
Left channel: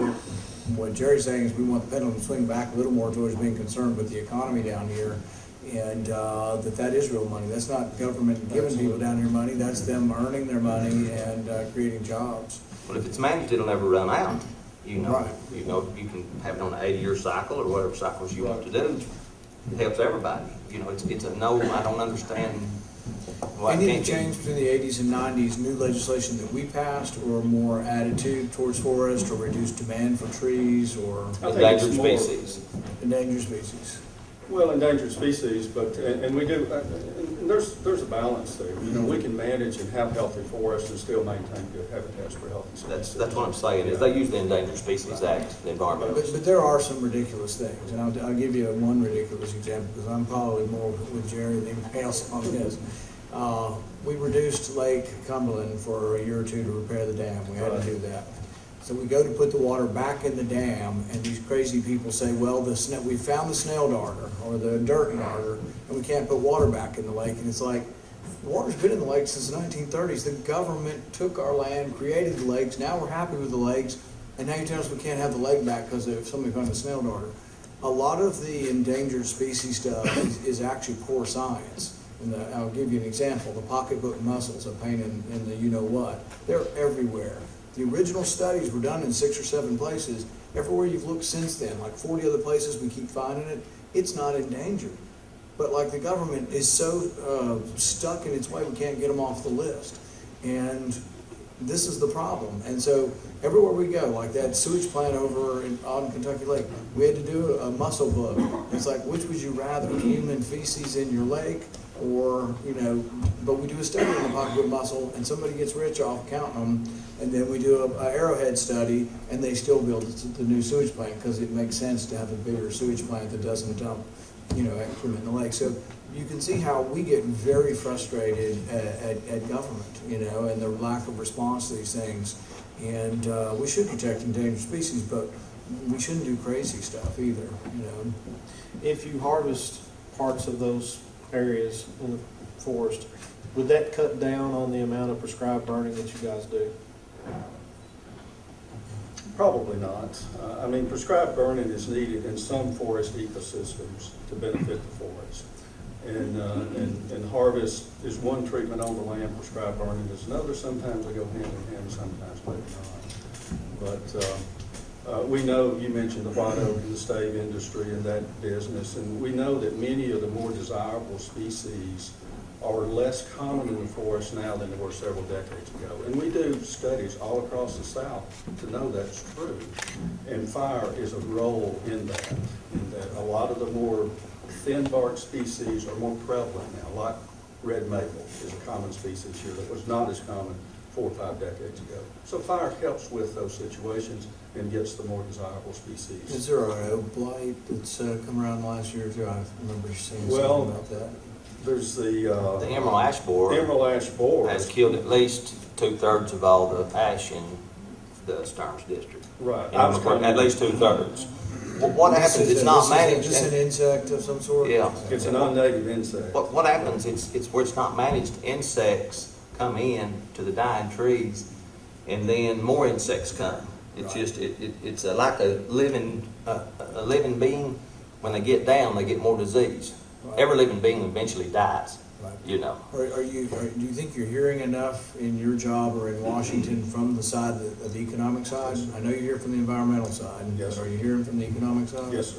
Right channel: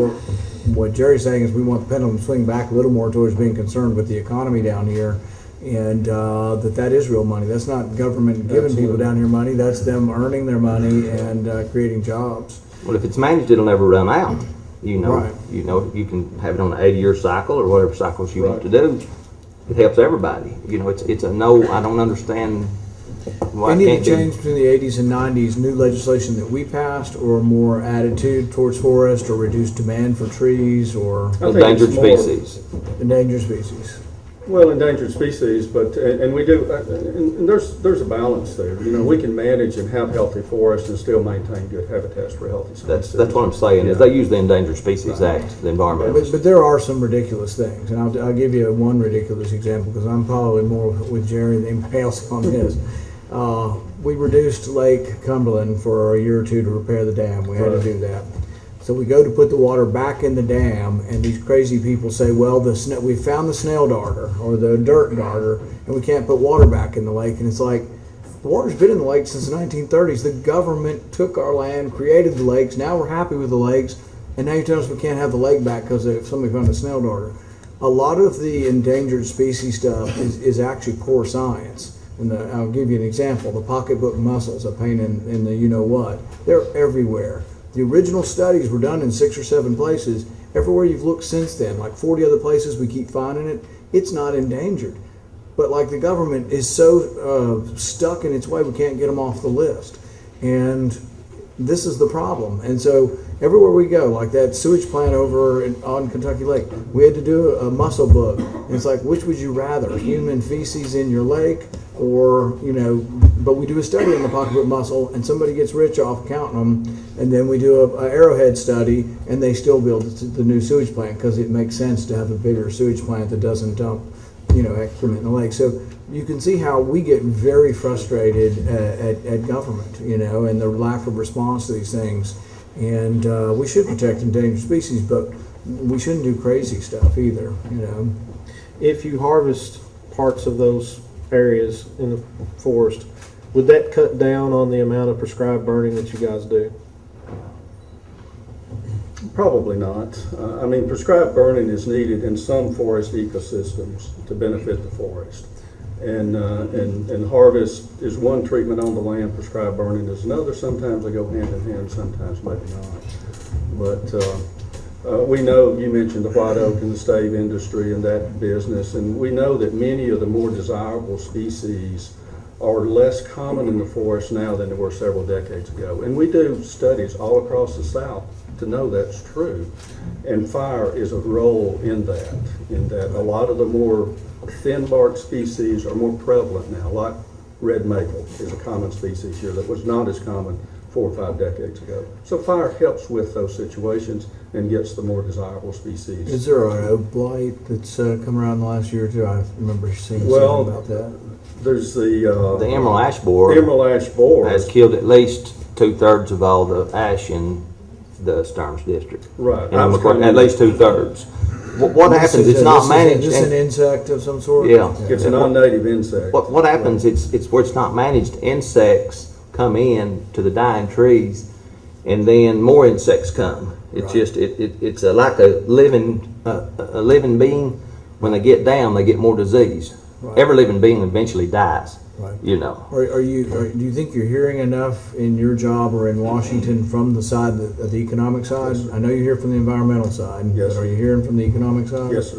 what Jerry's saying is we want the pendulum to swing back a little more towards being concerned with the economy down here, and that is real money. That's not government giving people down here money. That's them earning their money and creating jobs. Well, if it's managed, it'll never run out. You know, Right. you know, you can have it on an 80-year cycle or whatever cycles you want to do. It helps everybody. You know, it's a no. I don't understand why Any it of can't the be. change between the 80s and 90s, new legislation that we passed, or more attitude towards forest, or reduced demand for trees, or I think Endangered it's more- species. endangered species? Well, endangered species, but, and we do, and there's a balance there. You know, we can manage and have healthy forests and still maintain good habitats for healthy species. That's what I'm saying. Is they use the Endangered Species Act, the environmental. But there are some ridiculous things, and I'll give you one ridiculous example, because I'm probably more with Jerry than anybody else on this. We reduced Lake Cumberland for a year or two to repair the dam. We had to do that. So we go to put the water back in the dam, and these crazy people say, well, we found the snail darter or the dirt darter, and we can't put water back in the lake. And it's like, the water's been in the lake since the 1930s. The government took our land, created the lakes. Now we're happy with the lakes, and now you tell us we can't have the lake back because somebody found a snail darter. A lot of the endangered species stuff is actually poor science. And I'll give you an example. The pocketbook mussels, a pain in the you-know-what, they're everywhere. The original studies were done in 6 or 7 places. Everywhere you've looked since then, like 40 other places we keep finding it, it's not endangered. But like the government is so stuck in its way, we can't get them off the list. And this is the problem. And so everywhere we go, like that sewage plant over on Kentucky Lake, we had to do a mussel book. And it's like, which would you rather, human feces in your lake, or, you know, but we do a study on the pocketbook mussel, and somebody gets rich off counting them, and then we do a Arrowhead study, and they still build the new sewage plant because it makes sense to have a bigger sewage plant that doesn't dump, you know, excrement in the lake. So you can see how we get very frustrated at government, you know, and the lack of response to these things. And we should protect endangered species, but we shouldn't do crazy stuff either, you know. If you harvest parts of those areas in the forest, would that cut down on the amount of prescribed burning that you guys do? Probably not. I mean, prescribed burning is needed in some forest ecosystems to benefit the forest. And harvest is one treatment on the land, prescribed burning is another. Sometimes they go hand in hand, sometimes maybe not. But we know, you mentioned the white oak and the stave industry and that business, and we know that many of the more desirable species are less common in the forest now than they were several decades ago. And we do studies all across the South to know that's true. And fire is a role in that a lot of the more thin bark species are more prevalent now, like red maple is a common species here that was not as common 4 or 5 decades ago. So fire helps with those situations and gets the more desirable species. Is there an oak blight that's come around the last year or two? I remember seeing Well, something about that. There's the emerald ash borer emerald ash borer. has killed at least 2/3 of all the ash in the Stearns district. Right. At least 2/3. What happens? It's not managed. Is this an insect of some sort? Yeah. It's a non-native insect. What happens? It's where it's not managed. Insects come in to the dying trees, and then more insects come. It's just it's like a living a living being, when they get down, they get more disease. Right. Every living being eventually dies, Right. you know. Do you think you're hearing enough in your job or in Washington from the side of the economic side? I know you hear from the environmental side. Yes, sir. Are you hearing from the economic side? Yes, sir.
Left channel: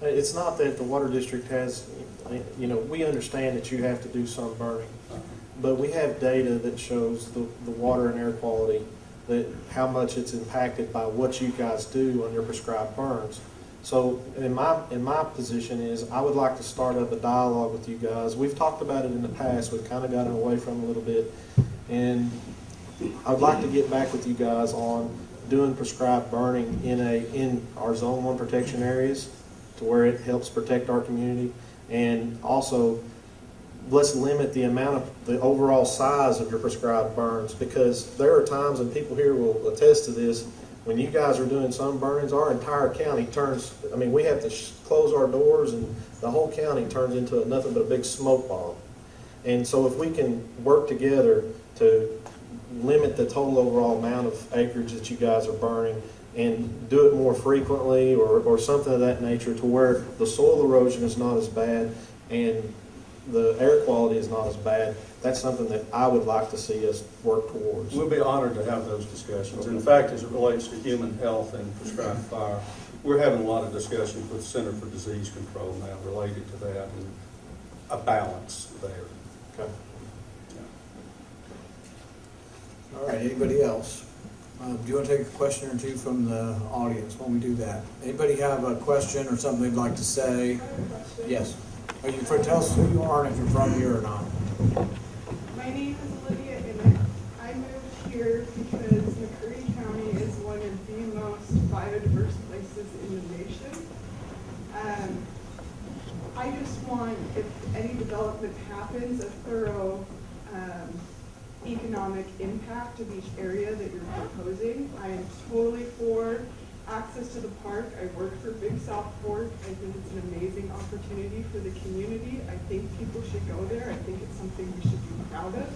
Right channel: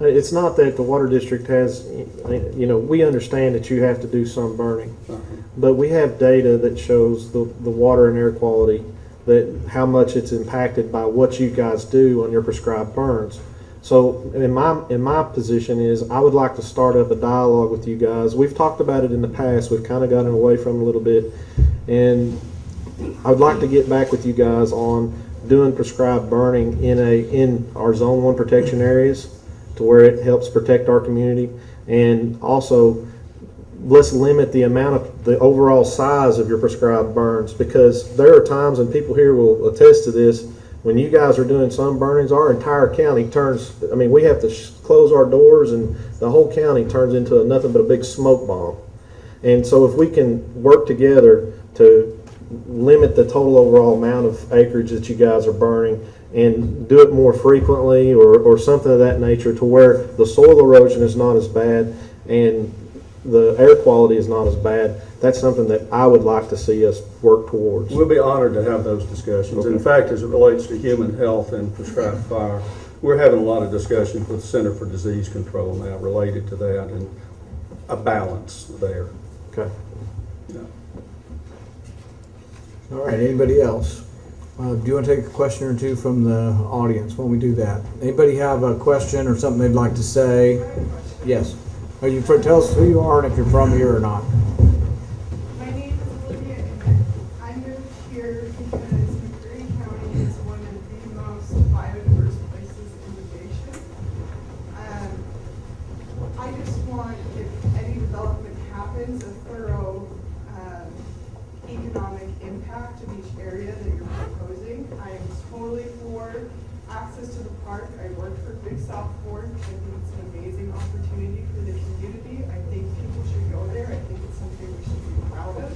It's not that the water district has, we understand that you have to do some burning, but we have data that shows the water and air quality, that how much it's impacted by what you guys do on your prescribed burns. So in my position is I would like to start up a dialogue with you guys. We've talked about it in the past. We've kind of gotten away from it a little bit, and I would like to get back with you guys on doing prescribed burning in our Zone 1 protection areas, to where it helps protect our community, and also let's limit the amount of the overall size of your prescribed burns, because there are times, and people here will attest to this, when you guys are doing some burnings, our entire county turns, we have to close our doors and the whole county turns into nothing but a big smoke bomb. And so if we can work together to limit the total overall amount of acreage that you guys are burning, and do it more frequently or something of that nature, to where the soil erosion is not as bad and the air quality is not as bad, that's something that I would like to see us work towards. We'll be honored to have those discussions. In fact, as it relates to human health and prescribed fire, we're having a lot of discussions with the Center for Disease Control now related to that, and a balance there. Okay. All right, anybody else? Do you want to take a question or two from the audience when we do that? Anybody have a question or something they'd like to say? Yes. Tell us who you are and if you're from here or not. My name is Olivia, and I moved here because McCreary County is one of the most biodiverse places in the nation. I just want, if any development happens, a thorough economic impact of each area that you're proposing. I am totally for access to the park. I work for Big South Fork. I think it's an amazing opportunity for the community. I think people should go there. I think it's something we should be proud of.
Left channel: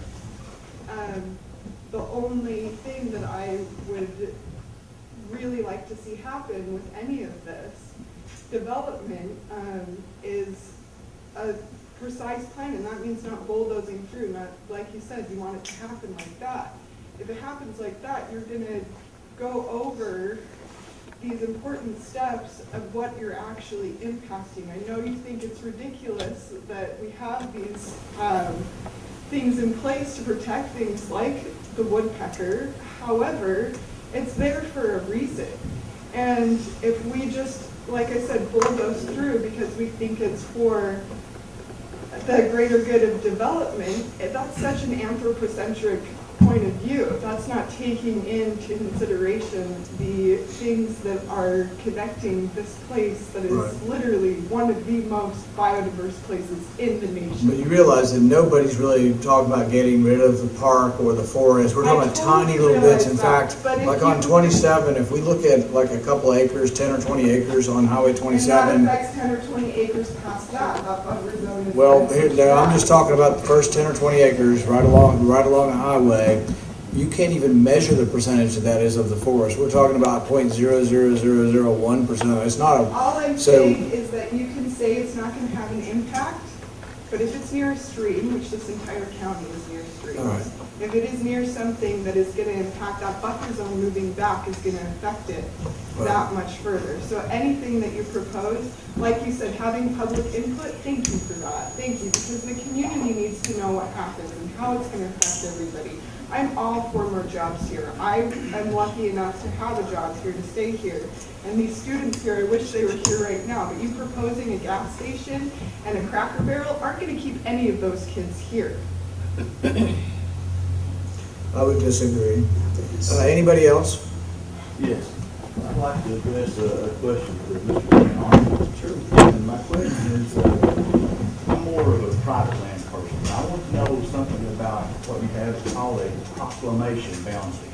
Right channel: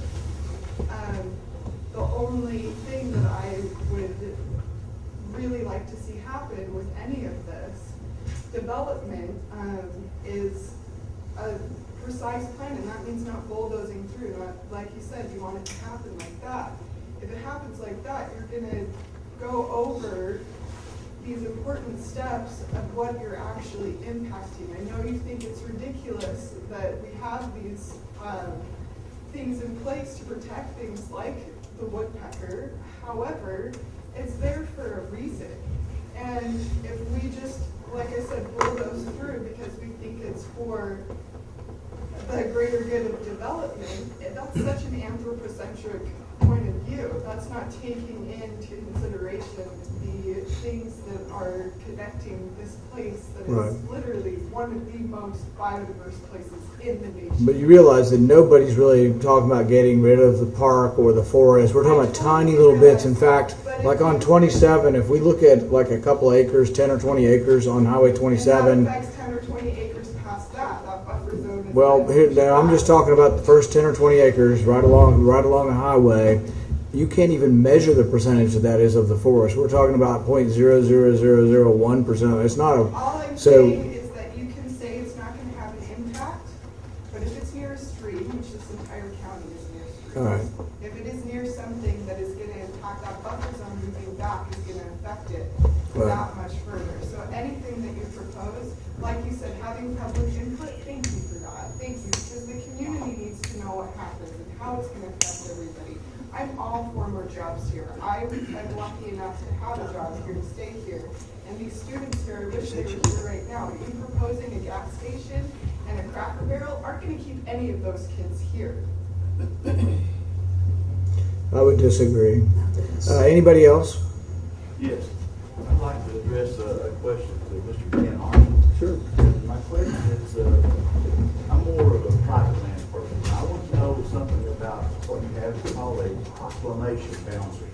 The only thing that I would really like to see happen with any of this development is a precise plan, and that means not bulldozing through, not, like you said, you want it to happen like that. If it happens like that, you're gonna go over these important steps of what you're actually impacting. I know you think it's ridiculous that we have these things in place to protect things like the woodpecker. However, it's there for a reason. And if we just, like I said, bulldoze through because we think it's for the greater good of development, that's such an anthropocentric point of view. That's not taking into consideration the things that are connecting this place that is literally one of the most biodiverse places in the nation. But you realize that nobody's really talking about getting rid of the park or the forest. We're talking about tiny little bits. In fact, like on 27, if we look at like a couple acres, 10 or 20 acres on Highway 27. And that affects 10 or 20 acres past that buffer zone. Well, I'm just talking about the first 10 or 20 acres right along the highway. You can't even measure the percentage that is of the forest. We're talking about 0.00001%. It's not a. All I'm saying is that you can say it's not going to have an impact, but if it's near a stream, which this entire county is near streams, Right. if it is near something that is going to impact that buffer zone moving back is going to affect it that much further. So anything that you propose, like you said, having public input, thank you for that. Thank you, because the community needs to know what happens and how it's going to affect everybody. I'm all for more jobs here. I'm lucky enough to have a job here, to stay here. And these students here, I wish they were here right now, but you proposing a gas station and a Cracker Barrel aren't going to keep any of those kids here. I would disagree. Anybody else? Yes, I'd like to address a question for Mr. Brown. Sure. And my question is, I'm more of a private land person. I want to know something about what you have called a proclamation boundary.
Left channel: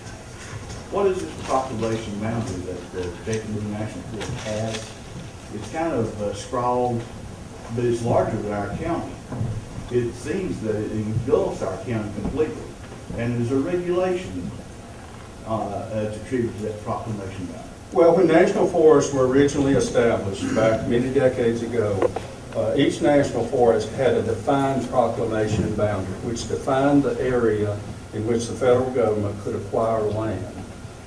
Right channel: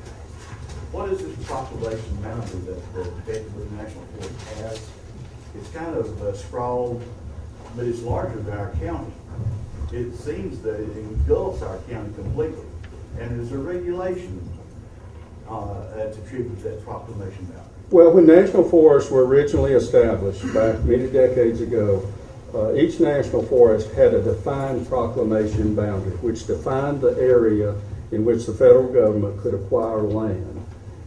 What is this proclamation boundary that the Jacksonville National Forest has? It's kind of scrawled, but it's larger than our county. It seems that it engulfs our county completely. And there's a regulation attributed to that proclamation boundary. Well, when national forests were originally established back many decades ago, each national forest had a defined proclamation boundary, which defined the area in which the federal government could acquire land.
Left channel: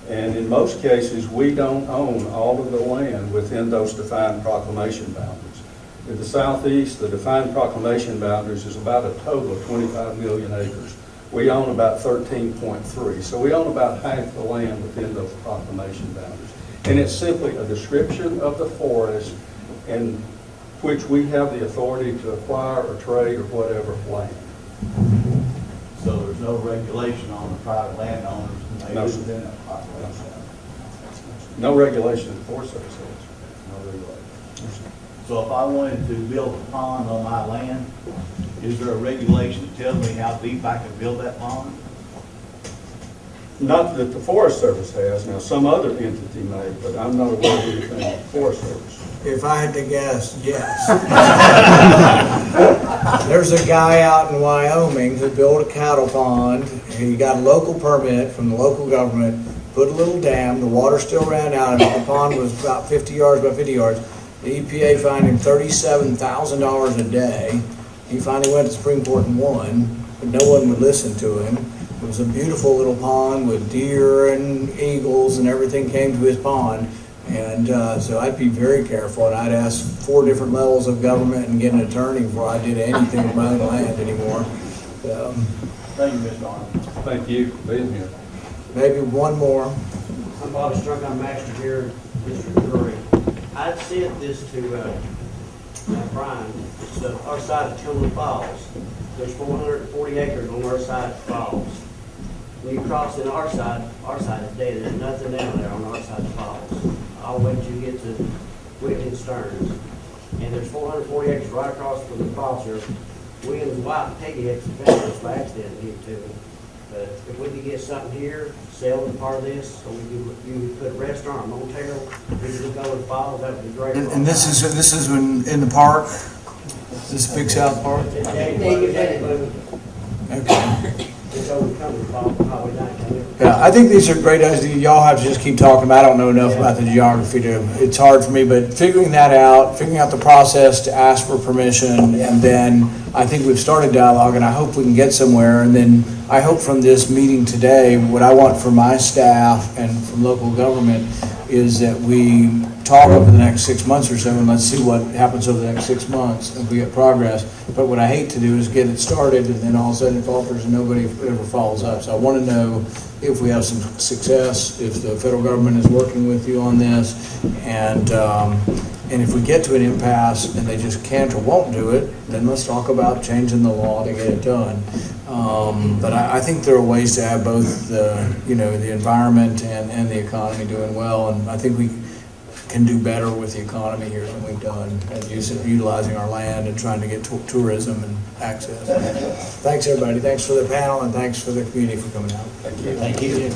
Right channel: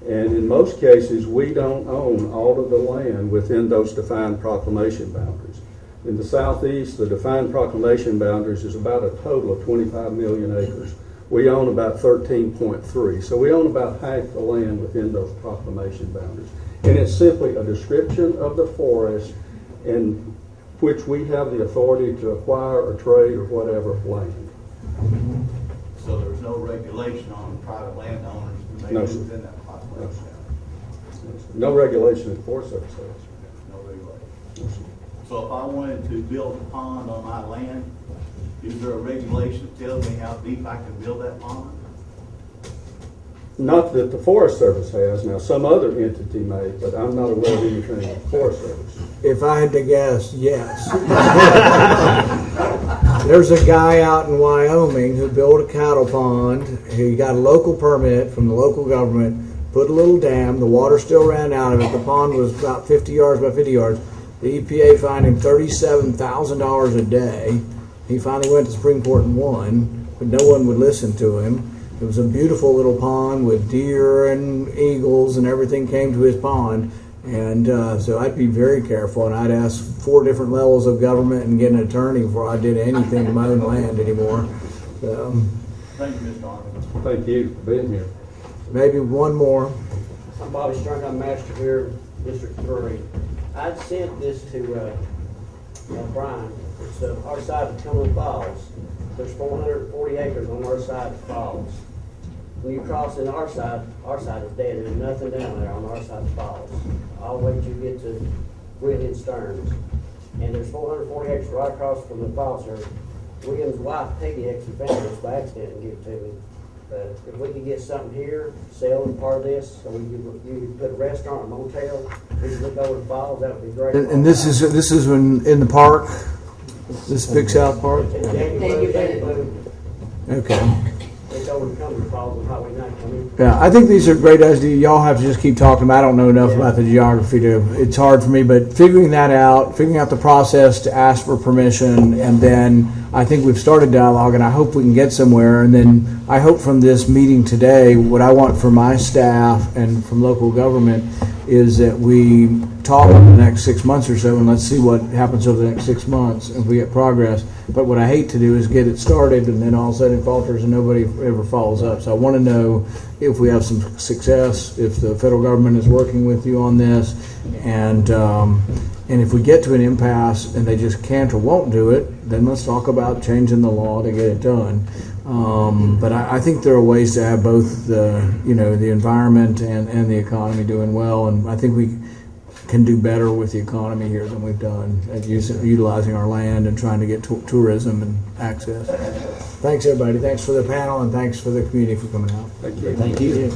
And in most cases, we don't own all of the land within those defined proclamation boundaries. In the southeast, the defined proclamation boundaries is about a total of 25 million acres. We own about 13.3, so we own about half the land within those proclamation boundaries. And it's simply a description of the forest in which we have the authority to acquire or trade or whatever land. So there's no regulation on the private landowners and they No, live sir. within that population? No regulation of the Forest Service has. No regulation. So if I wanted to build a pond on my land, is there a regulation that tells me how deep I can build that pond? Not that the Forest Service has, now some other entity may, but I'm not aware of anything in the Forest Service. If I had to guess, yes. There's a guy out in Wyoming who built a cattle pond. He got a local permit from the local government, put a little dam, the water still ran out of it. The pond was about 50 yards by 50 yards. The EPA fined him $37,000 a day. He finally went to Supreme Court and won, but no one would listen to him. It was a beautiful little pond with deer and eagles and everything came to his pond. And so I'd be very careful, and I'd ask 4 different levels of government and get an attorney before I did anything with my own land anymore. Thank you, Mr. Arnold. Thank you for being here. Maybe one more. I'm Bobby Strunk, I'm master here, Mr. McCreary. I sent this to Brian. It's our side of Tillman Falls. There's 440 acres on our side of the falls. When you cross in our side is dead. There's nothing down there on our side of the falls. I'll wait till you get to Williams Stearns. And there's 440 acres right across from the falls here. Williams' wife, Peggy, had some family by accident to give to me. But if we could get something here, sell part of this, so you could put a restaurant, a motel, we could look over the falls, that would be great. And this is in the park? This Big South Park? It's Danny Boone. Okay. It's overcoming the falls, probably not coming. Yeah, I think these are great ideas. Y'all have to just keep talking about it. I don't know enough about the geography it's hard for me, but figuring that out, figuring out the process to ask for permission, and then I think we've started dialogue, and I hope we can get somewhere. And then I hope from this meeting today, what I want for my staff and from local government is that we talk over the next 6 months or so, and let's see what happens over the next 6 months if we get progress. But what I hate to do is get it started and then all of a sudden it falters and nobody ever follows up. So I want to know if we have some success, if the federal government is working with you on this, and if we get to an impasse and they just can't or won't do it, then let's talk about changing the law to get it done. But I think there are ways to have both the environment and the economy doing well, and I think we can do better with the economy here than we've done at utilizing our land and trying to get tourism and access. Thanks, everybody. Thanks for the panel, and thanks for the community for coming out. Thank you. Thank you.